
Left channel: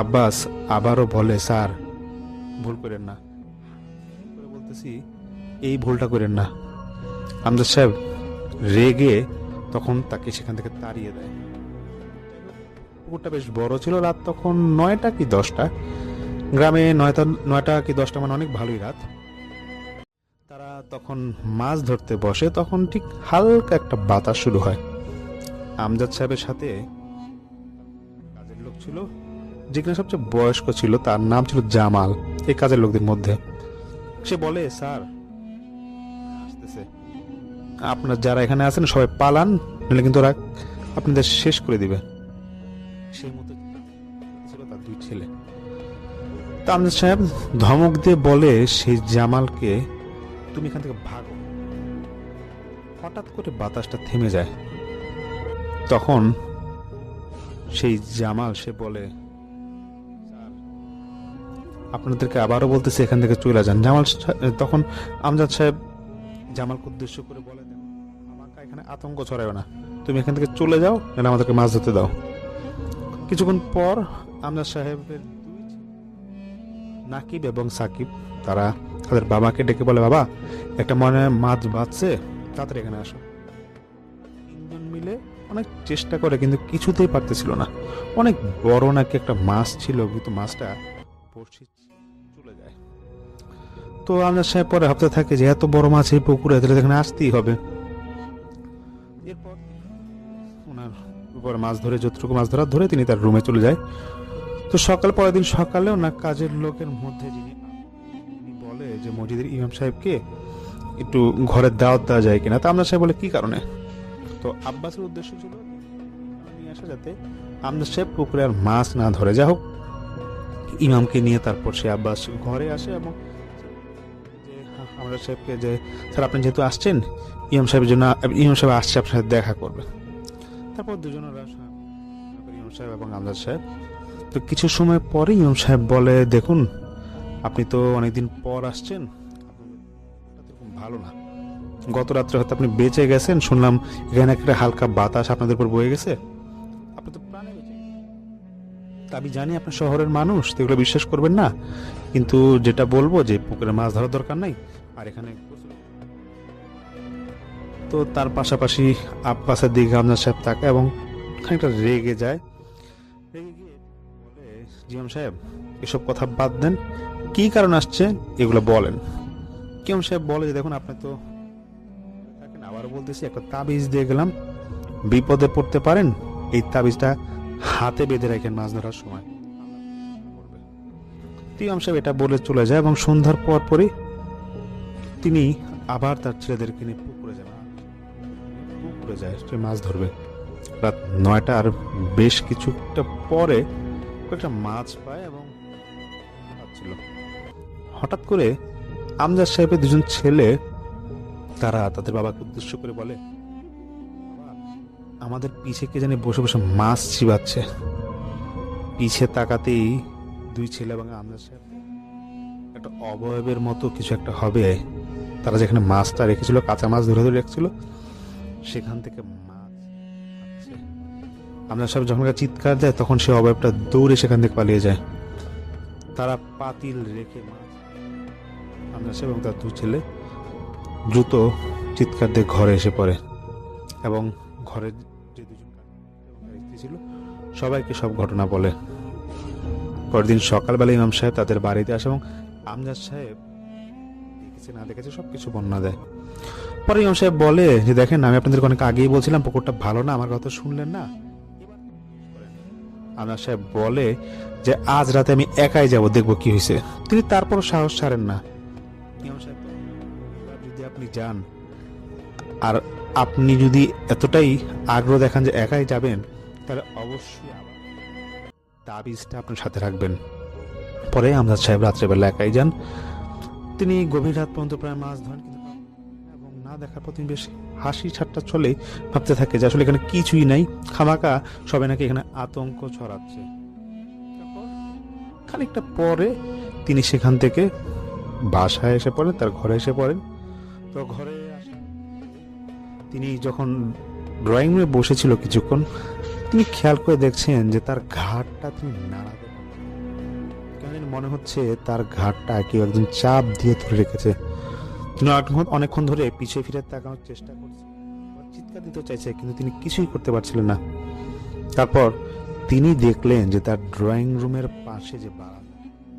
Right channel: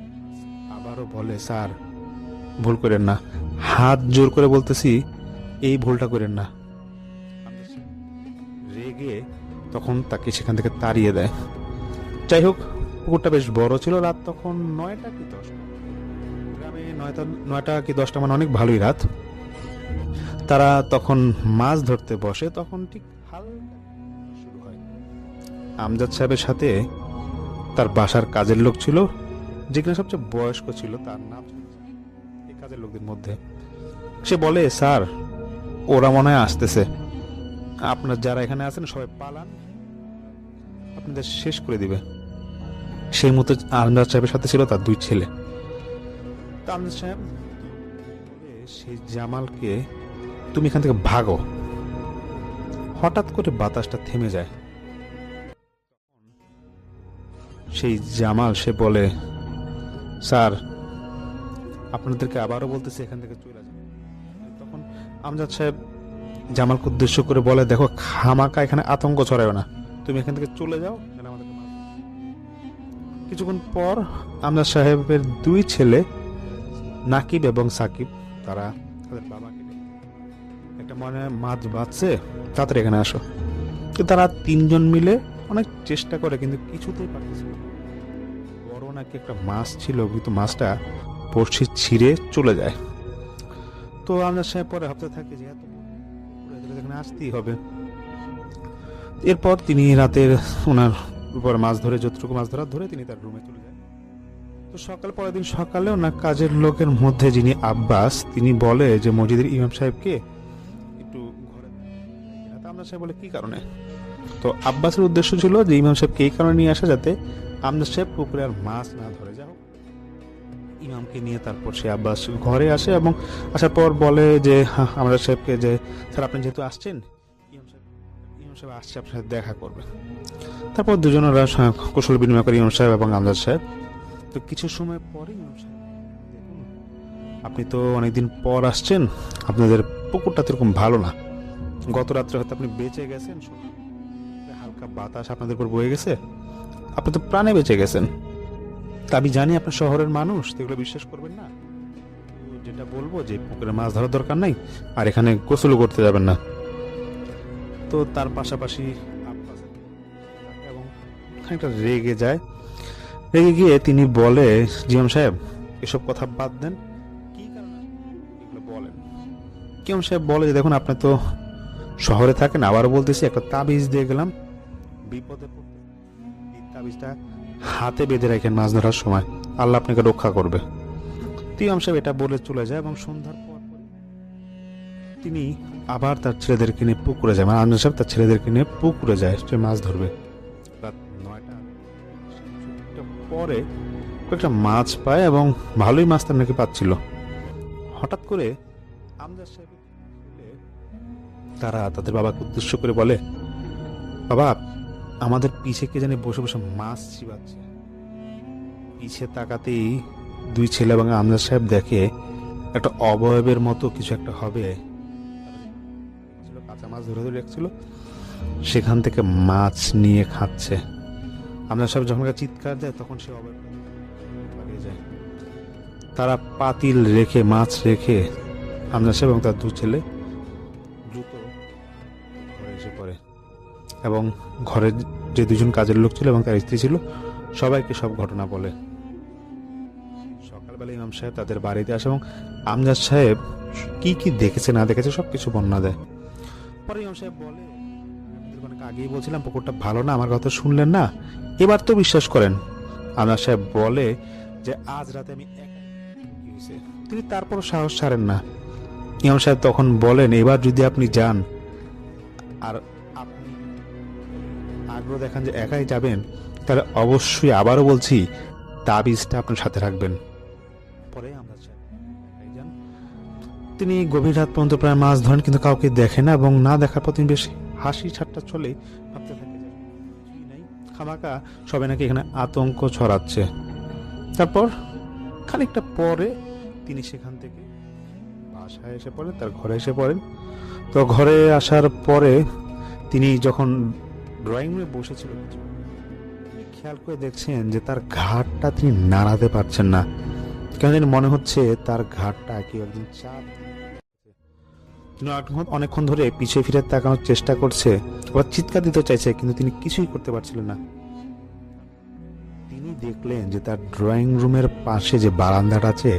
আব্বাস আবারও বলে, স্যার ভুল করেন না, হাত জোর করে বলতেছি, এই ভুলটা করেন না। আমজাদ সাহেব রেগে তখন তাকে সেখান থেকে তাড়িয়ে দেয়। যাই হোক, পুকুরটা বেশ বড় ছিল, রাত তখন 9টা কি 10টা, গ্রামে 9টা কি 10টা মানে অনেক ভালোই রাত। তারা তখন মাছ ধরতে বসে, তখন ঠিক হালকা একটা বাতাস শুরু হয়। আমজাদ সাহেবের সাথে তার বাসার কাজের লোক ছিল, যেখানে সবচেয়ে বয়স্ক ছিল, তার নাম ছিল জামাল, এই কাজের লোকদের মধ্যে। সে বলে, স্যার ওরা মনে হয় আসতেছে, আপনার যারা এখানে আছেন সবাই পালান, নাহলে কিন্তু ওরা আপনাদের শেষ করে দিবে। সেই মতো আমজাদ সাহেবের সাথে ছিল তার 2 ছেলে। তা আমজাদ সাহেব ধমক দিয়ে বলে সেই জামালকে, তুমি এখান থেকে ভাগো। হঠাৎ করে বাতাসটা থেমে যায়। তখন সেই জামাল সে বলে, স্যার আপনাদেরকে আবারও বলতেছি এখান থেকে চলে যান। তখন আমজাদ সাহেব জামালকে উদ্দেশ্য করে বলে, দেখো খামাকা এখানে আতঙ্ক ছড়ায় না, তুমি এখান থেকে চলে যাও, নাহলে আমাদেরকে মাছ ধরতে দাও। কিছুক্ষণ পর আমজাদ সাহেবের 2 ছেলে নাকিব এবং সাকিব তারা তাদের বাবাকে ডেকে বলে, বাবা একটা মনে হয় মাছ বাঁচছে, তাড়াতাড়ি এখানে আসো। তো তারা 3 জন মিলে অনেক চেষ্টা করে, কিন্তু কিছুতেই পারতেছিল না। অনেক বড় নাকি একটা মাছ ছিল, কিন্তু মাছটা বড়শি ছিঁড়ে চলে যায়। তো আমজাদ সাহেব পরে ভাবতে থাকে যে এত বড় মাছ এই পুকুরে, তাহলে এখানে আসতেই হবে। এরপর তিনি রাতের ওনার উপর মাছ ধরে, যতটুকু মাছ ধরে তিনি তার রুমে চলে যায়। তো পরের দিন সকালে ওনার কাজের লোকের মধ্যে যিনি আব্বাস, তিনি বলে যে মসজিদের ইমাম সাহেবকে একটু ঘরের দাওয়াত দেওয়া যায় কিনা। তা আমজাদ সাহেব বলে, কি কারণে? তো আব্বাসের উদ্দেশ্য ছিল যে ইমাম সাহেবকে এই কারণে নিয়ে আসা, যাতে আমজাদ সাহেব পুকুরে আর মাছ না ধরে। যা হোক, ইমামকে নিয়ে তারপর সে আব্বাস ঘরে আসে এবং আসার পর বলে যে আমজাদ সাহেবকে যে, স্যার আপনি যেহেতু আসছেন, ইমাম সাহেব আসছে আপনার সাথে দেখা করবে। তারপর দুজনেরা কুশল বিনিময় করে ইমাম সাহেব এবং আমজাদ সাহেব। তো কিছু সময় পরে ইমাম সাহেব বলে, দেখুন আপনি তো অনেকদিন পর আসছেন, আপনাদের পুকুরটা তো এরকম ভালো না, গত রাত্রে হয়তো আপনি বেঁচে গেছেন, শুনলাম এখানে একটা হালকা বাতাস আপনাদের উপর বয়ে গেছে, আপনি তো প্রাণে বেঁচে গেছেন। তা আমি জানি আপনার শহরের মানুষ, এগুলো বিশ্বাস করবেন না, কিন্তু যেটা বলবো যে পুকুরে মাছ ধরার দরকার নাই, আর এখানে গোসলও করতে যাবেন না। তো তার পাশাপাশি আব্বাসের দিকে আমজাদ সাহেব তাকায় এবং খানিকটা রেগে যায়। রেগে গিয়ে তিনি বলে, ইমাম সাহেব এসব কথা বাদ দেন, কি কারণ আসছে এগুলো বলেন। ইমাম সাহেব বলে যে, দেখুন আপনি তো শহরে থাকেন, আবারও বলতেছি, একটা তাবিজ দিয়ে গেলাম, বিপদে পড়তে পারেন, এই তাবিজটা হাতে বেঁধে রাখেন, মাছ ধরার সময় আল্লাহ আপনাকে রক্ষা করবে। ইমাম সাহেব এটা বলে চলে যায় এবং সন্ধ্যার পরই তিনি আবার তার ছেলেদেরকে নিয়ে পুকুরে যায়, মানে আমজাদ সাহেব তার ছেলেদেরকে নিয়ে পুকুরে যায়, সে মাছ ধরবে। রাত 9টা আর বেশ কিছুটা পরে কয়েকটা মাছ পায় এবং ভালোই মাছ তার নাকি পাচ্ছিল। হঠাৎ করে আমজাদ সাহেবের 2 জন ছেলে তারা তাদের বাবাকে উদ্দেশ্য করে বলে, বাবা আমাদের পিছে কে জানি বসে বসে মাছ চিবাচ্ছে। পিছে তাকাতেই 2 ছেলে এবং আমজাদ সাহেব দেখে একটা অবয়বের মতো কিছু একটা হবে। তারা যেখানে মাছটা রেখেছিল, কাঁচা মাছ ধরে রেখেছিল, সেখান থেকে মাছ নিয়ে খাচ্ছে। আমরা সব যখন চিৎকার দেয় তখন সে অবয়বটা দৌড়ে সেখান থেকে পালিয়ে যায়। তারা পাতিল রেখে মাছ রেখে আমজাদ সাহেব এবং তার দু ছেলে দ্রুত চিৎকার দিয়ে ঘরে এসে পড়ে এবং ঘরের যে দুজন কাজের লোক ছিল এবং তার স্ত্রী ছিল সবাইকে সব ঘটনা বলে। পরের দিন সকালবেলা ইমাম সাহেব তাদের বাড়িতে আসে এবং আমজাদ সাহেব কি কি দেখেছে না দেখেছে সবকিছু বর্ণনা দেয়। পরে ইমাম সাহেব বলে যে দেখেন, আমি আপনাদেরকে অনেক আগেই বলছিলাম পুকুরটা ভালো না, আমার কথা শুনলেন না, এবার তো বিশ্বাস করেন। আমজাদ সাহেব বলে যে আজ রাতে আমি একাই যাব, দেখবো কি হয়েছে। তিনি তারপরও সাহস ছাড়েন না। ইমাম সাহেব তখন বলেন, এবার যদি আপনি যান আর আপনি যদি এতটাই আগ্রহ দেখান যে একাই যাবেন, তাহলে অবশ্যই আবারও বলছি তাবিজটা আপনার সাথে রাখবেন। পরে আমজাদ সাহেব রাত্রেবেলা একাই যান। তিনি গভীর রাত পর্যন্ত প্রায় মাছ ধরেন, কিন্তু কাউকে দেখে না এবং না দেখার পর তিনি বেশ হাসি ঠাট্টা চলে ভাবতে থাকে যে আসলে এখানে কিছুই নাই, খামাকা সবাই নাকি এখানে আতঙ্ক ছড়াচ্ছে। তারপর খানিকটা পরে তিনি সেখান থেকে বাসায় এসে পড়েন, তার ঘরে এসে পড়েন। তো ঘরে আসার পরে তিনি যখন ড্রয়িং রুমে বসেছিল কিছুক্ষণ, তিনি খেয়াল করে দেখছেন যে তার ঘাড়টা তিনি নাড়াতে পারছেন না। কেন জানি মনে হচ্ছে তার ঘাড়টা কেউ একজন চাপ দিয়ে ধরে রেখেছে। তিনি অনেকক্ষণ ধরে পিছিয়ে ফিরে তাকানোর চেষ্টা করছে, আবার চিৎকার দিতে চাইছে, কিন্তু তিনি কিছুই করতে পারছিলেন না। তারপর তিনি দেখলেন যে তার ড্রয়িং রুমের পাশে যে বারান্দাটা আছে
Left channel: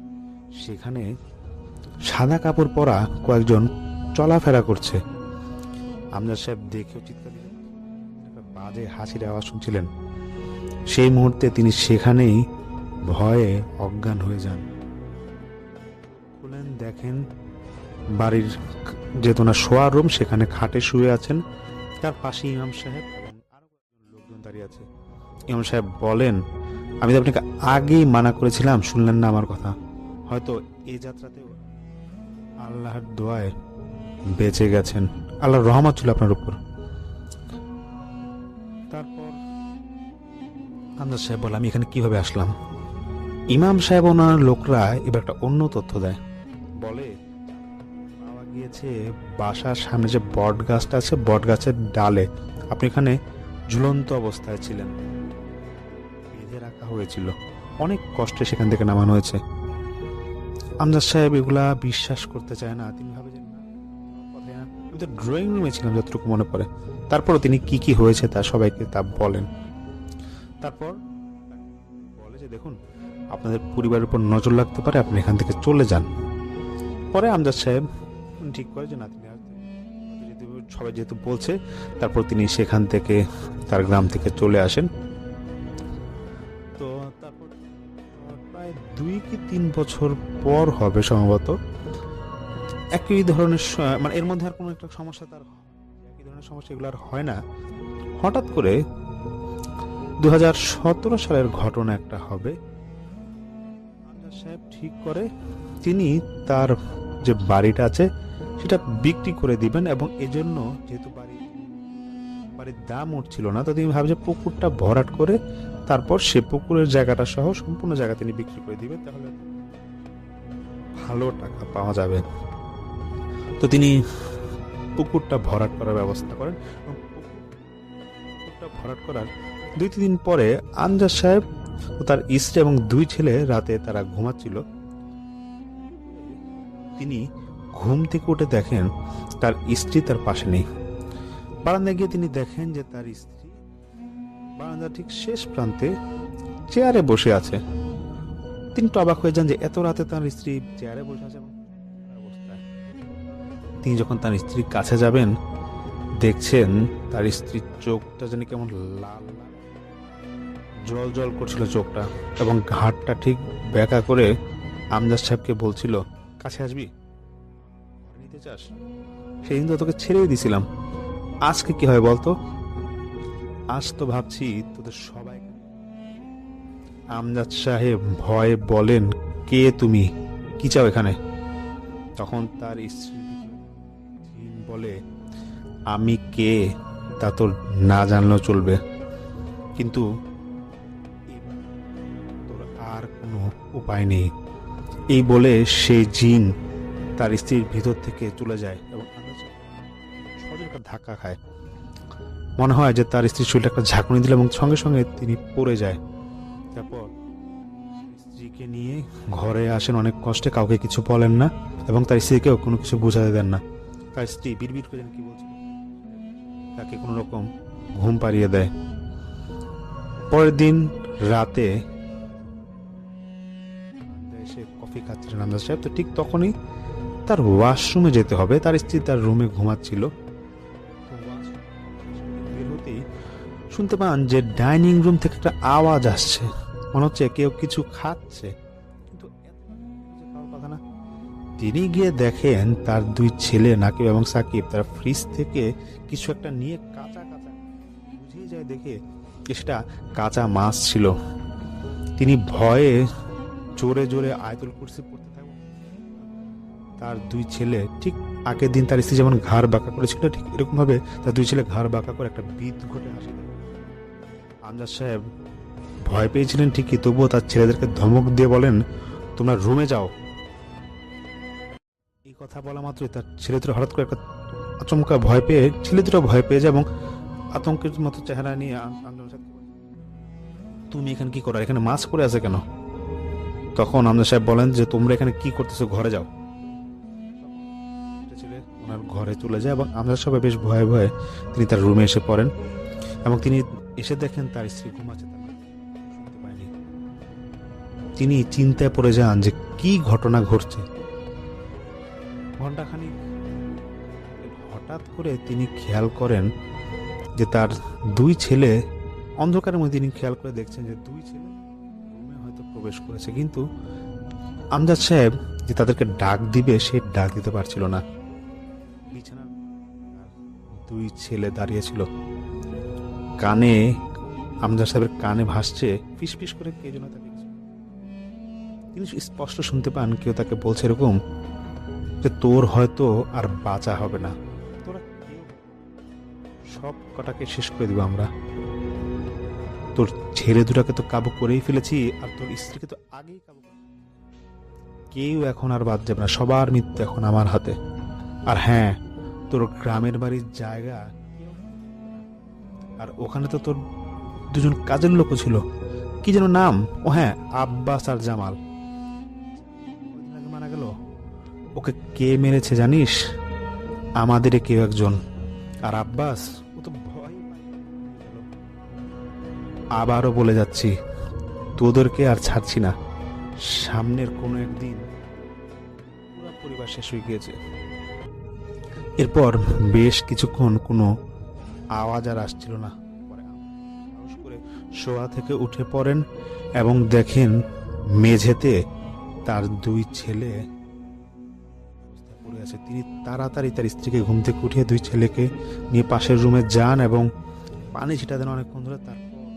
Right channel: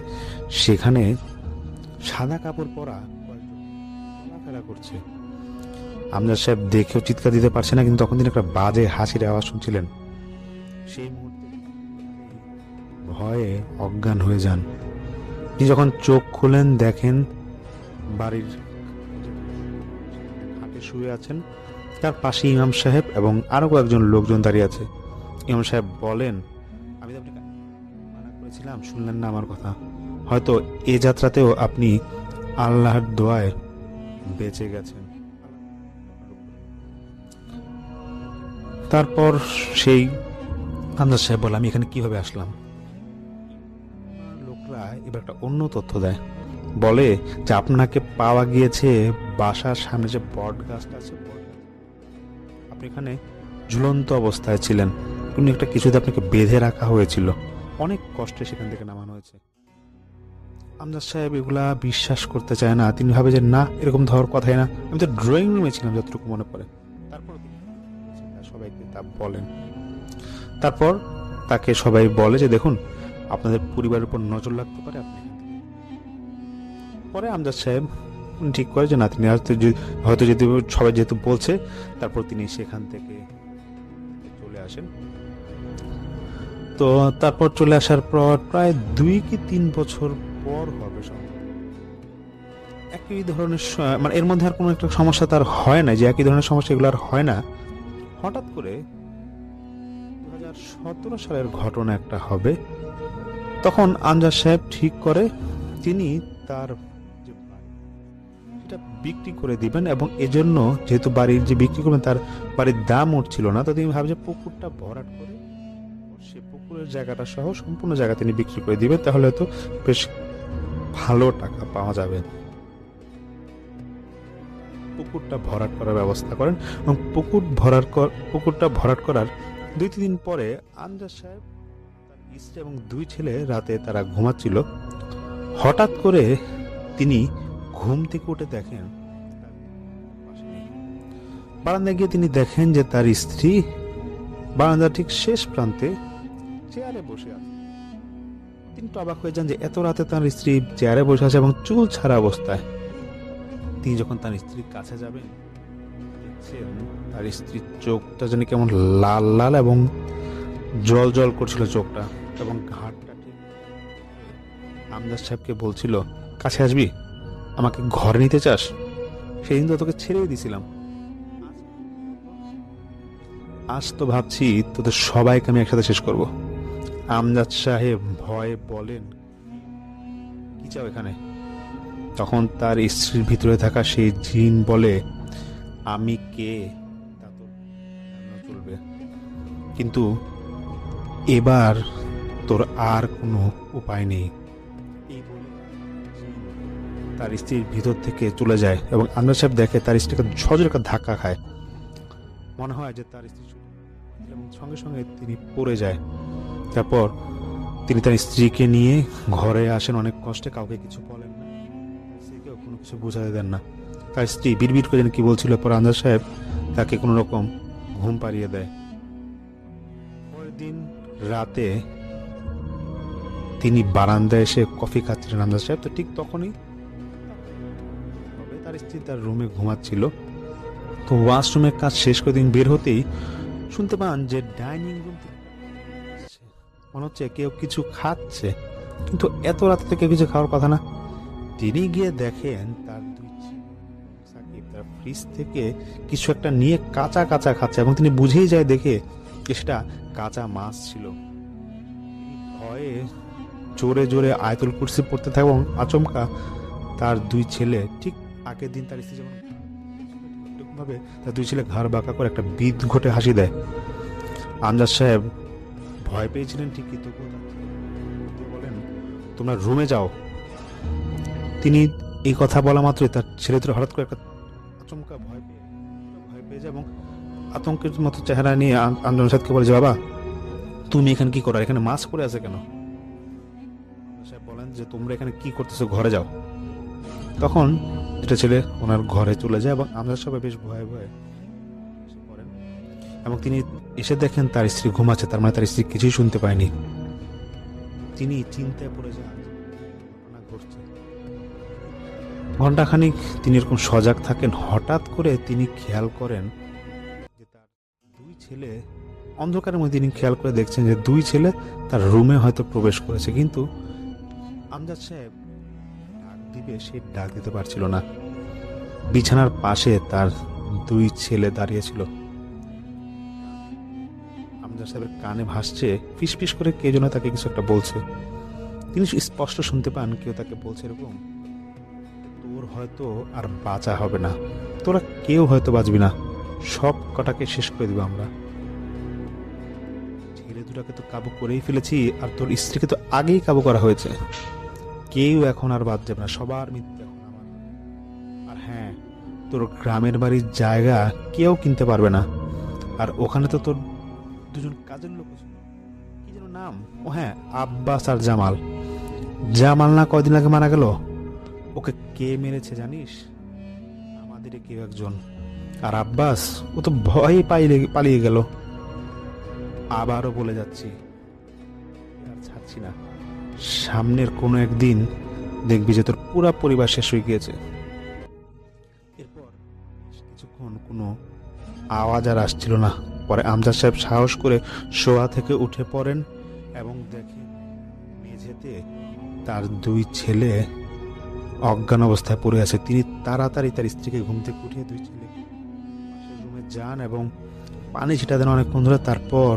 সেখানে সাদা কাপড় পরা কয়েকজন চলাফেরা করছে। আমজাদ সাহেব দেখেও চিৎকার দিতে পারছে না, কিন্তু তখন তিনি একটা বাজে হাসির আওয়াজ শুনছিলেন। সেই মুহূর্তে তিনি সেখানেই ভয়ে অজ্ঞান হয়ে যান। তিনি যখন চোখ খুলেন দেখেন বাড়ির যে ওনার শোয়ার রুম, সেখানে খাটে শুয়ে আছেন, তার পাশে ইমাম সাহেব এবং আরও কয়েকজন লোকজন দাঁড়িয়ে আছে। ইমাম সাহেব বলেন, আমি তো আপনাকে আগেই মানা করেছিলাম, শুনলেন না আমার কথা। হয়তো এ যাত্রাতেও আপনি আল্লাহর দোয়ায় বেঁচে গেছেন, আল্লাহর রহমত ছিল আপনার উপর। তারপর সেই আমজাদ সাহেব বলে, আমি এখানে কিভাবে আসলাম। ইমাম সাহেব ওনার লোকরা এবার একটা অন্য তথ্য দেয়, বলে যে আপনাকে পাওয়া গিয়েছে বাসার সামনে যে বট গাছটা আছে, বট গাছের ডালে আপনি এখানে ঝুলন্ত অবস্থায় ছিলেন, কোনো একটা কিছুতে আপনাকে বেঁধে রাখা হয়েছিল, অনেক কষ্টে সেখান থেকে নামানো হয়েছে। আমজাদ সাহেব এগুলা বিশ্বাস করতে চায় না। তিনি ভাবে যে না, এরকম ধর কথাই না, আমি তো ড্রয়িং রুমে ছিলাম যতটুকু মনে পড়ে। তারপরও তিনি কি কি হয়েছে তা সবাইকে তা বলেন। তারপর তাকে সবাই বলে যে দেখুন, আপনাদের পরিবারের উপর নজর লাগতে পারে, আপনি এখান থেকে চলে যান। পরে আমজাদ সাহেব ঠিক করে যে না, তিনি হয়তো যদি সবাই যেহেতু বলছে, তারপর তিনি সেখান থেকে তার গ্রাম থেকে চলে আসেন। তো তারপর চলে আসার পর প্রায় 2 কি 3 বছর পর হবে সম্ভবত, একই ধরনের মানে এর মধ্যে আর কোনো একটা সমস্যা তার হয় না, যে একই ধরনের সমস্যা এগুলো আর হয় না। হঠাৎ করে 2017 সালের ঘটনা একটা হবে। তখন আমজাদ সাহেব ঠিক করে তিনি তার যে বাড়িটা আছে সেটা বিক্রি করে দিবেন, এবং এজন্য যেহেতু বাড়ির যে বিক্রি করবেন তার বাড়ির দাম উঠছিল না, তো তিনি ভাবে যে পুকুরটা ভরাট করে তারপর সে পুকুরের জায়গাটা সহ সম্পূর্ণ জায়গা তিনি বিক্রি করে দিবেন, তাহলে হয়তো বেশ ভালো টাকা পাওয়া যাবে। তো তিনি পুকুরটা ভরাট করার ব্যবস্থা করেন এবং পুকুরটা ভরাট করার 2-3 দিন পরে আমজাদ সাহেব ও তার স্ত্রী এবং 2 ছেলে রাতে তারা ঘুমাচ্ছিল। হঠাৎ করে তিনি ঘুম থেকে উঠে দেখেন তার স্ত্রী তার পাশে নেই। বারান্দায় গিয়ে তিনি দেখেন যে তার স্ত্রী বারান্দার ঠিক শেষ প্রান্তে চেয়ারে বসে আছে। তিনি তো অবাক হয়ে যান যে এত রাতে তার স্ত্রী চেয়ারে বসে আছে এবং চুল ছাড়া অবস্থায়। তিনি যখন তার স্ত্রীর কাছে যাবেন, দেখছেন তার স্ত্রীর চোখটা যেন কেমন লাল লাল এবং জল জল করছিল চোখটা, এবং ঘাটটা ঠিক ব্যাকা করে আমজাদ সাহেবকে বলছিল, কাছে আসবি, আমাকে ঘরে নিতে চাস? সেদিন তো তোকে ছেড়েই দিছিলাম, আজকে কি হয় বলতো? আজ তো ভাবছি তোদের সবাইকে আমি একসাথে শেষ করব। আমজাদ সাহেব ভয়ে বলেন, কে তুমি, কি চাও এখানে? তখন তার স্ত্রীর ভিতরে থাকা সেই জিন বলে, আমি কে তা তোর না জানলেও চলবে, কিন্তু এবার তোর আর কোনো উপায় নেই। এই বলে সেই জিন তার স্ত্রীর ভিতর থেকে চলে যায় এবং আমজাদ সাহেব দেখে তার স্ত্রীকে সজোরে একটা ধাক্কা খায়। মনে হয় যে তার স্ত্রীর শরীরে একটা ঝাঁকুনি দিল এবং সঙ্গে সঙ্গে তিনি পড়ে যায়। তারপর তিনি তার স্ত্রীকে নিয়ে ঘরে আসেন অনেক কষ্টে, কাউকে কিছু বলেন না এবং তার স্ত্রীকেও কোনো কিছু বোঝাতে দেন না। তার স্ত্রী বিড়বিড় করে যেন কি বলছিল, পর আনজাদ সাহেব তাকে কোনো রকম ঘুম পাড়িয়ে দেয়। পরের দিন রাতে তিনি বারান্দায় এসে কফি খাচ্ছিলেন আনজাদ সাহেব, তো ঠিক তখনই তার ওয়াশরুমে যেতে হবে। তার স্ত্রী তার রুমে ঘুমাচ্ছিল। তো ওয়াশরুমের কাজ শেষ করে তিনি বের হতেই শুনতে পান যে ডাইনিং রুম থেকে একটা আওয়াজ আসছে, মনে হচ্ছে কেউ কিছু খাচ্ছে, কিন্তু এত রাতে তো কেউ কিছু খাওয়ার কথা না। তিনি গিয়ে দেখেন তার দুই ছেলে নাকিব এবং সাকিব তারা ফ্রিজ থেকে কিছু একটা নিয়ে কাঁচা কাঁচা খাচ্ছে এবং তিনি বুঝেই যায় দেখে যে সেটা কাঁচা মাছ ছিল। তিনি ভয়ে জোরে জোরে আয়াতুল কুরসি পড়তে থাকে এবং আচমকা তার দুই ছেলে, ঠিক আগের দিন তার স্ত্রী যেমন ঘাড় বাঁকা করেছিল ঠিক এরকমভাবে তার দুই ছেলে ঘাড় বাঁকা করে একটা বিদ ঘটে হাসি দেয়। আমজাদ সাহেব ভয় পেয়েছিলেন ঠিকই, তবুও তার ছেলেদেরকে ধমক দিয়ে বলেন, তোমরা রুমে যাও। তিনি এই কথা বলা মাত্রই তার ছেলেদের হঠাৎ করে একটা আচমকা ভয় পেয়ে, ছেলেদেরও ভয় পেয়ে যায় এবং আতঙ্কের মতো চেহারা নিয়ে আমজাদ সাহেবকে বলে যে, বাবা তুমি এখানে কি করো, এখানে মাছ পড়ে আছে কেন? তখন আমজাদ সাহেব বলেন যে, তোমরা এখানে কি করতেছো, ঘরে যাও। তখন এটা ছেলে ওনার ঘরে চলে যায় এবং আমজাদ সাহেব বেশ ভয়ে ভয়ে তিনি তার রুমে এসে পড়েন এবং তিনি এসে দেখেন তার স্ত্রী ঘুমাচ্ছে, তার মানে তার স্ত্রী কিছুই শুনতে পায়নি। তিনি চিন্তায় পড়ে যান যে কি ঘটনা ঘটছে। ঘণ্টাখানিক তিনি এরকম সজাগ থাকেন, হঠাৎ করে তিনি খেয়াল করেন যে তার দুই ছেলে, অন্ধকারের মধ্যে তিনি খেয়াল করে দেখছেন যে দুই ছেলে তার রুমে হয়তো প্রবেশ করেছে, কিন্তু আমজাদ সাহেব যে তাদেরকে ডাক দিবে সে ডাক দিতে পারছিল না। বিছানার পাশে তার দুই ছেলে দাঁড়িয়েছিল, কানে আমজাদ সাহেবের কানে ভাসছে ফিসফিস করে কে যেন তাকে কিছু একটা বলছে। তিনি স্পষ্ট শুনতে পান কেউ তাকে বলছে এরকম যে, তোর হয়তো আর বাঁচা হবে না, তোরা কেউ হয়তো বাঁচবি না, সব কটাকে শেষ করে দিব আমরা। তোর ছেলে দুটাকে তো কাবু করেই ফেলেছি, আর তোর স্ত্রীকে তো আগেই কাবু করা হয়েছে, কেউ এখন আর বাদ যাবে না, সবার মৃত্যু এখন আমার হাতে। আর হ্যাঁ, তোর গ্রামের বাড়ির জায়গা কেউ কিনতে পারবে না, আর ওখানে তো তোর দুজন কাজের লোকও ছিল, কি যেন নাম, ও হ্যাঁ আব্বাস আর জামাল। জামাল না কয়দিন আগে মারা গেল, ওকে কে মেরেছে জানিস? আমাদের কেউ একজন। আর আব্বাস, ও তো ভয়ে পালিয়ে গেল। আবারও বলে যাচ্ছি, তোদেরকে আর ছাড়ছি না, সামনের কোনো একদিন দেখবি যে তোর পুরা পরিবার শেষ হয়ে গিয়েছে। এরপর বেশ কিছুক্ষণ কোনো আওয়াজ আর আসছিল না। পরে আমজাদ সাহেব সাহস করে শোয়া থেকে উঠে পড়েন এবং দেখেন মেঝেতে তার দুই ছেলে অজ্ঞান অবস্থায় পড়ে আছে। তিনি তাড়াতাড়ি তার স্ত্রীকে ঘুম থেকে উঠিয়ে দুই ছেলেকে নিয়ে পাশের রুমে যান এবং পানি ছিটা দেন অনেকক্ষণ ধরে। তারপর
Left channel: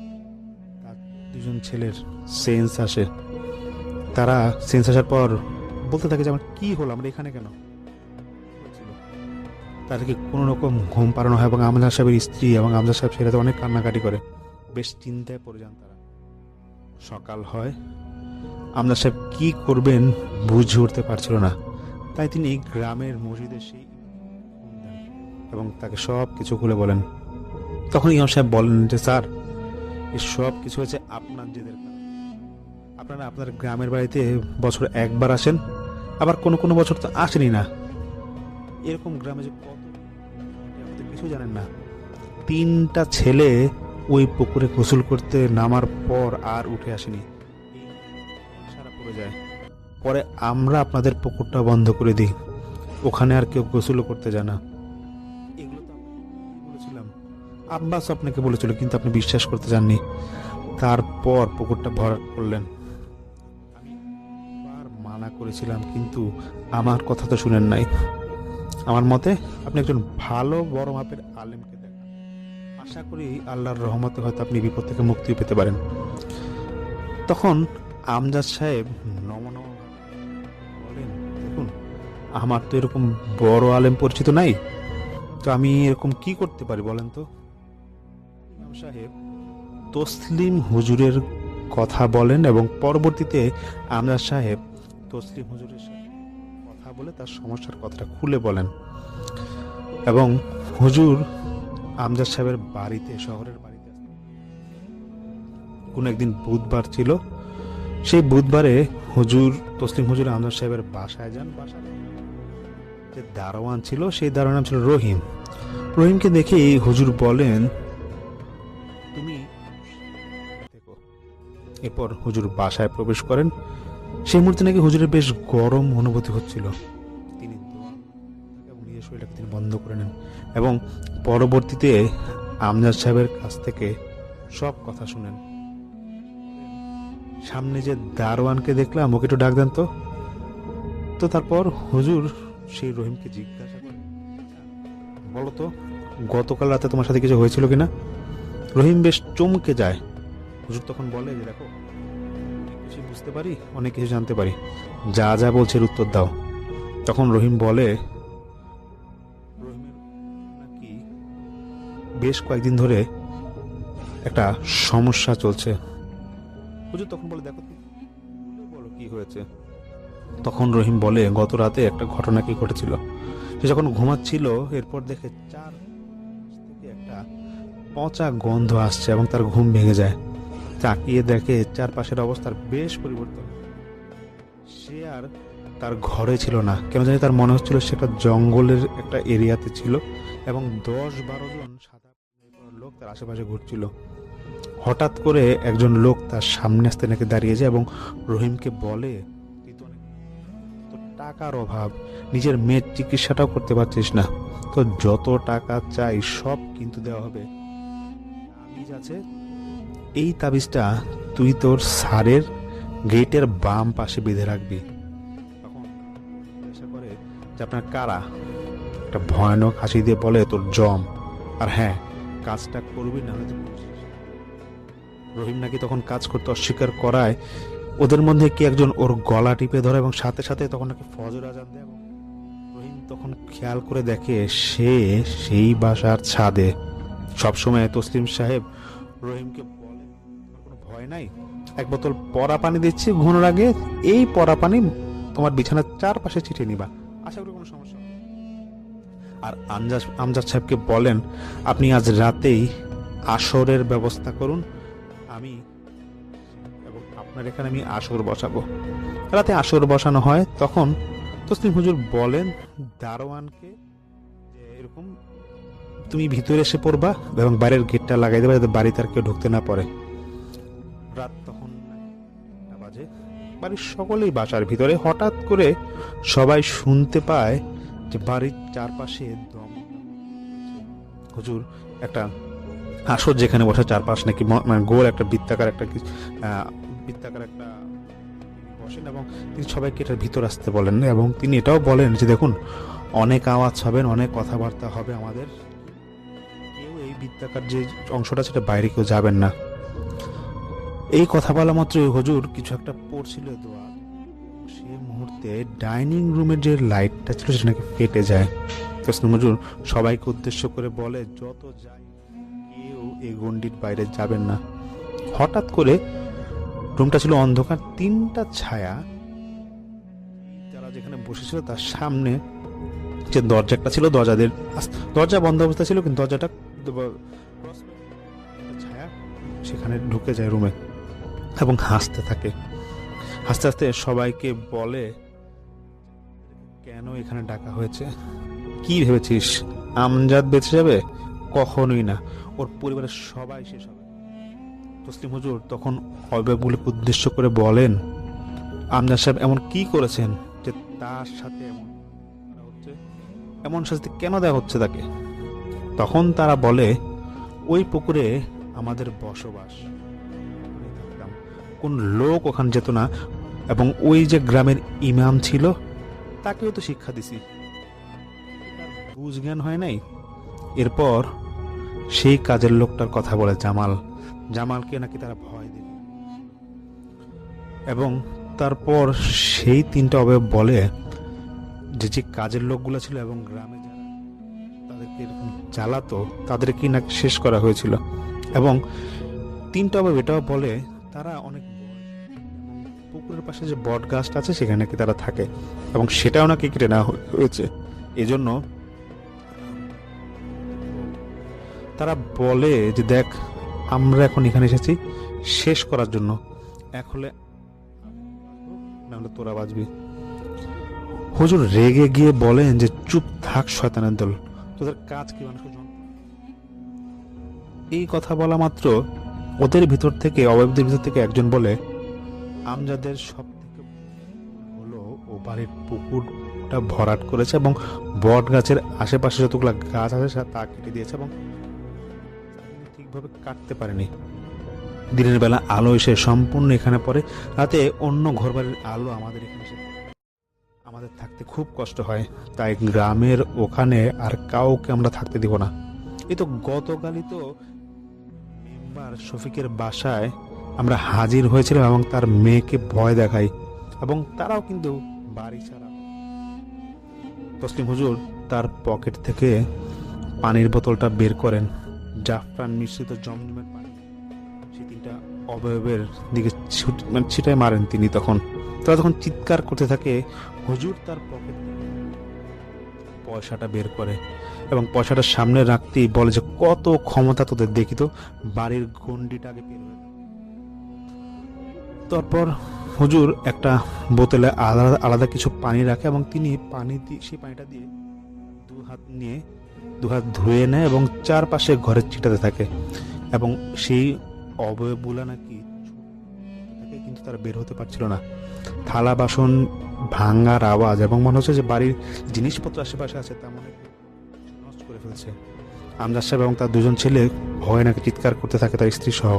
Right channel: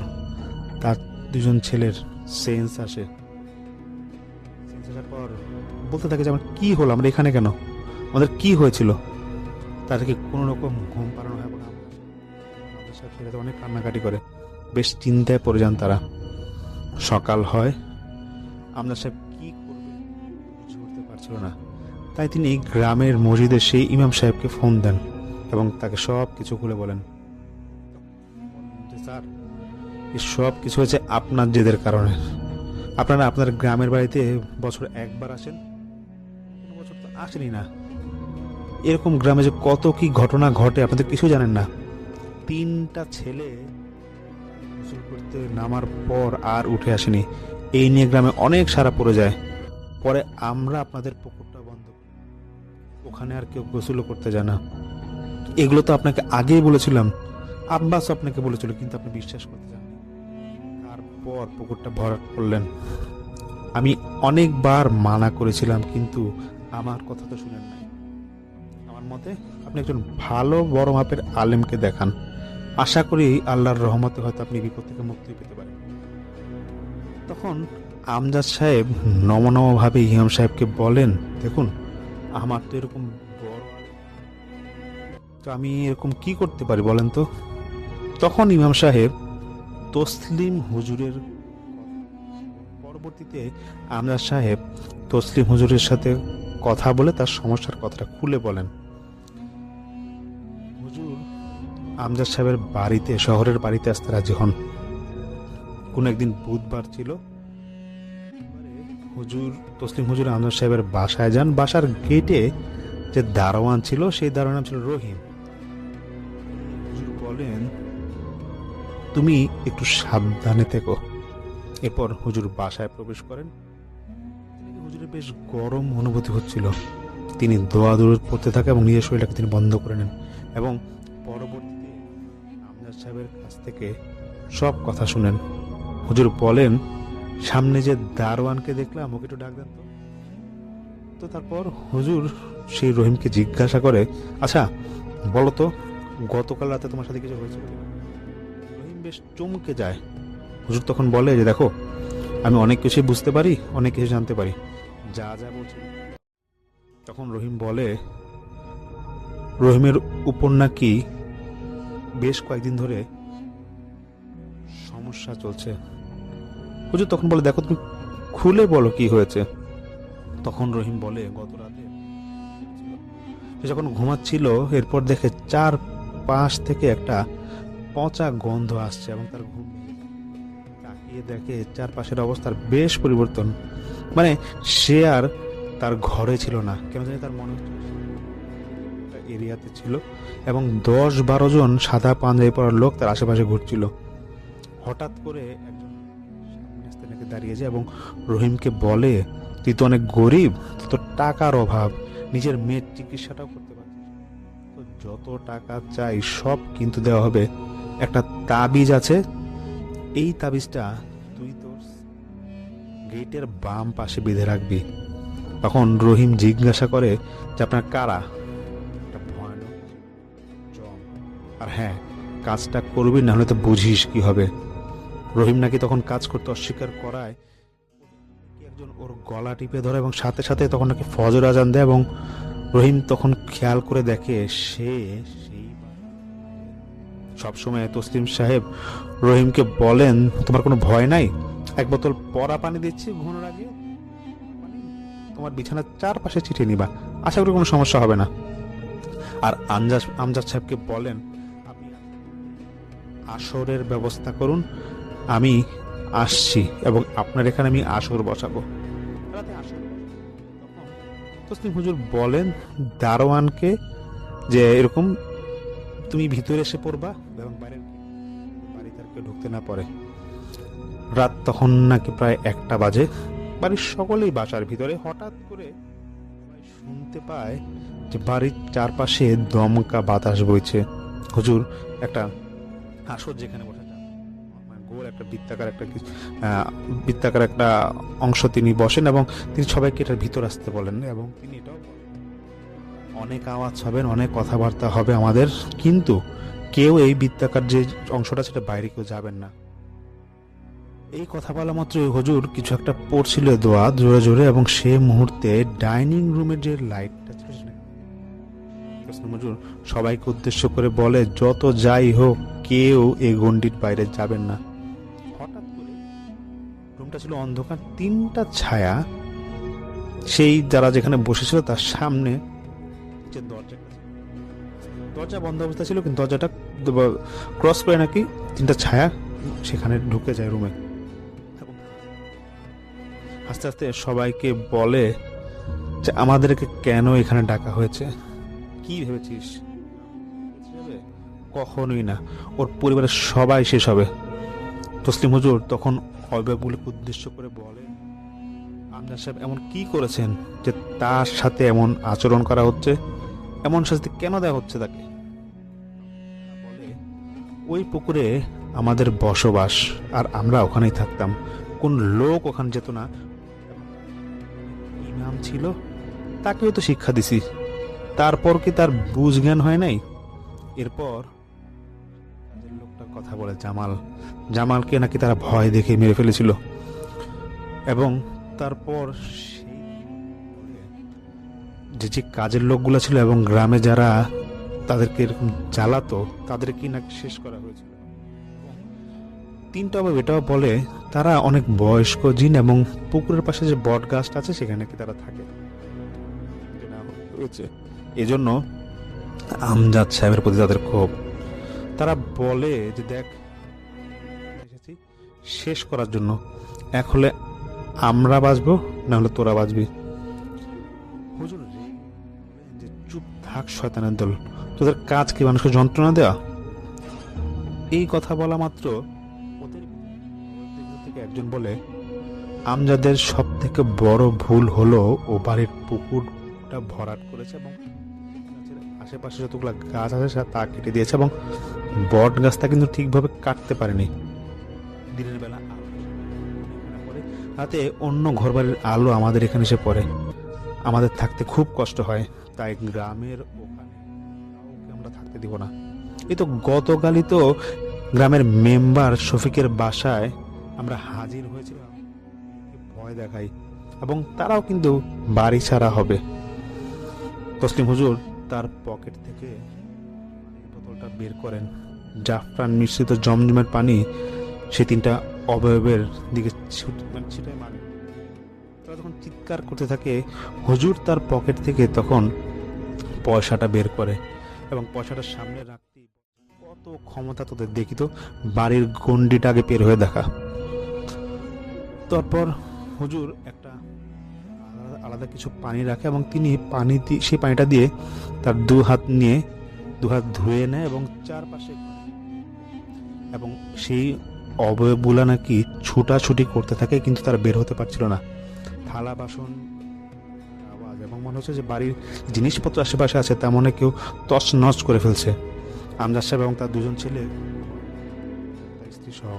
তার দুজন ছেলের সেন্স আসে। তারা সেন্স আসার পর বলতে থাকে যে, আমার কী হলো, আমরা এখানে কেন, আমাদের কি হয়েছিল? তাদেরকে কোনো রকম ঘুম পাড়ানো হয় এবং আমজাদ সাহেবের স্ত্রী এবং আমজাদ সাহেব সেটাতে অনেক কান্নাকাটি করে, বেশ চিন্তায় পড়ে যান তারা। সকাল হয়, আমজাদ সাহেব কী করবেন বুঝে উঠতে পারছিল না, তাই তিনি গ্রামের মসজিদে সেই ইমাম সাহেবকে ফোন দেন এবং তাকে সব কিছু খুলে বলেন। তখন ইমাম সাহেব বলেন যে, স্যার, এই সব কিছু হয়েছে আপনার জেদের কারণে। আপনারা আপনার গ্রামের বাড়িতে বছর একবার আসেন, আবার কোনো কোনো বছর তো আসেনই না। এরকম গ্রামে যে কত কি ঘটনা ঘটে আপনাদের কিছু জানেন না। 3টা ছেলে ওই পুকুরে গোসল করতে নামার পর আর উঠে আসেনি, এই নিয়ে গ্রামে অনেক সারা পড়ে যায়। পরে আমরা আপনাদের পুকুরটা বন্ধ করে দিই, ওখানে আর কেউ গোসলও করতে যায় না। এগুলো তো আপনাকে আগেই বলেছিলাম, আব্বাসও আপনাকে বলেছিল, কিন্তু আপনি বিশ্বাস করতে চাননি। তারপর পুকুরটা ভরাট করলেন। আমি অনেকবার মানা করেছিলাম, কিন্তু আমার কথা তো শুনেন নাই। আমার মতে আপনি একজন ভালো বড় মাপের আলেমকে দেখান, আশা করি আল্লাহর রহমতে হয়তো আপনি বিপদ থেকে মুক্তি পেতে পারেন। তখন আমজাদ সাহেব নমনমভাবে ইমাম সাহেবকে বলেন, দেখুন, আমার তো এরকম বড় আলেম পরিচিত নাই, তো আমি এরকম কি করতে পারি বলেন তো? তখন ইমাম সাহেব তসলিম হুজুরের কথা বলেন এবং পরবর্তীতে আমজাদ সাহেব তসলিম হুজুরের সাথে কথা বলে তার সমস্যার কথাটা খুলে বলেন এবং হুজুর আমজাদ সাহেবের বাড়িতে, শহরের বাড়িতে আসতে রাজি হন। কোনো একদিন বুধবার ছিল, সেই বুধবারে হুজুর, তসলিম হুজুর আমজাদ সাহেবের বাসায় যান। বাসার গেটে যে দারোয়ান ছিল, সেই দারোয়ান নাম ছিল রহিম। রহিমকে দেখে হুজুর বলেন, তুমি একটু সাবধানে থেকো। এরপর হুজুর বাসায় প্রবেশ করেন। সেই মুহূর্তে নাকি হুজুরের বেশ গরম অনুভূতি হচ্ছিল। তিনি দোয়া দরুদ পড়তে থাকেন এবং নিজের শরীরটাকে তিনি বন্ধ করে নেন এবং পরবর্তীতে আমজাদ সাহেবের কাছ থেকে সব কথা শুনেন। হুজুর বলেন, সামনে যে দারোয়ানকে দেখলাম, ওকে একটু ডাক দেন তো। তো তারপর হুজুর সেই রহিমকে জিজ্ঞাসা করে, আচ্ছা বলো তো, গতকাল রাতে তোমার সাথে কিছু হয়েছিল কিনা? রহিম বেশ চমকে যায়। হুজুর তখন বলে যে, দেখো, আমি অনেক কিছুই বুঝতে পারি, অনেক কিছু জানতে পারি, যা যা বলছে এর উত্তর দাও। তখন রহিম বলে, রহিমের উপর নাকি বেশ কয়েকদিন ধরে একটা সমস্যা চলছে। হুজুর তখন বলে, দেখো, তুমি খুলে বলো কি হয়েছে। তখন রহিম বলে, গত রাতে একটা ঘটনা কি ঘটেছিল। সে যখন ঘুমাচ্ছিল, এরপর দেখে চারপাশ থেকে একটা পচা গন্ধ আসছে এবং তার ঘুম ভেঙে যায়। তাকিয়ে দেখে চারপাশের অবস্থার বেশ পরিবর্তন। মানে সে আর তার ঘরে ছিল না, কেন জানি তার মনে হচ্ছিল সে একটা জঙ্গলের একটা এরিয়াতে ছিল এবং 10-12 জন সাদা পাঞ্জাবি পরা লোক তার আশেপাশে ঘুরছিল। হঠাৎ করে একজন লোক তার সামনে আসতে নাকি দাঁড়িয়ে যায় এবং রহিমকে বলে, তুই তো অনেক গরিব, তোর টাকার অভাব, নিজের মেয়ের চিকিৎসাটাও করতে পারছিস না, তো যত টাকা চাই সব কিন্তু দেওয়া হবে। একটা তাবিজ আছে, এই তাবিজটা তুই তোর স্যারের গেটের বাম পাশে বেঁধে রাখবি। তখন রহিম জিজ্ঞাসা করে যে, আপনার কারা? একটা ভয়ানক হাসি দিয়ে বলে, তোর জম। আর হ্যাঁ, কাজটা করবি, না হলে তো বুঝিস কি হবে। রহিম নাকি তখন কাজ করতে অস্বীকার করায় ওদের মধ্যে কি একজন ওর গলা টিপে ধরে এবং সাথে সাথে তখন নাকি ফজর আজান দেয় এবং রহিম তখন খেয়াল করে দেখে সে সেই বাসার ছাদে। সবসময় তসলিম সাহেব রহিমকে বলেন, তোমার কোনো ভয় নাই, এক বোতল পরা পানি দিচ্ছি ঘুমানোর আগে, এই পরা পানি তোমার বিছানার চারপাশে ছিটিয়ে নিবা, আশা করি কোনো সমস্যা হবে না। আর আমজাদ সাহেবকে বলেন, আপনি আজ রাতেই আসরের ব্যবস্থা করুন, আমি আসছি এবং আপনার এখানে আমি আসর বসাবো। রাতে আসর বসানো হয়। তখন তসলিম হুজুর বলেন দারোয়ানকে যে, এরকম তুমি ভিতরে এসে পড়বা এবং বাইরের গেটটা লাগাই দেবে যাতে বাড়িতে আর কেউ ঢুকতে না পারে। রাত তখন নাকি প্রায় 1টা বাজে। বাড়ির সকলেই বাসার ভিতরে। হঠাৎ করে সবাই শুনতে পায় যে বাড়ির চারপাশে দমকা বাতাস বইছে। হুজুর একটা আসর যেখানে বসে চারপাশ নাকি মানে গোল একটা বৃত্তাকার একটা অংশ তিনি বসেন এবং তিনি সবাইকে এটার ভিতর আসতে বলেন এবং তিনি এটাও বলেন যে, দেখুন, অনেক আওয়াজ হবেন, অনেক কথাবার্তা হবে আমাদের, কিন্তু কেউ এই বৃত্তাকার যে অংশটা সেটা বাইরে কেউ যাবেন না। এই কথা বলা মাত্রই হুজুর কিছু একটা পড়ছিল দোয়া জোরে জোরে এবং সে মুহূর্তে ডাইনিং রুমের যে লাইটটা ছিল সেটা নাকি ফেটে যায়। তসলিম হুজুর সবাইকে উদ্দেশ্য করে বলে, যত যাই হোক কেউ এই গণ্ডির বাইরে যাবেন না। হঠাৎ করে রুমটা ছিল অন্ধকার, 3টা ছায়া সেই যারা যেখানে বসেছিল তার সামনে যে দরজাটা ছিল, দরজা বন্ধ অবস্থা ছিল, কিন্তু দরজাটা ক্রস করে নাকি 3টা ছায়া সেখানে ঢুকে যায় রুমে এবং হাসতে থাকে। হাসতে হাসতে সবাইকে বলে যে, আমাদেরকে কেন এখানে ডাকা হয়েছে? কি ভেবেছিস আমজাদ বেঁচে যাবে? কখনোই না, ওর পরিবারের সবাই শেষ হবে। তসলিম হুজুর তখন অভিভাবকগুলোকে উদ্দেশ্য করে বলেন, আমজাদ সাহেব এমন কি করেছেন যে তার সাথে এমন আচরণ করা হচ্ছে, এমন শাস্তি কেন দেওয়া হচ্ছে তাকে? তখন তারা বলে, ওই পুকুরে আমাদের বসবাস আর আমরা ওখানেই থাকতাম, কোন লোক ওখানে যেত না এবং ওই যে গ্রামের ইমাম ছিল তাকেও তো শিক্ষা দিছি, তারপর কি তার বুঝ জ্ঞান হয় নাই? এরপর সেই কাজের লোকটার কথা বলে জামালকে নাকি তারা ভয় দেখে মেরে ফেলেছিল এবং তারপর সেই 3টা অবয়ব বলে যে কাজের লোকগুলো ছিল এবং গ্রামে যারা তাদেরকে এরকম জ্বালাতো তাদেরকে নাকি শেষ করা হয়েছিল এবং 3টা অবয়ব এটাও বলে তারা অনেক বয়স্ক জিন এবং পুকুরের পাশে যে বট গাছটা আছে সেখানে নাকি তারা থাকে এবং সেটাও নাকি কেটে নেওয়া হয়েছে। এজন্য আমজাদ সাহেবের প্রতি তাদের ক্ষোভ। তারা বলে যে দেখ, আমরা এখন এখানে এসেছি শেষ করার জন্য, এক হলে আমরা বাঁচবো, না হলে তোরা বাঁচবি। হুজুর রেগে গিয়ে বলেন যে চুপ থাক শয়তানের দল, তোদের কাজ কি মানুষকে যন্ত্রণা দেওয়া? এই কথা বলা মাত্র ওদের ভিতর থেকে, অবয়বদের ভিতর থেকে একজন বলে, আমজাদের সব থেকে বড় ভুল হলো ও বাড়ির পুকুরটা ভরাট করেছে এবং বট গাছের আশেপাশে যতগুলো গাছ আছে তা কেটে দিয়েছে, এবং বট গাছটা কিন্তু ঠিকভাবে কাটতে পারেনি। দিনের বেলা আলো এসে সম্পূর্ণ এখানে পড়ে, রাতে অন্য ঘরবাড়ির আলো আমাদের এখানে এসে পড়ে, আমাদের থাকতে খুব কষ্ট হয়। তাই গ্রামের ওখানে আর কাউকে আমরা থাকতে দিব না। এই তো গতকালই তো গ্রামের মেম্বার শফিকের বাসায় আমরা হাজির হয়েছিলাম এবং তার মেয়েকে ভয় দেখাই, এবং তারাও কিন্তু বাড়ি ছাড়া হবে। তসলিম হুজুর তার পকেট থেকে পানির বোতলটা বের করেন, জাফরান মিশ্রিত জমজমের পানি সে 3টা অবয়বের দিকে ছিটায় মারেন তিনি। তারা তখন চিৎকার করতে থাকে। হুজুর তার পকেট থেকে তখন পয়সাটা বের করে এবং পয়সাটা সামনে রাখতেই বলে যে কত ক্ষমতা তোদের, দেখি তো বাড়ির গন্ডিটা আগে পের হয়ে দেখা। তারপর হুজুর একটা বোতলে আলাদা আলাদা কিছু পানি রাখে এবং তিনি সেই পানিটা দিয়ে তার দু হাত ধুয়ে নেয় এবং চারপাশে ঘরে ছিটাতে থাকে, এবং সেই অবয়বগুলা নাকি ছুটাছুটি করতে থাকে, কিন্তু তারা বের হতে পারছিল না। থালা বাসন ভাঙার আওয়াজ এবং মনে হচ্ছে যে বাড়ির জিনিসপত্র আশেপাশে আছে তা মনে কেউ তছনছ করে ফেলছে। আমজাদ সাহেব এবং তার 2জন ছেলে ভয়ে নাকি চিৎকার করতে থাকে, তার স্ত্রী সহ।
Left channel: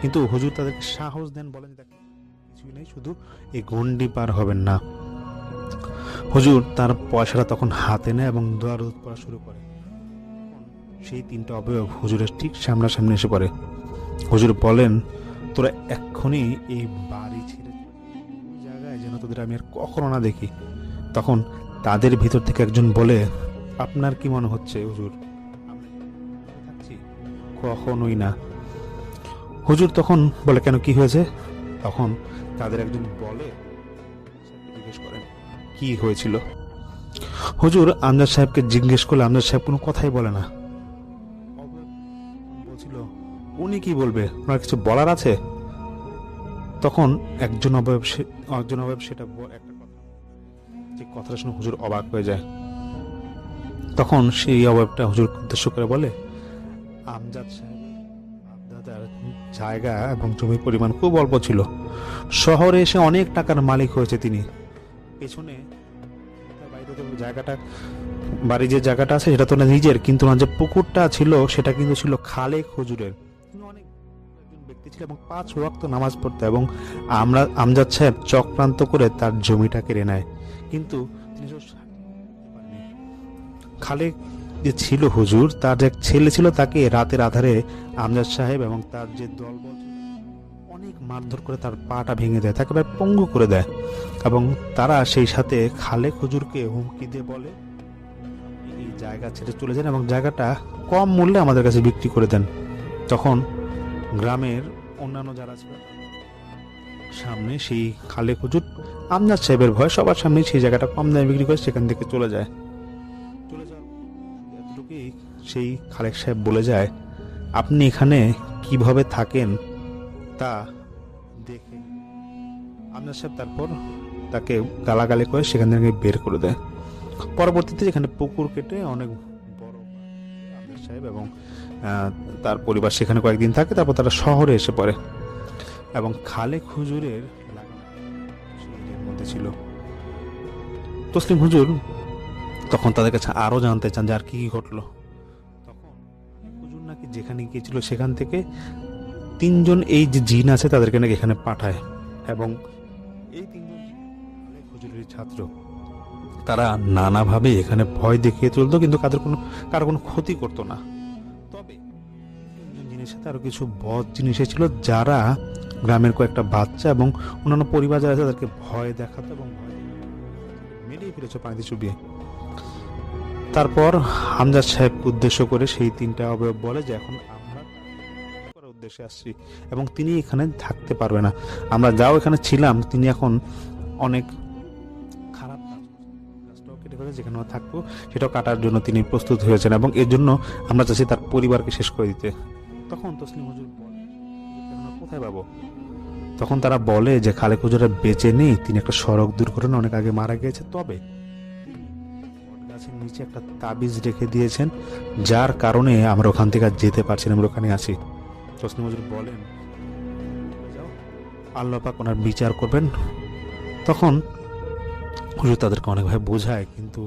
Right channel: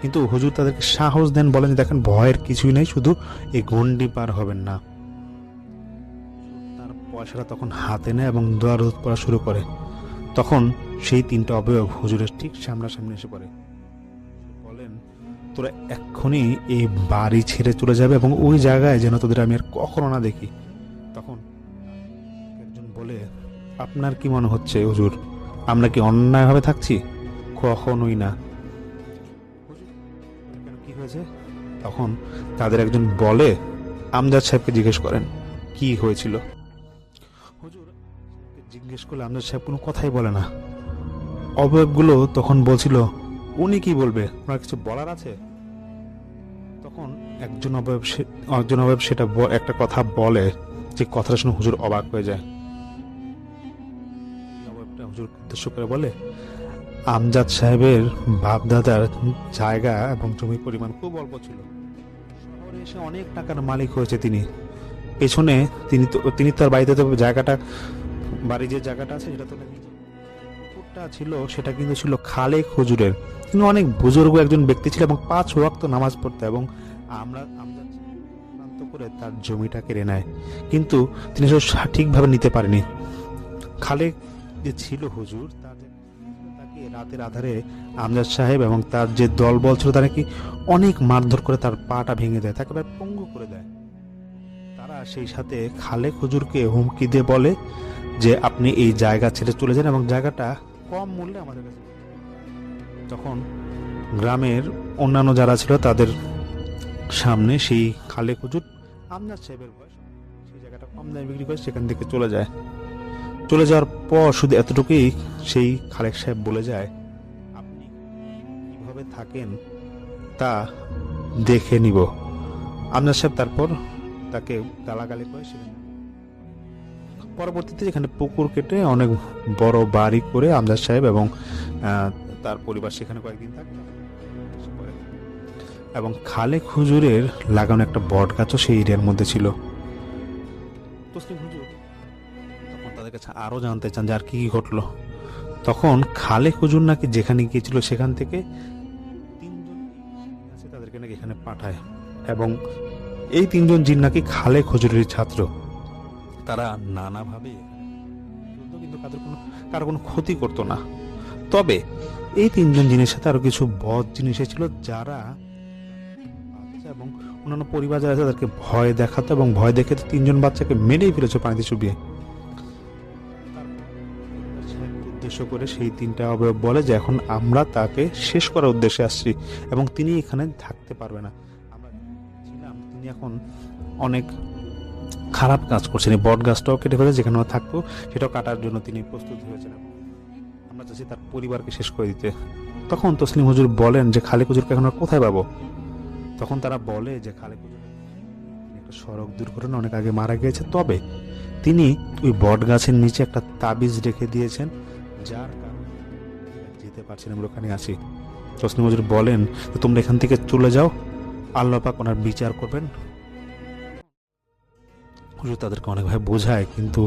কিন্তু হুজুর তাদেরকে সাহস দেন, বলেন যে দেখেন ভয়ের কিছুই নেই, শুধু এই গন্ডি পার হবেন না। হুজুর তার পয়সাটা তখন হাতে নেয় এবং দোয়া-রুদ পড়া শুরু করে। তখন সেই 3টা অবয়ব হুজুরের ঠিক সামনাসামনি এসে পড়ে। হুজুর বলেন, তোরা এক্ষুনি এই বাড়ি ছেড়ে চলে যাবে এবং ওই জায়গায় যেন তোদের আমি আর কখনো না দেখি। তখন তাদের ভিতর থেকে একজন বলে, আপনার কি মনে হচ্ছে হুজুর, আমরা কি অন্যায়ভাবে থাকছি? কখনোই না। হুজুর তখন বলে, কেন, কি হয়েছে? তখন তাদের একজন বলে, আমজাদ সাহেবকে জিজ্ঞেস করেন কি হয়েছিল। হুজুর আমজাদ সাহেবকে জিজ্ঞেস করলে আমজাদ সাহেব কোনো কথাই বলে না। অবয়বগুলো তখন বলছিল, উনি কি বলবে, ওনার কিছু বলার আছে? তখন একজন অবয়ব সেটা একটা কথা বলে, যে কথাটা শুনে হুজুর অবাক হয়ে যায়। তখন সেই অবয়বটা হুজুর উদ্দেশ্য করে বলে, আমজাদ সাহেবের বাপদাদার জায়গা এবং জমির পরিমাণ খুব অল্প ছিল, শহরে এসে অনেক টাকার মালিক হয়েছে তিনি। পেছনে তিনি তার বাড়িতে বাড়ির যে জায়গাটা আছে সেটা তো না নিজের, কিন্তু না যে পুকুরটা ছিল সেটা কিন্তু ছিল খালেক হুজুরের। তিনি অনেক বুজুর্গ একজন ব্যক্তি ছিল এবং 5 ওয়াক্ত নামাজ পড়তো, এবং আমজাদ সাহেব চক্রান্ত করে তার জমিটা কেড়ে নেয়, কিন্তু তিনি সেটা সঠিকভাবে নিতে পারেনি। খালেক যে ছিল হুজুর, তার যে এক ছেলে ছিল, তাকে রাতের আধারে আমজাদ সাহেব এবং তার যে দলবল ছিল তারা কি অনেক মারধর করে তার পাটা ভেঙে দেয়, তাকে প্রায় পঙ্গু করে দেয়, এবং তারা সেই সাথে খালেক হুজুরকে হুমকি দিয়ে বলে যে আপনি এই জায়গা ছেড়ে চলে যান এবং জায়গাটা কম মূল্যে আমাদের কাছে বিক্রি করে দেন। তখন গ্রামের অন্যান্য যারা ছিল তাদের সামনে সেই খালেক হুজুর আমজাদ সাহেবের ভয় সবার সামনে সেই জায়গাটা কম দামে বিক্রি করে সেখান থেকে চলে যায়। চলে যাওয়ার পর শুধু এতটুকুই সেই খালেক সাহেব বলে যায়, আপনি এখানে কিভাবে থাকেন তা দেখে নিব। আমজাদ সাহেব তারপর তাকে গালাগালি করে সেখান থেকে বের করে দেয়। পরবর্তীতে এখানে পুকুর কেটে অনেক বড় বাড়ি করে আমজাদ সাহেব এবং তার পরিবার সেখানে কয়েকদিন থাকে, তারপর তারা শহরে এসে পড়ে, এবং খালেক হুজুরের লাগানো একটা বট গাছও সেই এরিয়ার মধ্যে ছিল। তসলিম হুজুর তখন তাদের কাছে আরও জানতে চান যে আর কি কি ঘটলো। তখন খালেক হুজুর নাকি যেখানে গিয়েছিল সেখান থেকে 3জন এই যে জিন আছে তাদেরকে নাকি এখানে পাঠায়, এবং এই 3জন জিন নাকি খালেক হুজুরের ছাত্র। তারা নানাভাবে এখানে ভয় দেখিয়ে চলতো, কিন্তু কারো কোনো ক্ষতি করতো না। তবে এই 3জন জিনের সাথে আরো কিছু বদ জিনিস ছিল, যারা গ্রামের কয়েকটা বাচ্চা এবং অন্যান্য পরিবার যারা আছে তাদেরকে ভয় দেখাতো, এবং ভয় দেখে 3জন বাচ্চাকে মেরেই ফেলেছে পানিতে চুবিয়ে। তারপর আমজাদ সাহেবকে উদ্দেশ্য করে সেই 3টা অবয়ব বলে যে এখন আমরা তাকে শেষ করার উদ্দেশ্যে আসছি এবং তিনি এখানে থাকতে পারবে না। আমরা যাও এখানে ছিলাম, তিনি এখন অনেক খারাপ কাজ করছেন। এই বট গাছটাও কেটে ফেলে, যেখানে ও থাকতো সেটাও কাটার জন্য তিনি প্রস্তুত হয়েছেন এবং এর জন্য আমরা চাচ্ছি তার পরিবারকে শেষ করে দিতে। তখন তসলিম হুজুর বলেন যে খালেক হুজুরকে এখন আর কোথায় পাবো? তখন তারা বলে যে খালেক হুজুরের বেঁচে নেই, তিনি একটা সড়ক দুর্ঘটনা অনেক আগে মারা গিয়েছে। তবে তিনি ওই বট গাছের নিচে একটা তাবিজ রেখে দিয়েছেন, যার কারণে আমরা ওখান থেকে আর যেতে পারছি না, আমরা ওখানে আছি। তসলিম হুজুর বলেন যে তোমরা এখান থেকে চলে যাও, আল্লাহ পাক ওনার বিচার করবেন। তখন হুজুর তাদেরকে অনেকভাবে বোঝায়, কিন্তু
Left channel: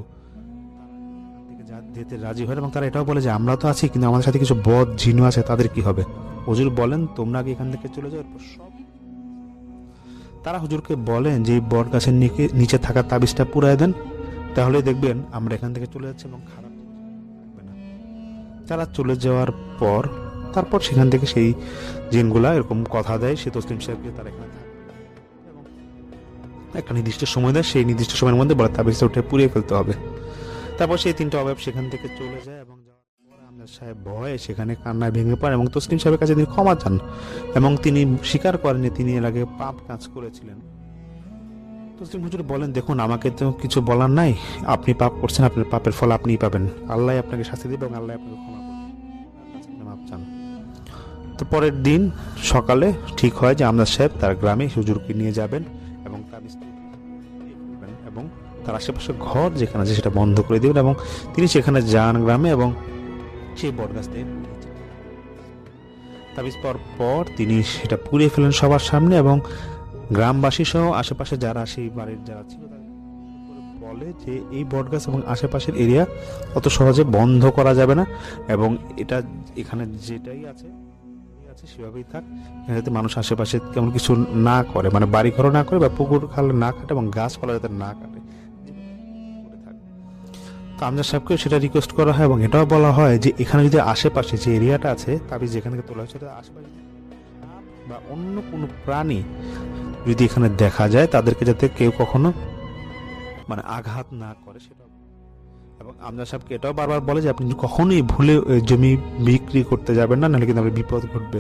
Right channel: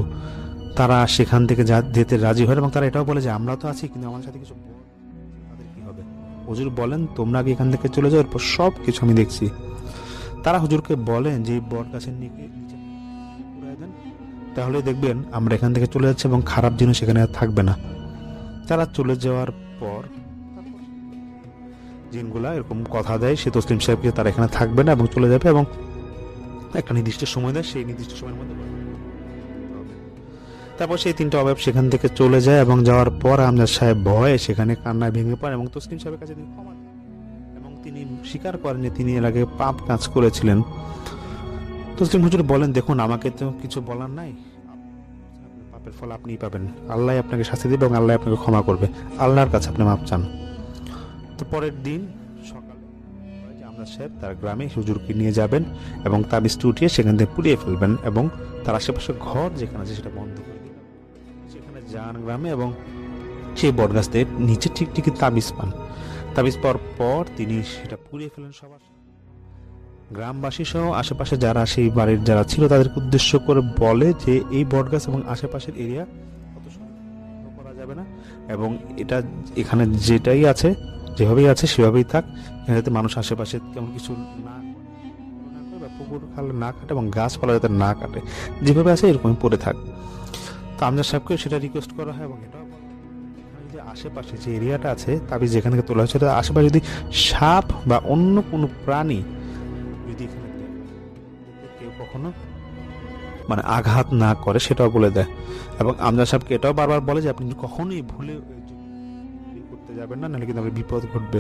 তারা সেখান থেকে যেতে রাজি হয় এবং তারা এটাও বলে যে আমরা তো আছি, কিন্তু আমাদের সাথে কিছু বদ জিনু আছে, তাদের কি হবে? হুজুর বলেন তোমরা আগে এখান থেকে চলে যাও, এরপর সব কিছু আমি দেখছি। তারা হুজুরকে বলেন যে এই বট গাছের নিচে থাকা তাবিজটা পুরাই দেন, তাহলে দেখবেন আমরা এখান থেকে চলে যাচ্ছি এবং খারাপ জিনিস সেখানে আর থাকবে না। তারা চলে যাওয়ার তারপর সেখান থেকে সেই জিনগুলা এরকম কথা দেয় সে তসলিম সাহেবকে তারা এখানে থাকবে না এবং চলে যাবে, এবং একটা নির্দিষ্ট সময় দেয়, সেই নির্দিষ্ট সময়ের মধ্যে বলে তাবিজটা উঠে পুড়িয়ে ফেলতে হবে। তারপর সেই তিনটা অভাব সেখান থেকে চলে যায় এবং যাওয়ার পর আমজাদ সাহেব ভয়ে সেখানে কান্নায় ভেঙে পড়েন এবং তসলিম সাহেবের কাছে তিনি ক্ষমা চান এবং তিনি স্বীকার করেন যে তিনি এর আগে পাপ কাজ করেছিলেন। তসলিম হুজুর বলেন দেখুন, আমাকে তো কিছু বলার নাই, আপনি পাপ করছেন, আপনার পাপের ফল আপনিই পাবেন, আল্লাহ আপনাকে শাস্তি দেবে এবং আল্লাহ আপনাকে ক্ষমা করবে, আল্লাহর কাছে আপনি মাপ চান। তো পরের দিন সকালে ঠিক হয় যে আমজাদ সাহেব তার গ্রামে হুজুরকে নিয়ে যাবেন এবং তাবিজটি উঠিয়ে সেখান থেকে পুড়িয়ে ফেলবেন এবং তার আশেপাশে ঘর যেখানে আছে সেটা বন্ধ করে দেবেন এবং তিনি সেখানে যান গ্রামে এবং সেই বটগাছদের নিচে ঠিক তাবিজ পান। তাবিজ পাওয়ার পর তিনি সেটা পুড়িয়ে ফেলেন সবার সামনে এবং গ্রামবাসী সহ আশেপাশে যারা সেই বাড়ির যারা ছিল তাদেরকে উদ্দেশ্য করে বলে যে এই বটগাছ এবং আশেপাশের এরিয়া অত সহজে বন্ধ করা যাবে না এবং এটা এখানে যেটাই আছে যেভাবেই আছে সেভাবেই থাক, এখানে যাতে মানুষ আশেপাশে কেমন কিছু না করে, মানে বাড়ি ঘর না করে বা পুকুর খাল না কাটে এবং গাছপালা যাতে না কাটে, যেভাবে আছে এরকমই পড়ে থাক। তো আমজাদ সাহেবকে সেটা রিকোয়েস্ট করা হয় এবং এটাও বলা হয় যে এখানে যদি আশেপাশে যে এরিয়াটা আছে তাবিজ যেখানে থেকে তোলা হয়েছে আশেপাশে যদি সাপ বা অন্য কোনো প্রাণী যদি এখানে দেখা যায় তাদেরকে যাতে কেউ কখনো মানে আঘাত না করে সেটাও বলে দেয় এবং আমজাদ সাহেবকে এটাও বারবার বলে যে আপনি কখনোই ভুলে জমি বিক্রি করতে যাবেন না, নাহলে কিন্তু আপনার বিপদ ঘটবে।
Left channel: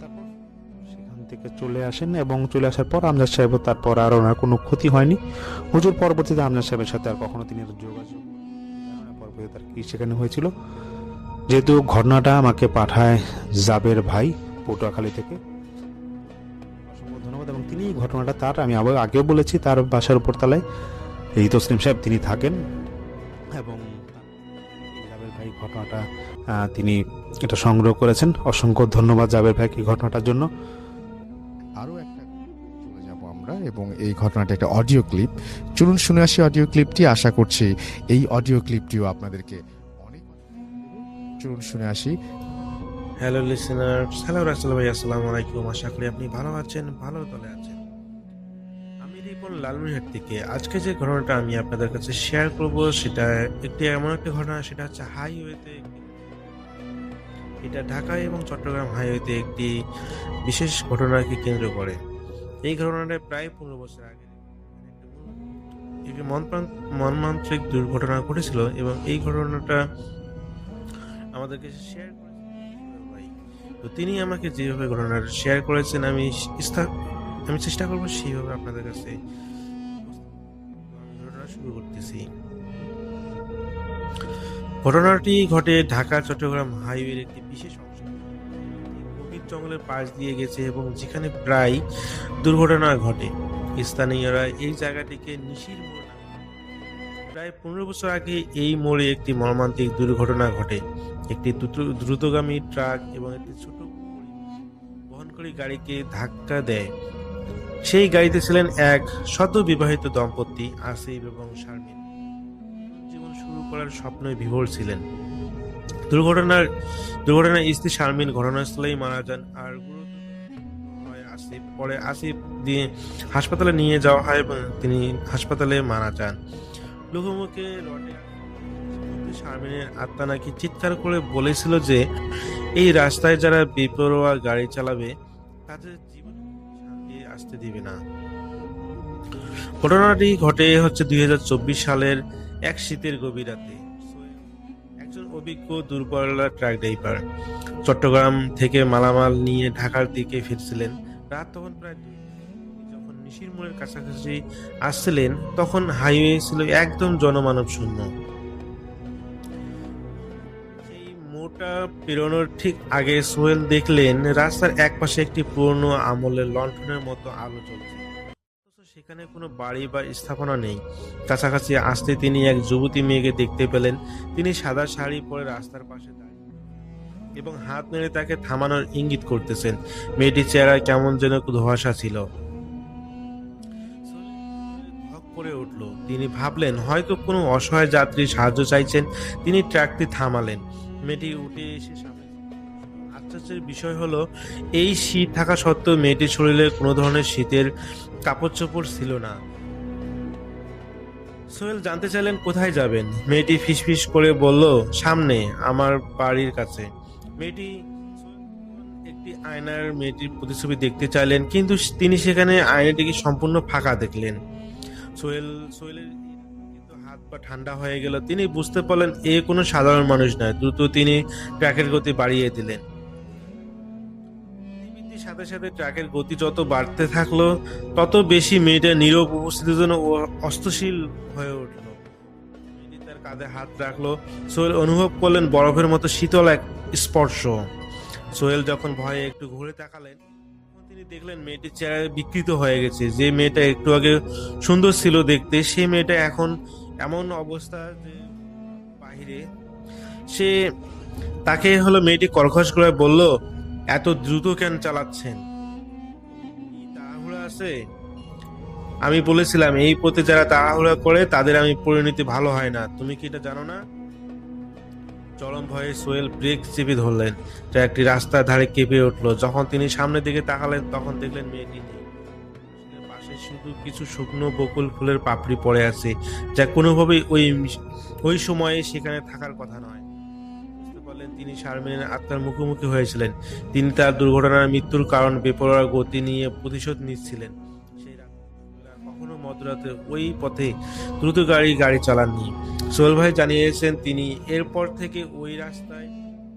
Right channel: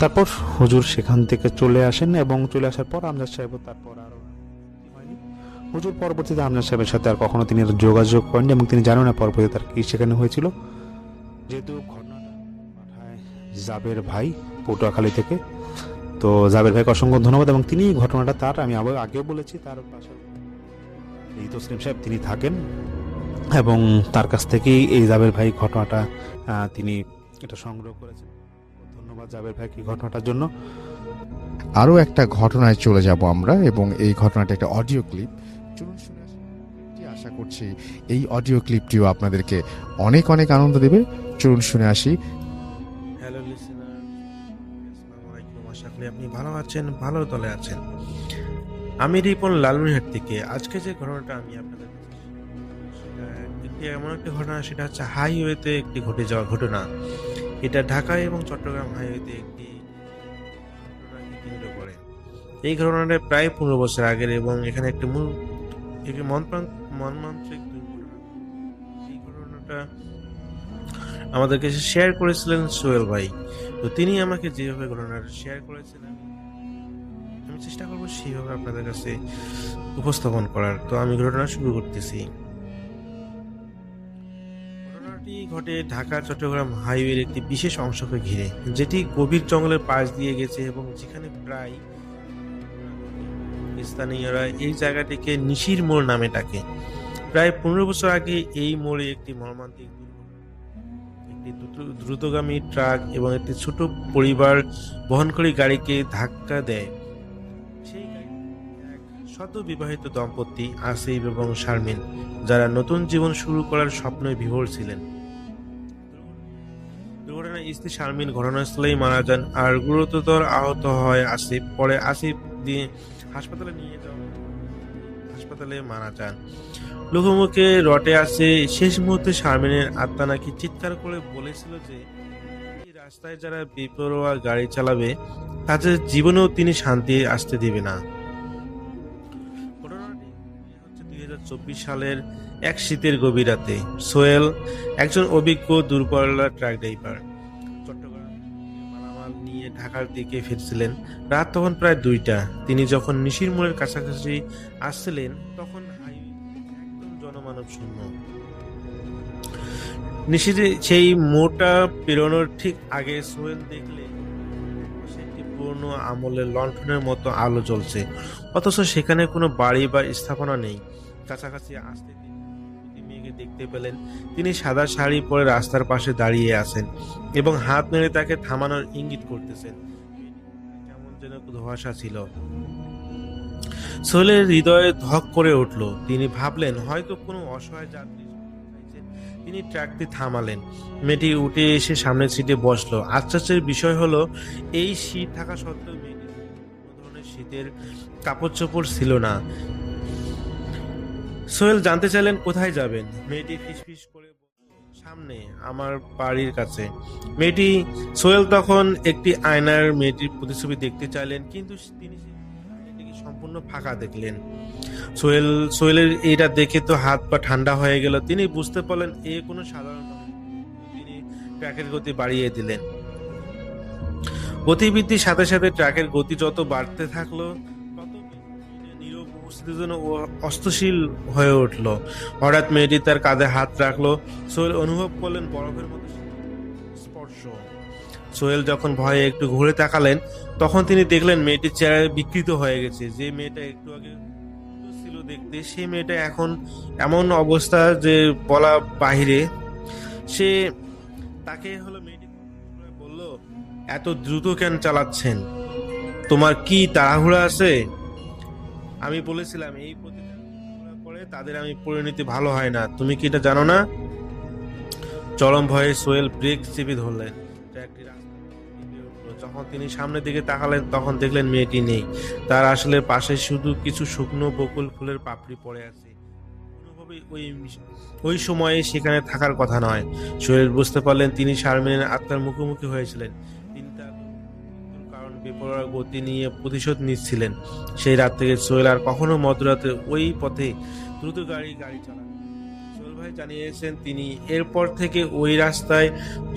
তারপর হুজুর সেখান থেকে চলে আসেন এবং চলে আসার পর আমজাদ সাহেবও তারপর আর ওনার কোনো ক্ষতি হয়নি। হুজুর পরবর্তীতে আমজাদ সাহেবের সাথে আর কখনো তিনি যোগাযোগ করেননি এবং তিনি জানেন না পরবর্তীতে তার কি সেখানে হয়েছিল। যেহেতু ঘটনাটা আমাকে পাঠায় জাবের ভাই পটুয়াখালী থেকে, তো জাবের ভাইকে অসংখ্য ধন্যবাদ এবং তিনি ঘটনাটা তার আমি আগেও বলেছি তার বাসার উপর তলায় এই তসলিম সাহেব তিনি থাকেন এবং তার কাছ থেকেই এই জাবের ভাই ঘটনাটা তিনি এটা সংগ্রহ করেছেন। অসংখ্য ধন্যবাদ জাবের ভাইকে ঘটনাটার জন্য। আরও একটা ঘটনায় চলে যাব আমরা এবং এই ঘটনাটা একটা অডিও ক্লিপ। চলুন শুনে আসি অডিও ক্লিপটি। আশা করছি এই অডিও ক্লিপটিও আপনাদেরকে অনেক অনেক আনন্দ দেবে। চলুন শুনে আসি। হ্যালো লিসেনার্স, হ্যালো রাসেল ভাই, আসসালামু আলাইকুম। আশা করি আপনি ভালো আছেন, ভালোর তলে আছেন। আমি রিপন লালমনিরহাট থেকে। আজকে যে ঘটনাটা আমি আপনাদের কাছে শেয়ার করব সেটা এমন একটা ঘটনা, সেটা হচ্ছে হাইওয়েতে একটি ঘটে যাওয়া ঘটনা। এটা ঢাকা এবং চট্টগ্রাম হাইওয়েতে একটি বিশেষ ঘটনাকে কেন্দ্র করে। এই ঘটনাটা প্রায় 15 বছর আগের এবং এখানে একটি মর্মান্তিক দুর্ঘটনা ঘটেছিল এবং এই ঘটনাটা আমাদেরকে শেয়ার করেছিলেন সোহেল ভাই। তো তিনি আমাকে যেভাবে ঘটনাটা শেয়ার করেছেন আমি চেষ্টা করবো সেইভাবে আপনাদের কাছে উপস্থাপন করার। তো আমি ঘটনা শুরু করতেছি। ঘটনাটি ঘটে ঢাকা চট্টগ্রাম হাইওয়ের একটি বিশেষ অংশকে ঘিরে, যেটি গভীর জঙ্গলের পাশ দিয়ে গেছে এবং যেখানে প্রায় দুর্ঘটনা ঘটে। স্থানীয়রা এই জায়গাটিকে নিশির মোড় নামে ডাকে। প্রায় 15 বছর আগে এই মোড়ে একটি মর্মান্তিক দুর্ঘটনা ঘটে। একটি দ্রুতগামী ট্রাক এবং একটি ছোট পরিবার বহনকারী গাড়িকে ধাক্কা দেয়। সেই গাড়িতে ছিলেন এক সদ্য বিবাহিত দম্পতি আসিফ এবং শারমিন, যারা নতুন জীবন শুরু করার স্বপ্নে বিভোর ছিলেন। দুর্ঘটনায় স্ত্রী শারমিন ঘটনাস্থলেই মারা যান আর গুরুতর আহত হয় আসিফ। পরে আসিফ দিয়ে হাসপাতালে নিয়ে যাওয়া হয় এবং তিনি হাসপাতালে মারা যান। লোকমুখে রটে আসে শেষ মুহূর্তে শারমিনের আত্মা নাকি চিৎকার করে বলেছিল যে এই রাস্তায় যারা বেপরোয়া গাড়ি চালাবে তাদের জীবনেও তিনি শান্তি আসতে দিবে না। ঘটনাটি ঘটে 2024 সালের এক শীতের গভীর রাতে। সোহেল একজন অভিজ্ঞ দূরপাল্লার ট্রাক ড্রাইভার, চট্টগ্রাম থেকে মালামাল নিয়ে ঢাকার দিকে ফিরছিলেন। রাত তখন প্রায় 2টা। তিনি যখন নিশির মোড়ের কাছাকাছি আসছিলেন তখন হাইওয়ে ছিল একদম জনমানব শূন্য। নিশির সেই মোড়টা পেরোনোর ঠিক আগে সোহেল দেখলেন রাস্তার একপাশে একটি পুরনো আমলের লণ্ঠনের মতো আলো জ্বলছে, অথচ সেখানে কোনো বাড়ি বা স্থাপনা নেই। কাছাকাছি আসতে তিনি এক যুবতী মেয়েকে দেখতে পেলেন। তিনি সাদা শাড়ি পরে রাস্তার পাশে দাঁড়িয়ে আছেন এবং হাত নেড়ে তাকে থামানোর ইঙ্গিত করতেছেন। মেয়েটির চেহারায় কেমন যেন ধোঁয়াশা ছিল। সোহেলের হৃদয়ে ধক করে উঠল। তিনি ভাবলেন হয়তো কোনো অসহায় যাত্রী সাহায্য চাইছেন। তিনি ট্রাকটি থামালেন। মেয়েটি উঠে এসে সামনের সিটে বসলো। আশ্চর্যের বিষয় হলো এই শীত থাকা সত্ত্বেও মেয়েটির শরীরে কোনো ধরনের শীতের কাপড় চোপড় ছিল না। সোহেল জানতে চাইলেন কোথায় যাবেন। মেয়েটি ফিসফিস করে বলল, সামনে, আমার বাড়ির কাছে। সোহেল তখন একটি আয়নার মেয়েটির প্রতিছবি দেখতে চাইলেন, কিন্তু তিনি সেখানে আয়নাটিকে সম্পূর্ণ ফাঁকা দেখলেন। সোহেলের এটা দেখে তো হাত পা ঠান্ডা হয়ে গেল। তিনি বুঝতে পারলেন এ কোনো সাধারণ মানুষ নয়। দ্রুত তিনি ট্রাকের গতি বাড়িয়ে দিলেন। গতিবৃদ্ধির সাথে সাথে ট্রাকের গতি যত বাড়তে থাকলো তত বেশি মেয়েটা নীরব উপস্থিতির জন্য অস্থির হয়ে উঠল। হঠাৎ মেয়েটি তার কাঁধে হাত রাখলো। সোহেল অনুভব করলেন বরফের মতো শীতল এক স্পর্শ। সোহেল যখন ভয়ে একটু ঘুরে তাকালেন তখন তিনি দেখলেন মেয়েটির চেহারা বিকৃত হয়ে গেছে। যে মেয়েটা একটু আগে সুন্দর ছিল দেখতে, সেই মেয়েটা এখন এমন অবস্থা যে বলা বাহিরে। তাকে মেয়েটি কর্কশ করে বলল, এত দ্রুত কেন চালাচ্ছেন? তোমার কি তাড়াহুড়া আছে? আমি বলেছিলাম এই পথে যারা তাড়াহুড়া করে তাদের আমি পরিণতি ভালো হয় না। তুমি কি এটা জানো না? চরম ভয়ে সোহেল ব্রেক চেপে ধরলেন। ট্রাকটি রাস্তার ধারে কেঁপে উঠল। যখন তিনি সামনের দিকে তাকালেন তখন দেখলেন মেয়েটি নেই। তার আসলে পাশে শুধু কিছু শুকনো বকুল ফুলের পাপড়ি পড়ে আছে, যা কোনোভাবেই ওই সময়ে সেখানে থাকার কথা নয়। সোহেল বুঝতে পারলেন তিনি শারমিনের আত্মার মুখোমুখি হয়েছিলেন। তিনি তার দুর্ঘটনার মৃত্যুর কারণ বেপরোয়া গতি নিয়ে প্রতিশোধ নিচ্ছিলেন। সেই রাত থেকে সোহেল আর কখনো মধ্যরাতে ওই পথে দ্রুত গাড়ি চালাননি। সোহেল ভাই জানিয়েছেন তিনি এরপর থেকে ওই রাস্তায়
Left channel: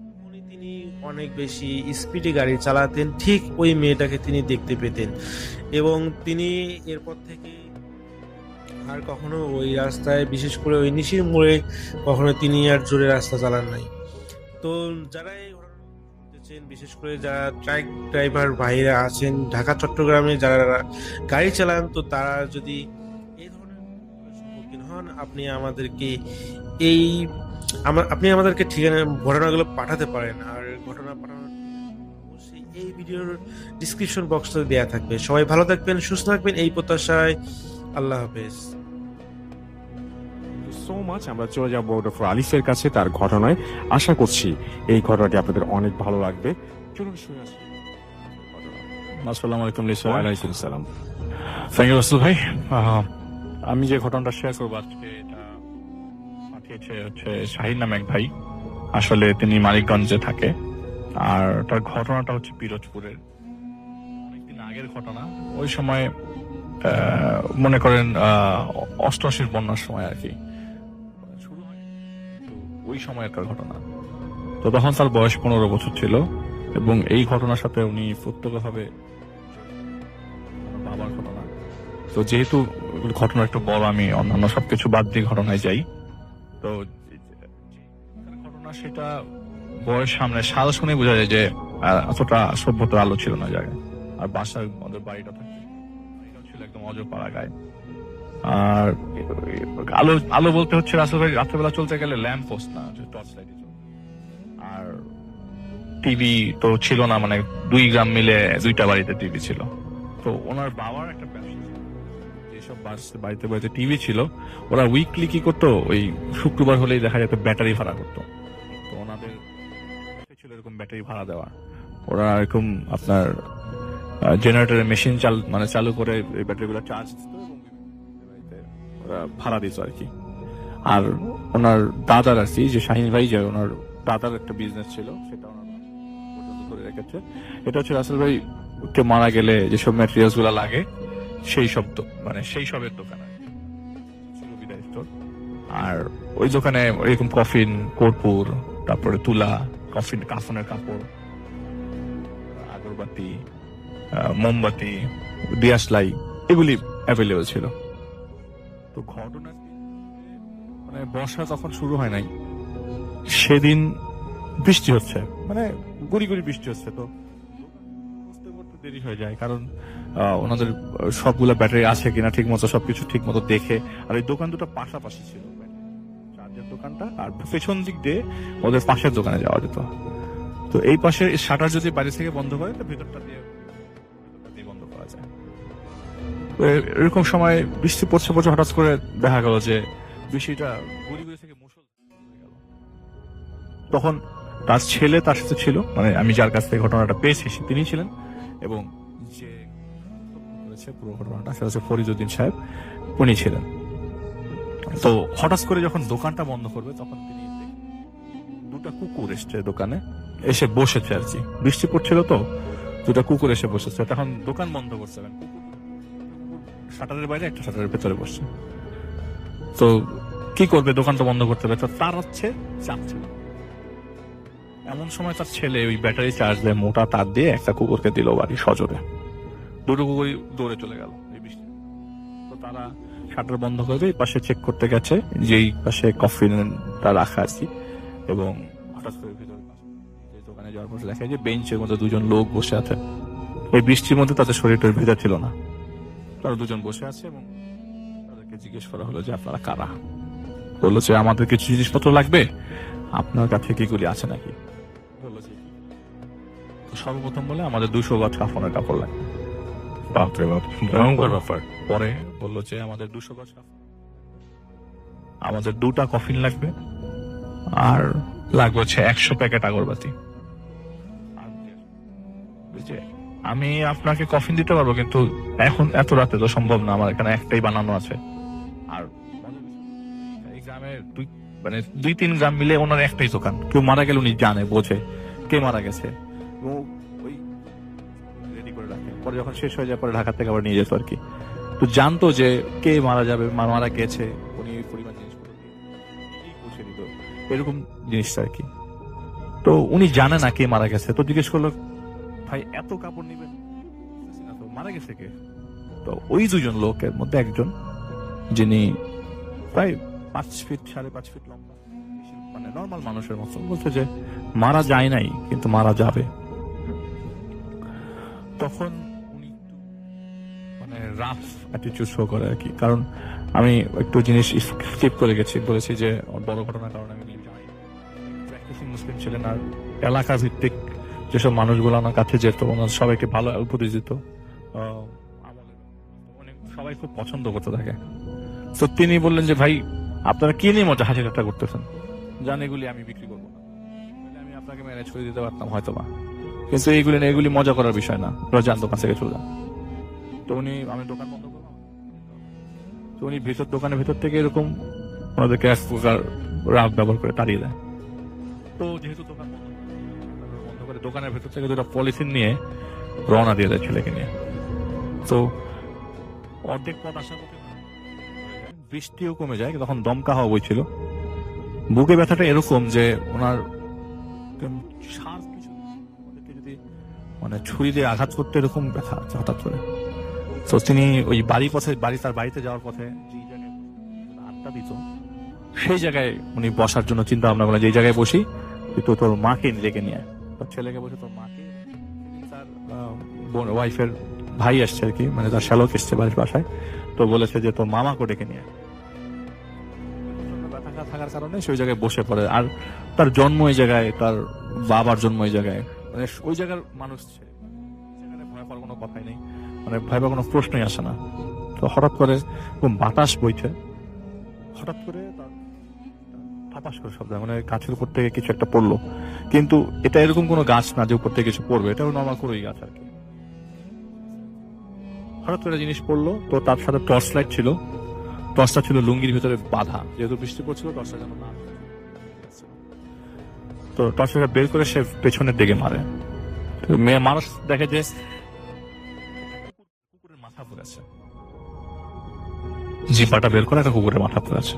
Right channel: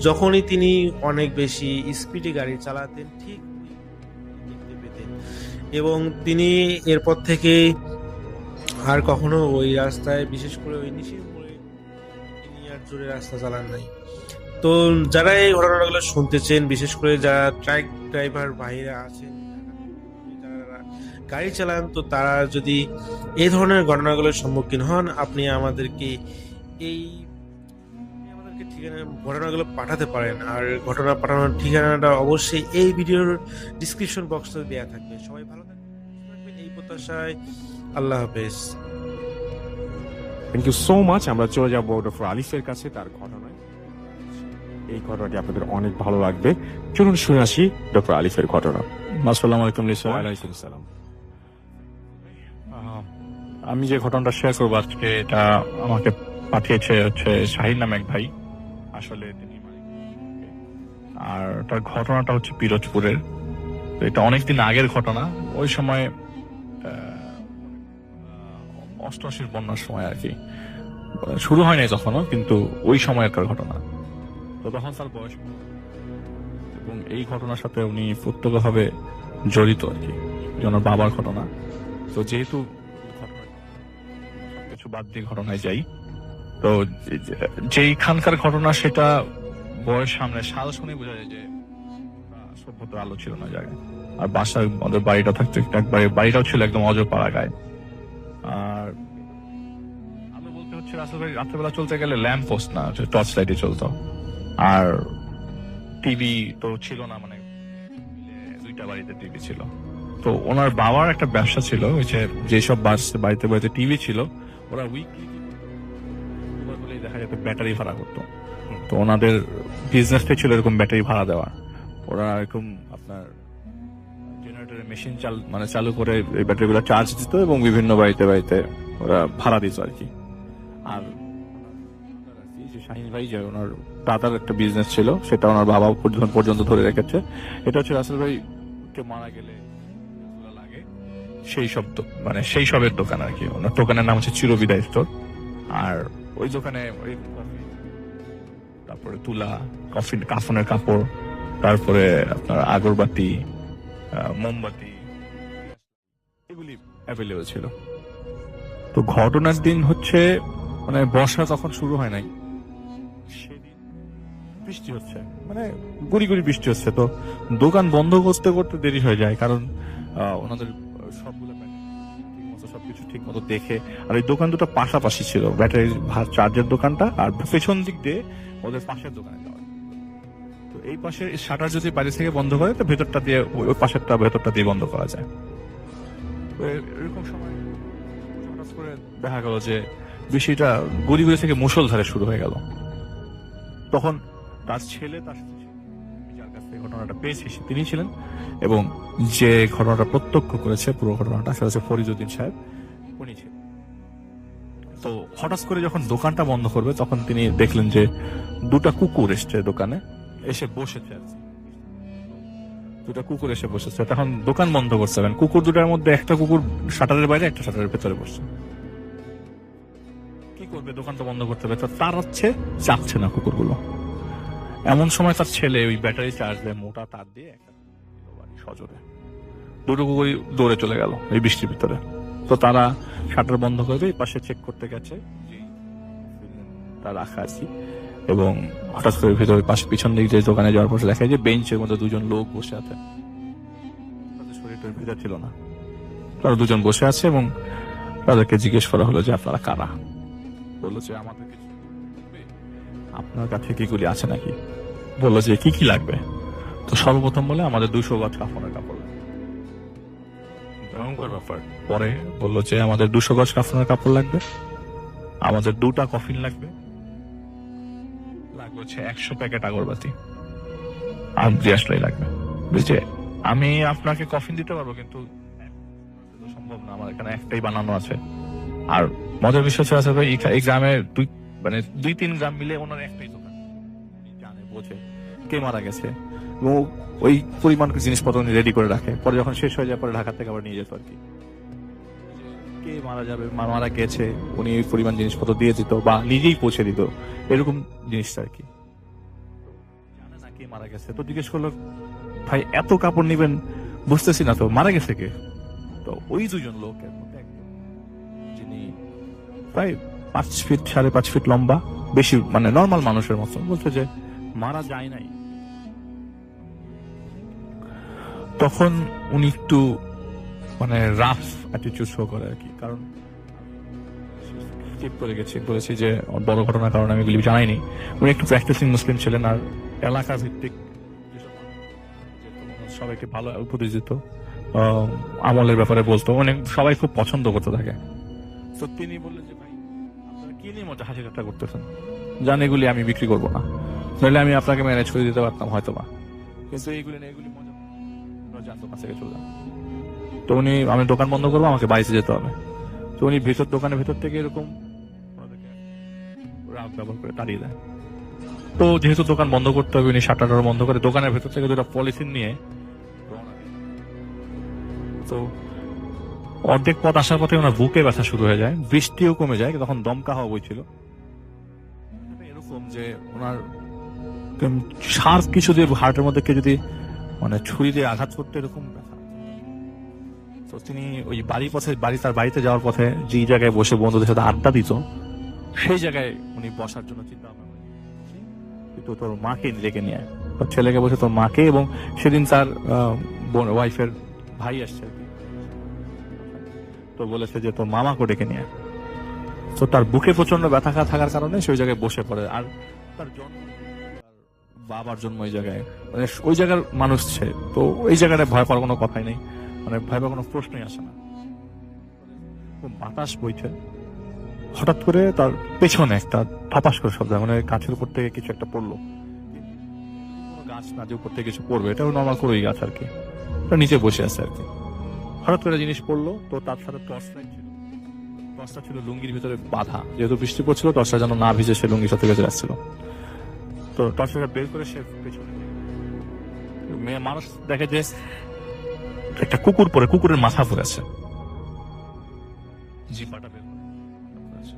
যখনই তিনি অনেক বেশি স্পিডে গাড়ি চালাতেন ঠিক ওই মেয়েটাকে তিনি দেখতে পেতেন, এবং তিনি এরপর থেকে আর কখনো ওই রাস্তায়, বিশেষ করে ওই নিশির মোড়ে কখনো তিনি আর জোরে রাস্তা চালান নাই। তো যারা এই ঘটনাগুলো শুনতেছেন, বিশেষ করে যারা ট্রাক ড্রাইভার ভাইরা আছেন ঢাকা চট্টগ্রামে যারা গাড়ি চালান, তো তারা যদি এই ধরনের ঘটনাগুলোর সম্মুখীন হন আপনি আমাদেরকে ঠিকানা ঘটনাগুলো পাঠাতে পারেন। আর ঘটনা পাঠানোর ঠিকানাটা অবশ্যই এই ভিডিওর ডিসক্রিপশন বক্সে দেওয়া থাকবে। সবাই ভালো থাকবেন, সুস্থ থাকবেন এই প্রত্যাশায়। আল্লাহ হাফেজ। Thank you so much. আমরা চলে যাবো ডক্টর আলিফের কাছে তার ঘটনায়। আশা করছি এই ঘটনাটি আপনাদের অনেক ভালো লাগবে। চলুন শুনে আসি ডক্টর আলিফের ঘটনা। আসসালামু আলাইকুম লিসা। ওয়ালাইকুম সালাম। থ্যাংক ইউ রাসেল ভাই। আমি যে ঘটনাটা শেয়ার করবো আজকে, এটা আমাকে পাঠিয়েছে শাহিন নামে এক ভাই। আসলে তিনি মানিকগঞ্জে থাকে, আর তার ঘটনাটা পিরোজপুরের। তো এটা অনেকদিন আগের ঘটনা। ওই সময় মনে করেন 88 বন্যার সময় আর কি, শুরু হয় নাই তখনও, কিন্তু ওই সময়কার ঘটনা। তো তখন তার বয়স 15 বছর ছিল, এবং এই ঘটনার সাথে উনি প্রত্যক্ষভাবে জড়িত আর কি, ওনার বাবার ঘটনা। তো যেহেতু ঘটনা একটু বড়, আমি অন্যান্য সবকিছু বাদ দিয়ে ঘটনায় যাই। তো যেইখানকার ঘটনা সেটা বয়স সামনে সাল শুনে বোঝা যায় যে এতটা সভ্যতার আলো ছিল না জায়গায়। আর বাসার আমাদের বাড়িটা থাকতো একবারে, বাড়িটাও ছিল একদম অজপাড়া গায়ে। আর আলো বলতে রাসেল ভাই রাত্রেবেলা চলতে গেলে ল্যাম্প পোস্ট না, টর্চ লাইটে চলতো। আর টিভি তো ছিল না, মানে 2 গ্রাম মিলে 2টা বাড়িতে টিভি ছিল। তো ওনার বাবার একটা ব্যবসা ছিল, যেসব বাড়িতে টিভি ছিল, ওরা উইকলি কি করতো, ওই শুক্রবার হলেই দেখা যেত ব্যাটারি ভাড়া করতো। তো ওনাদের বিজনেসটাই ছিল এরকম ব্যাটারি ভাড়া দেওয়া। ওরা এরকম আপনার জেনারেটরের মেশিন চালু করে এই ব্যাটারিগুলো চার্জ দিত এবং বিভিন্ন বাড়িতে ওরা ভাড়া দিত আর কি। আর ওনার দাদার আর কি, যে শাহিন ভাই, যে ওনার দাদার একটা বিজনেস ছিল, সেটা ওনার বাবা পর্যন্ত ধরে রেখেছে। এটা রাসেল ভাই কে মারা গেলে যেসব ম্যাটেরিয়ালস গুলা লাগে সেই সবের দোকান আর কি। ওনার দোকানের নাম চিরবিদায় স্টোর। আর ওই দোকানে এরকম কফিন, কর্পূর, তারপরে তুলা, কাফনের কাপড়, তারপরে আপনার আগরবাতি, মোমবাতি, দিয়াশলাই এগুলি অ্যাভেলেবল ছিল। তো ঘটনার দিন হচ্ছে মানে বর্ষা তখন শুরু হয় নাই, সেদিন বৃষ্টি হচ্ছে, মানে গুড়ি গুড়ি বৃষ্টি হচ্ছে। তো দোকান বন্ধ করতে করতে দেরি হয়ে যায়, কারণ ওনাদের সবগুলো ব্যাটারি আছে কিনা ঠিক মতো সবকিছু ঠিক মতো দেখে। আর এই দোকান দুটো পাশাপাশি ছিল, ব্যাটারি চার্জের দোকানটা আর পেছন দিক দিয়ে ওদের পাশের দোকানে যাওয়া যেত। তো এই পাশে শাটার যদি বাইরে থেকে বন্ধ করে তো ভেতরটা দিয়ে ওই পাশেরটা ভেতরটা দিয়ে বন্ধ করা যায়। তো এরকম সময় বৃষ্টি পড়ছে পড়ছে হঠাৎ করে দেখা গেল যে বৃষ্টিটা গুড়ি গুড়ি থেকে মুষলধারে শুরু হয়ে গেল। তখন তার ছেলে তার সাথে ছিল, মানে আমি যার কাছ থেকে ঘটনাটা পেয়েছি তিনি ছিলেন, এবং যে ঘটনাটা প্রত্যক্ষ করেছে পুরো ঘটনাটা সেটা হচ্ছে ফরিদউদ্দিন সাহেব, উনি ছিলেন। তো হঠাৎ করে যখন দোকানটা বন্ধ করবে তখন তিনি দেখলেন যে দুটা কুকুর এসছে দোকানে, এসে বসেছে আর কি। বৃষ্টি পড়ছিল তো দুটা কুকুর এসে বসেছে। তখন দোকান বন্ধ করতে হবেন, কুকুর দুটার মধ্যে একটা কুকুর শাটারের বাইরে, একটা শাটারের ভেতরে বসছে। তো কি করবে, দোকানটা বন্ধ করতে হবে, তো তার হচ্ছে চাপছে না কুকুরগুলো। এমন সময় তার ছেলে ওই ব্যাটারি চার্জ দিয়ে মোটা তার দিয়ে একটা কুকুরকে দিল বাড়ি সজোরে। দুটো কুকুরই দৌড়ে চলে গেল এই বৃষ্টির ভিতরে। তো তারা শাটার বন্ধ করবে, এই পাশে চেক করতে গেছে যেই পাশে কফিনটা রাখা আর কি, এবং হঠাৎ করে ভিতরে পাশে পিছন দিক যে দোকানে যাওয়ার পর দেখা যায় যে বেঞ্চের মধ্যে দুজন লোক বসে আছে। এই বৃষ্টির মধ্যে তাদের শরীরটার ভিতর ছিল না, তারা দুজন বসে আছে এবং তাদেরকে জিজ্ঞেস করা হলো যে আপনারা কারা। বললো যে আমাদের কিছু জিনিসপত্র লাগবে, আপনার কাছে কিগুলি আছে নাকি। বললো যে কি কি লাগবে। তো সর্বপ্রথম বলে আমাদের 200 গজ কাফনের কাপড় লাগবে। বাপরে বাপ, ভয়ঙ্কর ব্যাপার। পরে বললো যে আমাদের 200 গজ কাফনের কাপড় লাগবে, আমাদের 2টা কফিন লাগবে, আর লাগবে হচ্ছে 100 প্যাকেট আগরবাতি, আর দিয়াশলাই লাগবে। বুঝছে, আমি আপনাকে কফিন দিতে পারবো, কিন্তু এখন এত রাতে তো সম্ভব না, আমার এখানে একটাই বানানো আছে। আর মজার বিষয় আছে এই গ্রামে 2-3 গ্রাম মিলে ওনার একটাই দোকান, কেউ মারা গেলে উনি জানে বোঝে কে মারা গেছে, এবং ওই পরিমাণ জিনিসপত্র উনি রেডি করে রাখে। পরে যখন শেষ হয়ে যায় পরে ঢাকা থেকে আবার নিয়ে যেত আর কি। তো জানতো যে কে মারা যাবে, মারা গেছে, উনি ওই পরিমাণ জিনিসপত্র দিয়ে দিত বা নিজেই পৌঁছে দিত, এরকম জিনিসটা আর কি। তো উনি জানে না কে মারা গেছে। তো জিজ্ঞেস করলো ভাই এত কাপড় নিবেন, বুঝতেছি না তো মারা গেছে কে। তো ওই দুজন লোকের মধ্যে একজন, যিনি প্রায় 5 ফিট 5.5 ফিট লম্বা, বেশি মানে নর্মাল মানুষের মতো, বলছে যে মারা যায় নাই কিন্তু মারা যাবে। তখন উনি একটু মানে রাফ অ্যাটিটিউড শো করে আর কি, কারণ আমি একটু জিনিস স্কিপ করে গেছি, বলেছি যে বড় ঘটনার কারণে আমি এগুলি জানাইনি। উনি একটু প্র্যাকটিসিং মুসলিম ছিলেন, আর এলাকা ভিত্তিক যেসব মানুষগুলো আমার কাছে যেত ওনার সবাইকে ভালো উপদেশ দিত, আমলের ব্যাপারে বলতো, অনেক সবাই খুব পছন্দ করতে থাকে। তো তিনি বললেন যে ভাই আপনারা কি নিয়ে মজা হাসি ঠাট্টা করতেছেন, জান এগুলি আমি বিক্রি করবো না, নইলে আমি আপনাকে ম্যানেজ করে দিতে পারতাম হয়তো বা, কিন্তু এগুলি মজা করার বিষয় না, জান দোকান থেকে চলে যান। তো উনি আমি দোকান বন্ধ করবো, আমাকে বাইরে যেতে হবে। তো উনি দোকানের ভেতর থেকে এরকম ওনাদেরকে এক প্রকার রাগ ব্যবহার করে তাড়িয়ে দেয়। তো যেহেতু দোকান বন্ধ করতে হবে, উনি শাটার বন্ধ করে দোকানের ভেতর থেকে 2টা পলিথিন নিয়ে রওনা দিয়ে দেয় ছেলেকে নিয়ে। তো অর্ধেক পথ আসার পথে ওনার বুকে ব্যথা শুরু হয়ে যায়, বৃষ্টিও কমে যায়, তখন দমকা হওয়া বইছিল। বুকে ব্যথাটা এরকম যে ওনার শার্প কিছু দিয়ে হার্টের মধ্যে কে যদি মানে ছুরি দিয়ে আঘাত করতে, এরকম ব্যথা হঠাৎ করে। তো তিনি ওই তার বাড়িতে যাওয়ার পথে যে জায়গায় বসে বন্ধুদের সাথে আড্ডা দিত, সেই জায়গায় উনি বসার জন্য চিন্তা ভাবনা করলেন, যে জায়গায় বসি তো তোর মাকে ডেকে নিয়ে, তোর ছেলেকে বসে তোর মাকে, এবং সেদিন তার ওয়াইফের ভাই আসছে আর কি, মানে তার শ্যালক এসছে বাড়ির বাসায়, তো বলেছে যে তোর মামাকে ডেকে নিয়ে। তো তার বুকে প্রচন্ড ব্যথা থাকার কারণে সেই জায়গায় বসে পড়ে। আর তার জন্ম ওই জায়গায়, তার বাবার জন্ম ওই জায়গায়, মানে ওই জায়গার মানুষ সে, তো এই জায়গাটায় ভয় পাওয়ার কোনো কথাই নেই, মানে ভয় পাওয়ার কোনো প্রশ্নই আসে না। তো হঠাৎ করে বাতাস বইছে, হঠাৎ করে তার পেছনে একটা থপাস করে শব্দ, মানে গাছের উপর থেকে কিছু একটা পড়লো, কিন্তু এটা এরকম কোনো গাছ না যে উপর থেকে কিছু পড়বে, এটা নর্মাল করে ওই গাছ আর কি, নিচে বসে আছে আর কি। হঠাৎ করে জিনিস পড়লো, তো তার সাথে টর্চ লাইট ছিল, টর্চটা ছিল লুঙ্গির ভিতরে বাঁধা, যেহেতু বৃষ্টি পড়ছিল টর্চটা যেন না ভিজে সে লুঙ্গির সাথে বেঁচে আসছিল। তো টর্চটা বের করে সে পেছনের দিকে মারে, মেয়ে মানুষ দেখে যে একটা কুকুর পরে, কুকুরের মাথা পড়ে আছে, জিপাটা বের করে একটা কুকুরের মাথা পড়ে আছে।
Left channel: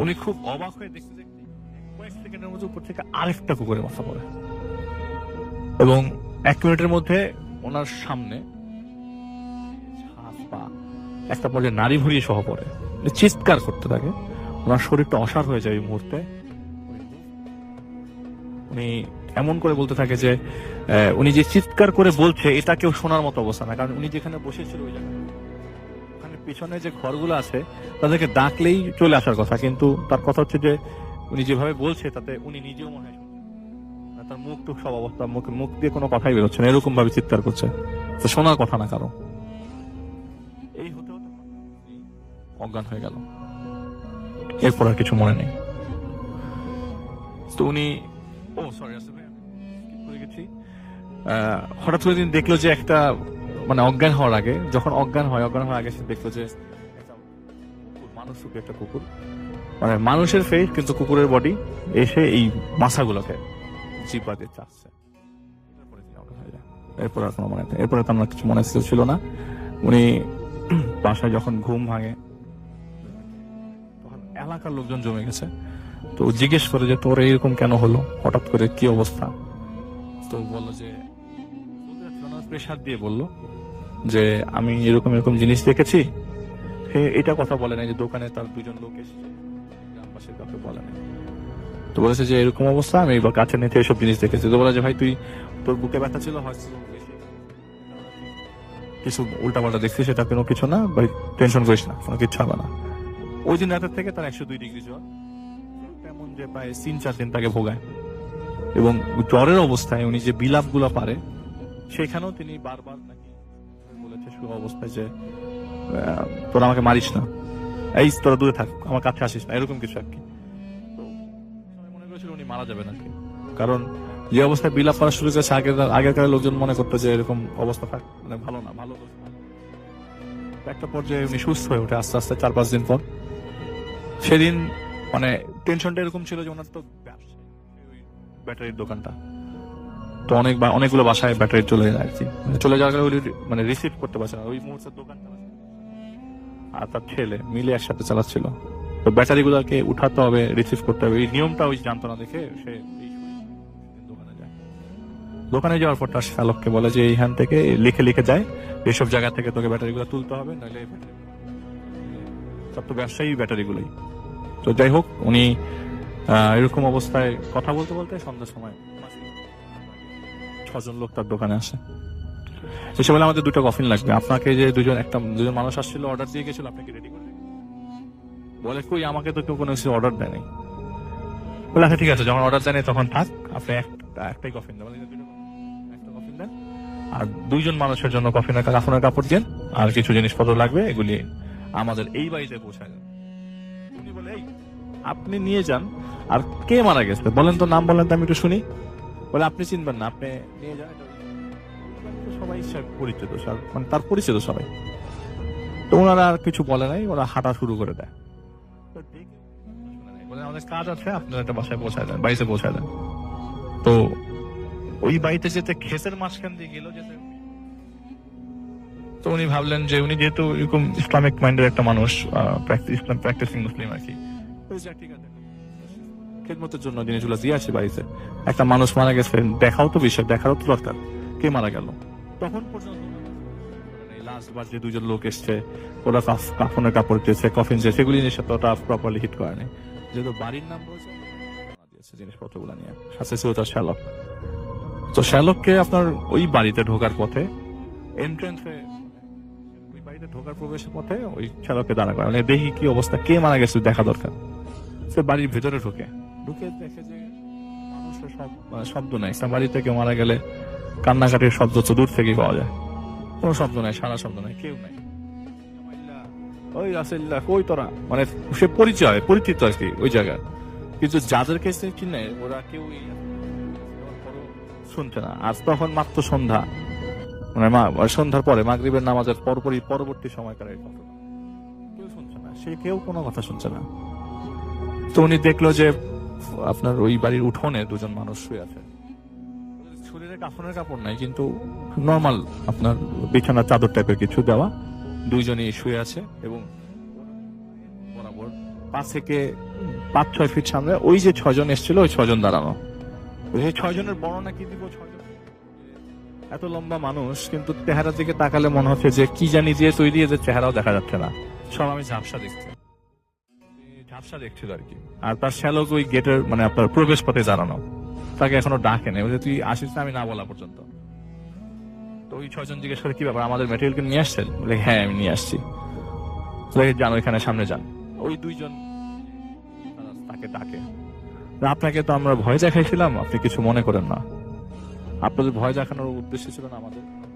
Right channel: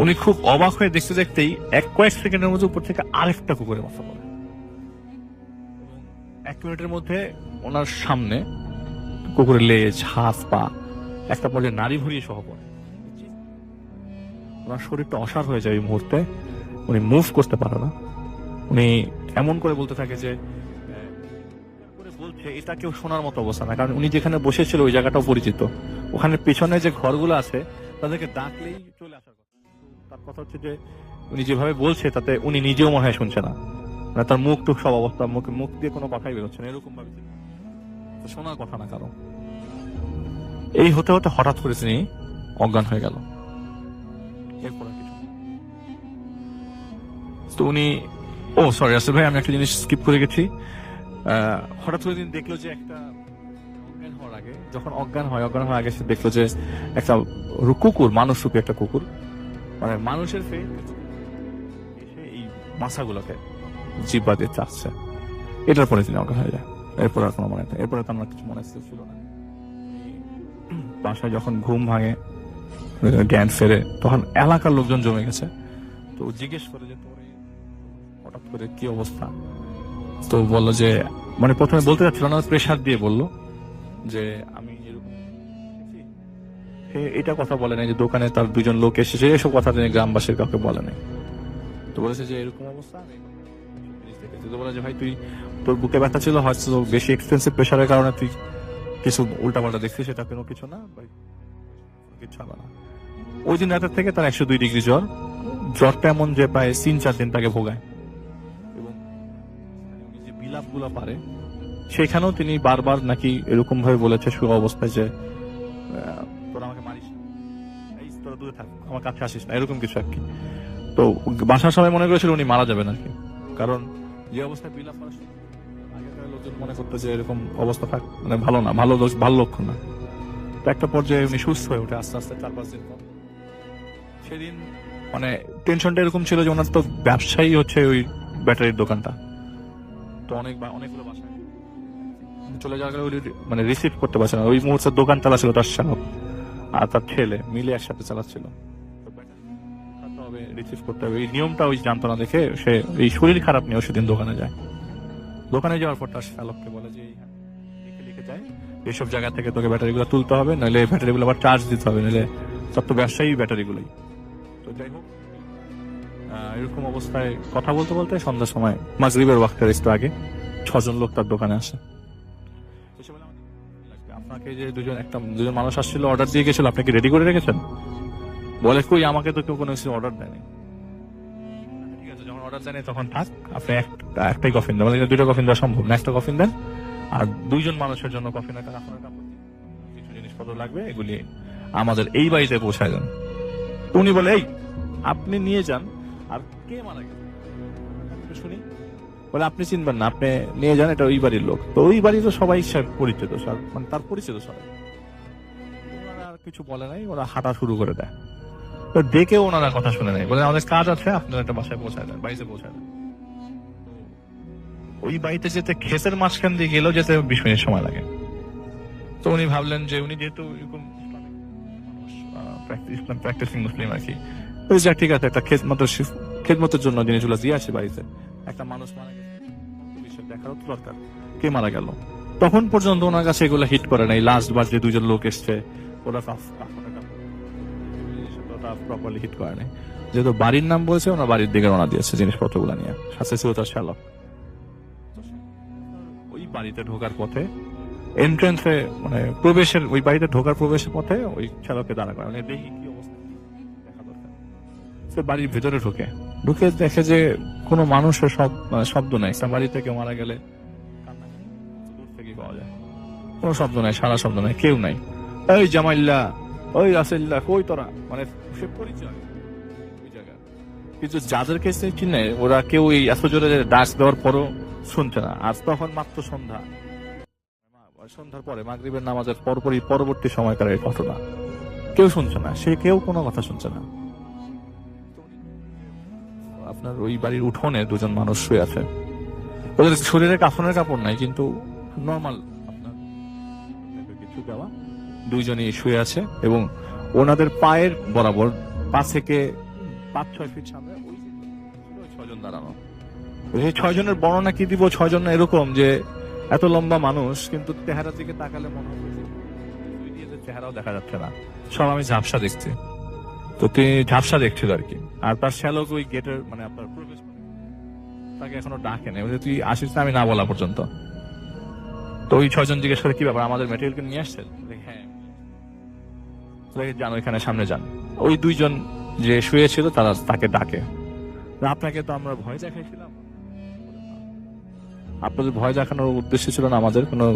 উনি খুব অবাক হয়ে দেখতে দেখতেই কয়েক সেকেন্ডের মধ্যে উপর থেকে আরেকটা কুকুরের মাথা পড়ে, এবং 1 মিনিটের মধ্যে ওনার সামনে কুকুরের লেজ, হাত, পা একটা পর্যায়ে নাড়ি ভুড়িয়ে সহ পড়ে, চিৎকার করতে থাকে। ওনার শরীরটা অসাড় হয়ে যায় এই মুহূর্তে, উনি মুভ করতে পারে না। উনি এমন করে বলতে থাকে যে উনি যে চিৎকার করে বলছে এটা কেউ শোনার মতো অবস্থা না, কারণ উনি যেখানে বসেছিল ওই জায়গাটাও পরিচিত। ওখানে পেছনে যে ঘরগুলো আছে তাদেরকে ডাকলেই চলে আসার কথা, কিন্তু তার কথা হচ্ছে যে উনি যেভাবে বলছে তাতে উনি নিজেও মনে হয় শুনছে না, মানে তার মুখ টুক সব অবস্থা, মুখ দিয়ে কোনো কথাই বেরোচ্ছে না, এরকম ভাবে চিৎকার করছে, তো শোনার কথা না কারো। এই হতে হতে হঠাৎ করে তিনি অজ্ঞান হয়ে গেল, এরপর আর কিছু মনে নেই। তো উনি সরি আসলে ভাই, আমি একটা জিনিস স্কিপ করে গেছি। হঠাৎ করে তিনি দেখলো যে একটা মানে অজ্ঞান হওয়ার আগে, যখন অজ্ঞান হওয়ার আগে সে দেখলো যে একটা কুকুর, মানুষ রূপী একটা কুকুর, মানে মানুষের ফেস কিন্তু কুকুরের বডি, এসে এই মাথাগুলোকে জিব্বা দিয়ে চাচ্ছে। এটার পরে তিনি অজ্ঞান হয়ে যায়। এরপর আর কোনো মনে নেই, এরপরে তো আমার কিছু মনে ছিল না। উনি বাসায় যখন ঘুম ভাঙে, জ্ঞান ফেরে, তখন এলাকার লোকজন জমে গেছে। তো জিজ্ঞেস করে যে তোর এরকম কেন হলো, হঠাৎ করে কি অবস্থা? তো বললো যে মানে প্রথমে বলতে যাচ্ছিল না, প্রেশার দিয়ে বললো যে আমি এরকম জিনিস দেখেছি। এটা কথা বলে নাই যে দোকানে তার দুজন লোক এসেছে, এসব কথা তিনি গ্রামবাসীর কাউকে বলে নাই। তো বলেছে যে এরকম অবস্থা, আমি কাছে নিতে এসব জিনিস দেখেছি। তো বলে যে ভাই তুই, তোর বুকে ব্যথা ছিল, হয়তো বেশি এক্সপেন্সিভ প্রেশারের কারণে তুই কিছু উল্টাপাল্টা দেখছিস, সেটা কোনো কিছু না ভাই, টেনশন করিস না, কোনো কিছু হবে না। ওই দিন রাতের থেকে তার 102 ডিগ্রি জ্বর। জ্বরটা এমন যে প্রায় 3-4 দিন তাকে ভোগায়, এবং জ্বরের অবস্থায় উনি যে বিলাপ গুলা পারে, সেখানেও তিনি বারবার নাকি এরকম ভাবে বলেছে শুভ অবস্থায় যে তোরা আমাকে মারিস না, এই তোরা দূরে থাক, আমার কাছে আসিস না, এরকম কিছু আর কি। তো বাসার সবাই মনে করেছিল উনি মারা যাবেন আর কি, কারণ যে অবস্থায় বিলাপ করা শুরু করেছে আগেকার লোকজন মনে করতো যে এরকম অবস্থা থাক মানে ভালো না, ভালো লক্ষণ না। তো একটা পর্যায়ে উনি সুস্থ হয়ে ওঠে আস্তে আস্তে 4-5 দিন পর। সেদিন মানে টেনশনটা এরকম ছিল যে ওনার তো ব্যবসায়ী হচ্ছে ওই ব্যাটারির দোকানটা, তো অনেকগুলো বাসায় ব্যাটারি চলে যায় আর কি, চলে যাওয়ার কারণে মানে রিসিভ করতে পারছে না। ওই মুহূর্তে দোকান চালাচ্ছিল তার চালক আর তার ছেলে মিলে একসাথে চালাচ্ছিল। তো ব্যাটারি গুলাকে উঠাতে হবে, রিসিভ করতে হবে, এই নিয়মটা ওই জানতো না দেখে সে এই শরীর খারাপ নিয়েও সেদিন দোকানে যায়। দোকানে যাওয়ার পর তার চালককে বলে যে এইখান থেকে লিখে যায় এসব জায়গা থেকে তোকে ব্যাটারি গুলো তুলতে হবে, নাহলে ব্যাটারি গুলো আবার চার্জ দিতে হবে, নাহলে সব তো ব্যবসায়ী ব্যাটারি গুলোই। তো যাই হোক, উনি এরকম অবস্থায় কথা বলতে বলতে সন্ধ্যার সময় মাগরিবের ওয়াক্তের একটু আগে 6 জন লোক তার দোকানে আসে। এসে বলে আমাদের 2টা কফিন লাগবে, আপনাকে যে দুজন মানুষ আসছিল অর্ডার দিয়ে গেছিল, আপনি কি রেডি করে রেখেছেন? বলে কই, আমাকে তো কেউ কোনো কিছু অর্ডার দেয়নি। বলে আচ্ছা ঠিক আছে, যখন অর্ডার দেয়নি তখন থাক, আপনি একটাই কফিন দেন, মানে 2টা কফিন দেওয়া সম্ভব না, একটা কফিন দেন, আর 2 জন মানুষের জন্য কাফনের কাপড় দেন, আর কিছু জিনিসপত্র লাগবে, এগুলি আমাদের এই বাড়িতে পৌঁছায় দেন। উনি বলে এই আপনি নিয়ে যান, আর কে মারা গেছে বলেন তো, নাম বলেন তো আমি একটু শুনি। বলে আপনি চিনবেন না, আপনি নিয়ে যান, এটা ওই বাড়ির লোক। তো ওই বাড়ির তো সবাই পরিচিত, মানে তার পরিচিত সবাই। তো ওনারা আর কিছু বলে নাই, ওরা হাঁটা শুরু করে দেয়। তো দেখে ওনারা কথা শুনে নেয়, বলে আমাদের কাজ আছে, আপনারা একটা বাসায় পৌঁছায় দেন, বাড়িতে পৌঁছায় দেন। তো ওই বাড়িতে যেতে ক্ষেতের মাঝখান দিয়ে গেলেও যেতে 20 মিনিট সময় লাগে। তো উনি ভাবলেন যে উনি যেহেতু এরকম ইসলামিক মাইন্ডের একটা মানুষ, ইসলাম প্র্যাকটিসিং মুসলিম আর কি, ঠিক আছে একটা খেদমতের জন্য জিনিসগুলো দিয়ে আসে বাড়িতে। একটা মানুষ মারা গেছে, দেখাও তো বিষয়, দেখারও তো দরকার কে মারা গেল। তখন পর্যন্ত ওনার কাছে এগুলো হিট করে নাই। লাস্ট বার যে 2 জন লোক এসছে, ওরা কাফনের কাপড় দিয়েছে, কফিন দিয়েছে, সেগুলি জিনিস ওটা প্রপারলি হিট করে নাই। যেহেতু বাড়ির নাম বলছে, ওনার বাড়ির দিকে রওনা দিয়েছে জিনিসপত্রগুলো নিয়ে। সাথে ছিল তার শ্যালক। তো শ্যালককে আপনার ওই বাড়িতে ঢোকার পথে এন্ট্রেন্সে মানে প্রবেশের, ওই বাড়িতে ঢোকার প্রবেশের পথে ওই শ্যালককে দাঁড়া করে, মানে দেখি কি অবস্থা, কে মারা গেছে দেখা দরকার। সে বাড়ির ভেতরে ঢুকে দেখে যে কোনো মানুষের শব্দ নাই। বাড়িতে কেউ মারা গেলে কান্নাকাটির শব্দ তো দূর থেকেই পাওয়া যায়, কোনো শব্দ নাই, সারা শব্দ নাই, কেউ নাই। ওই জামাইল্লা, ওই রাসেল্লা, কই তোরা, মানে সে পরিচিত আর কি ওই জায়গায়। কিন্তু যাদেরকে সে চিনে ওরা কেউ এই এত জোরে ডাক দেওয়ার পরও শুনছে না। আজ তখন মাত্র সন্ধ্যা, মানে সন্ধ্যার পরে মাগরিবের নামাজের পরবর্তী সময়কার এই ঘটনা, কেউ শুনছে না, সে কেউ কোনো কথা শুনছে না। তো উনি দেখলো যে আপনার ওই বাড়ির উঠোনে 2 জন মানুষ শুয়ে আছে, ওদের শরীরে কাফনের কাপড় নাই, কিন্তু নর্মাল আপনার বিছানা চাদর টাইপের কিছু দেওয়া, 2 জনই শুয়ে আছে, এবং ওনাদের পায়ের বরাবর 5 থেকে 5-6 ফিট সামনে ওই যে 6 জন এসেছিল, ওই 6 জন দাঁড়ানো। সেই 6 জনের বর্ণনা কি দিব, 6 জন এরকম যে এত লম্বা মানুষ, কিন্তু চেহারার দিকে তাকালে মনে হচ্ছে যে কি জানি দিয়ে তৈরি, যে চেহারাও দেখা যাচ্ছে না, সব আমি ঝাপসা দেখছি। তো তিনি ঝাপসা দেখছিল আর কি। আর তার শ্যালক ওই গেটের মানে আপনার প্রবেশ পথে দাঁড়ানো, তাকে এখনো ডাকে নেই, তুই আসিস না আমি না বলা পর্যন্ত। তো ওই 6 জন জিজ্ঞেস করে কি ব্যাপার, আমাদের ম্যাটেরিয়ালকে নিয়ে আসছেন? বলে হ্যাঁ আমি নিয়ে আসছি। যান ওইখানে সামনে যান। ওই 2 জন যে শুয়েছিল তারা তাকে ডাকে, আপনাকে তো আমরা ভয় দেখাইছিলাম, আপনি কিছু মনে করেন না। আপনাদের ভয় দেখানোর উদ্দেশ্য ছিল না আমাদের, কোনো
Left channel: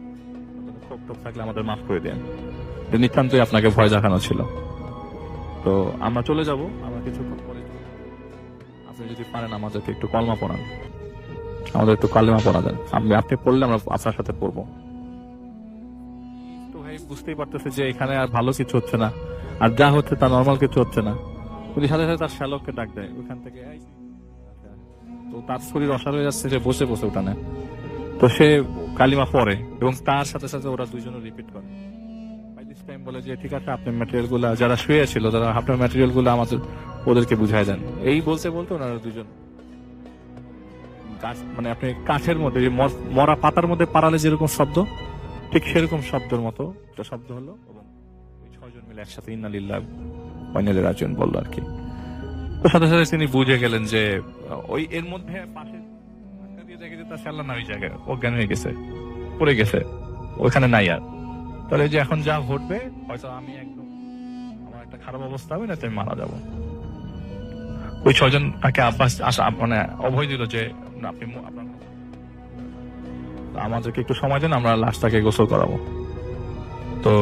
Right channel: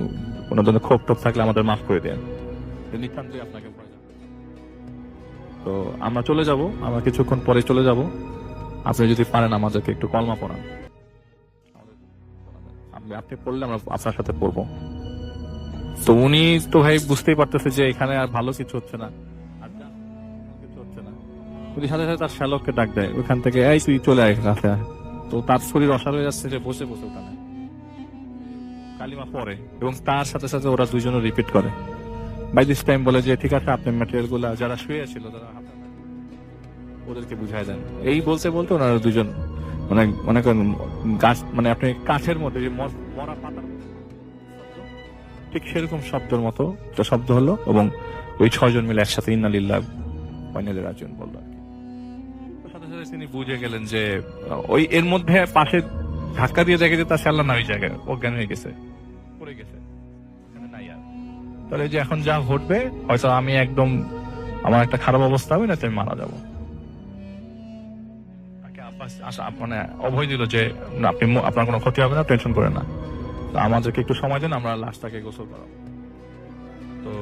ধরনের ক্ষোভ টোপ থাকলে আমাদের মাফ করে দেন, নিতান্তই আপনাকে ভয় দেখানো ছিল। তো আমরা চলে যাব, আমরা কিছুক্ষণ পরে চলে যাব। আপনি যদি পারেন আমাদেরকে একটু কলমা পড়ান, আমাদের একটু কালেমা পড়া দেন, আপনি পড়লে আমরা আপনার সাথে পড়বো। তো উনি তো ভাই বুঝতেই পারতেছে যে এখানে আর ভালো কিছু হচ্ছে না, আর যা হচ্ছে তা নর্মাল কিছু হচ্ছে না। উনি সাথে সাথে তার শ্যালককে ডাক দেয় ওইখান থেকে, এই তুই চলে আয় কাছে আয়। তো তার শরীর অসাড় হয়ে যাচ্ছে, সে বসে বসে উঠানে। তো সে কালিমা পড়ে এবং তার সাথে সাথে ওরা 2 জনও রিপিট করে। বাই দিস টাইম বলে যে ঠিক আছে, আপনার ম্যাটেরিয়াল গুলা যারা শুয়ে ছিল তারা আপনার ম্যাটেরিয়াল গুলো আমাদের ওদেরকে বুঝাই দেন। এই বলতে বলতে ওনারা 2 জন মানে মনে করেন গাছ মানে আপনি কাঠের মধ্যে যে মরা পাতার মধ্যে পাড়ালে যেরকম শব্দ, ঠিক সেরকম শব্দের মতো একটা শব্দ হলো, এবং ওই 6 জন মিলে একসাথে ইন্না লিল্লাহ ওয়া ইন্না ইলাইহি রাজিউন বললো আর কি। তো সাথে সাথে তিনি বুঝে গেলেন যে ওই এর মধ্যে পাশে ধাক্কা দিয়ে দেখে যে তার শ্যালা না ওই জায়গায় অজ্ঞান হয়ে গেছে, পড়ে গেছে, ওইখানে নাই আর। তাহলে যে এখন যা ঘটবে, হয়তো আমি একদম আমার একটা খারাপ অবস্থা হবে, না আমি মারা যাব। ওই 6 জন তাকে মানে অভয় দিল যে আপনি আপনার কোনো ক্ষতি হবে না, টেনশন করেন না, আমাদেরকে একটু সময় দেন, আমরা লাশটাকে গোসল করাবো। তো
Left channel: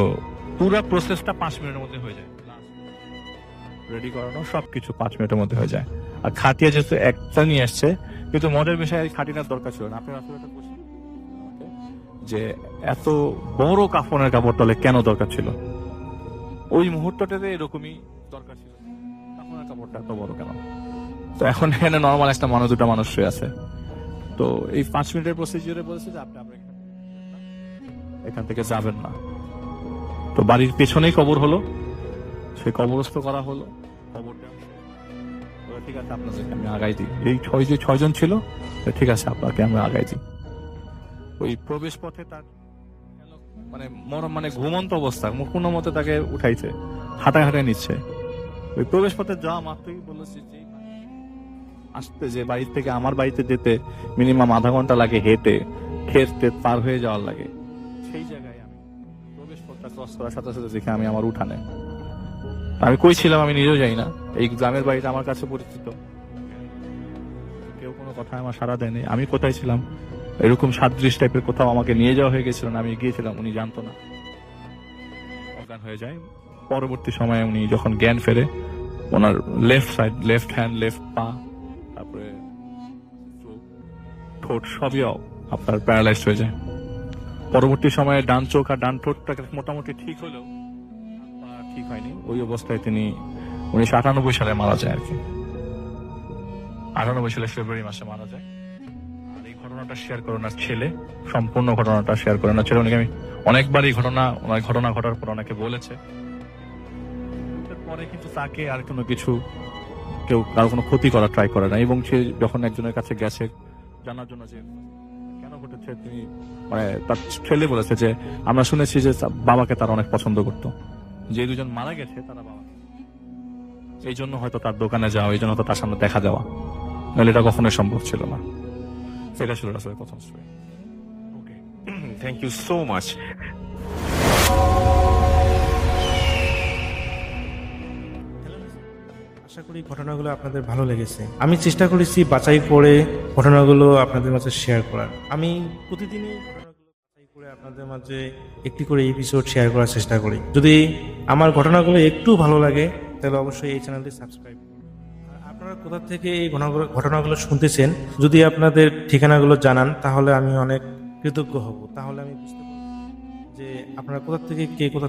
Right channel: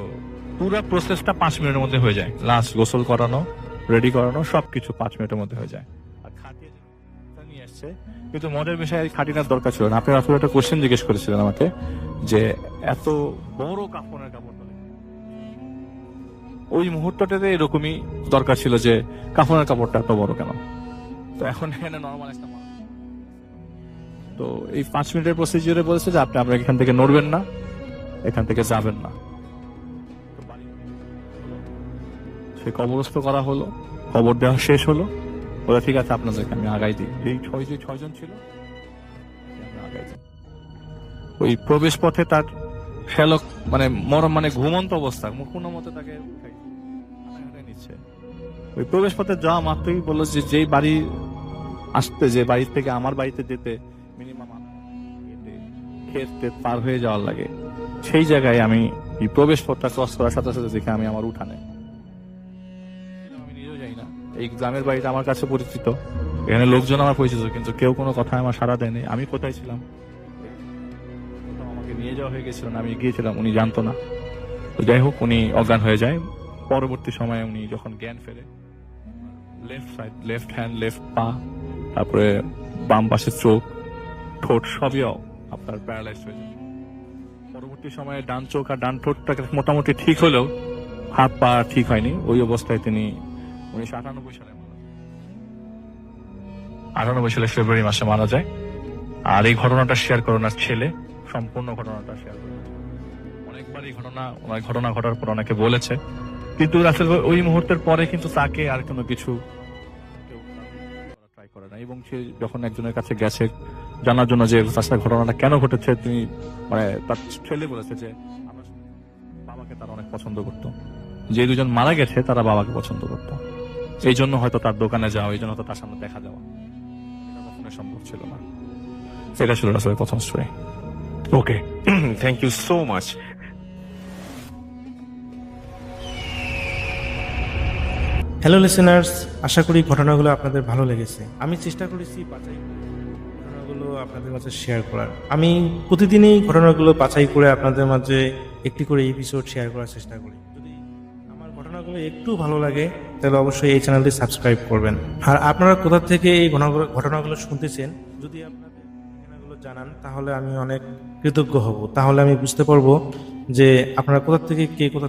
পুরো প্রসেসটা 5 মিনিটের মধ্যে হয়ে যায়। লাশ গোসল করানো, রেডি করানো, সবকিছু 5 মিনিটের মধ্যে হয়ে যায়। আর খাটিয়া যেহেতু একটা নিয়ে আসছে, কিন্তু মজার বিষয়ে খাটিনার দরকার ছিল না। আপনি আসলে একটা কোশ্চেন জিজ্ঞেস করেছিলেন আমাকে যে এত বড় কাফনের কাপড় তলে কেন দরকার ছিল। ওই মুহূর্তটাতে এরকমই দরকার ছিল যে কাফনের কাপড়টা এত বড় কেন। তো এখন এখানে নর্মাল একটা মানুষ, 2টা মানুষ শুয়ে আছে। তো এই 5 মিনিটের প্রসিজিওরে বলেছে যে আপনি এখান থেকে নড়বেন না, এখান থেকে যাবেন না। তো বাড়ির পেছনেই কবর হলো, সে কবরস্থ করা হলো, কবর দেওয়া শেষ হলো। বলে ঠিক আছে আপনাদেরকে আমি আগাই দিই। এই 6 জন ছিল, ঠিক আছে আপনাকে আমরা আগাই দিই। ওই প্রবেশ পথে তার শ্যালক মানে ঘুমন্ত অবস্থা, কোনো মতে তাকে উঠাইছে, হাঁটায় হাঁটায় নিচ্ছে। ওই প্রবেশ পথে যাওয়া মাত্রই বললো যে যেই বাড়ি আসতে, যে বাড়ি থেকে আমার বাড়িতে যেতে মিনিমাম আধা ঘন্টা লাগে হেঁটে, খেতে পার হয়ে যাওয়ার লাগে, সেই জায়গায় আমি এই প্রবেশ পথটা ক্রস করার সাথে সাথে দেখে আমি আমার উঠানে। আমি কই ছিলাম আমি নিজেও জানি না। এই গ্রামের বাড়িটা আমার কাছে পরিচিত, এখানে লোকজন আমার পরিচিত, কিন্তু কেউ কোনো কথায় আমার সাড়া দেয়নি। আমি কোথায় ছিলাম, এরকম সাদৃশ টাইপের কোথাও আমাকে নিয়ে যাওয়া হয়ে গেছিল, আমি গিয়েছিলাম, উনি জানতো না। তো যাই হোক, উনি অজ্ঞান হয়ে যায়। পরবর্তী সময়ে উনি যখন জ্ঞান ফেরে, ওনার left side, left hand, left পা, তারপরে বাম পাশের চোখ, ঠোঁট সবই আপনার প্যারালাইজড হয়ে যায়। পরবর্তী সময়ে ডান চোখ আর ডান ঠোঁটটা মোটামুটি ঠিক হলেও হাত পা ঠিক হয়নি। ওই অবস্থায় তিনি 1998 সালে মারা যায় আর কি। 98 সালে ফেব্রুয়ারি মাসে মারা যায়। আর এই ঘটনাটা শেয়ার করে ওনার ছেলে, সম্পূর্ণ ঘটনাটা শেয়ার করে ওনার ছেলে। উনি আমি অনেকবার এই ঘটনা ঘটার পর অনেকে বলেছে, কিন্তু রাসেল ভাই ওই মুহূর্তের পরে কিন্তু তাকে আর কোনো কিছু, কেউ কারো কোনো ক্ষতি করার ট্রাই করে না। এবং সে যখন একজনের কাছে গেছে জানার জন্য যে তার ঘটনাটা কেন ঘটেছে, তিনি তার ছেলে বলেছে যে আমরা শুনেছি যে বাবাকে তারা অনেক পছন্দ করতো, যে 2 জন মারা গেছে তারা বাবাকে পছন্দ করতো, এই জন্য হয়তো তার দোকানে যাওয়া, এই জন্য হয়তো তার সামনে দেখা দেওয়া, নাহলে এটা কখনোই সম্ভব ছিল না। এটা ছিল রাসেলের প্রথম story. Okay, thank you so much. Hello listeners, আশা করি ঘটনাগুলো আপনাদের ভালো লেগেছে। আমি চেষ্টা করেছি বাছাই করে ঘটনাগুলো আপনাদের মাঝে শেয়ার করার। আমি প্রতিদিনই ঘটনাগুলো বাছাই করে আপনাদের মাঝে একটি করে এপিসোড শেয়ার করার চেষ্টা করি। যদি আমার ঘটনাগুলো একটু ভালো লাগে তাহলে অবশ্যই এই চ্যানেলটি সাবস্ক্রাইব করবেন। আর আপনারা কোথা থেকে এই ঘটনাগুলো শুনতেছেন, যদি আপনাদের ঠিকানাগুলো জানান তাহলে আমি অনেক কৃতজ্ঞ হব। তাহলে আমি বুঝতে পারবো যে আপনারা কোথা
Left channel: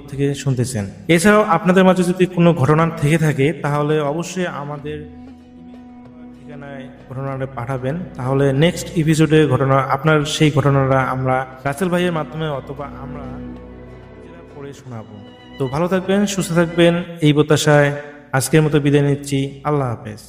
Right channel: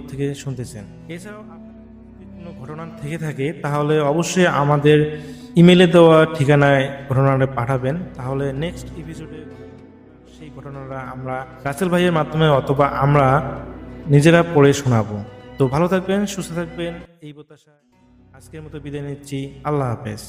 থেকে শুনতেছেন। এছাড়াও আপনাদের মাঝে যদি কোনো ঘটনা থেকে থাকে তাহলে অবশ্যই আমাদের ইমেলে দেওয়া ঠিকানায় ঘটনাটা পাঠাবেন। তাহলে নেক্সট এপিসোডে আপনার সেই ঘটনাটা আমরা রাসেল ভাইয়ের মাধ্যমে অথবা আমরা নিজেরা পড়ে শোনাবো। তো ভালো থাকবেন, সুস্থ থাকবেন, এই প্রত্যাশায় আজকের মতো বিদায় নিচ্ছি। আল্লাহ হাফেজ।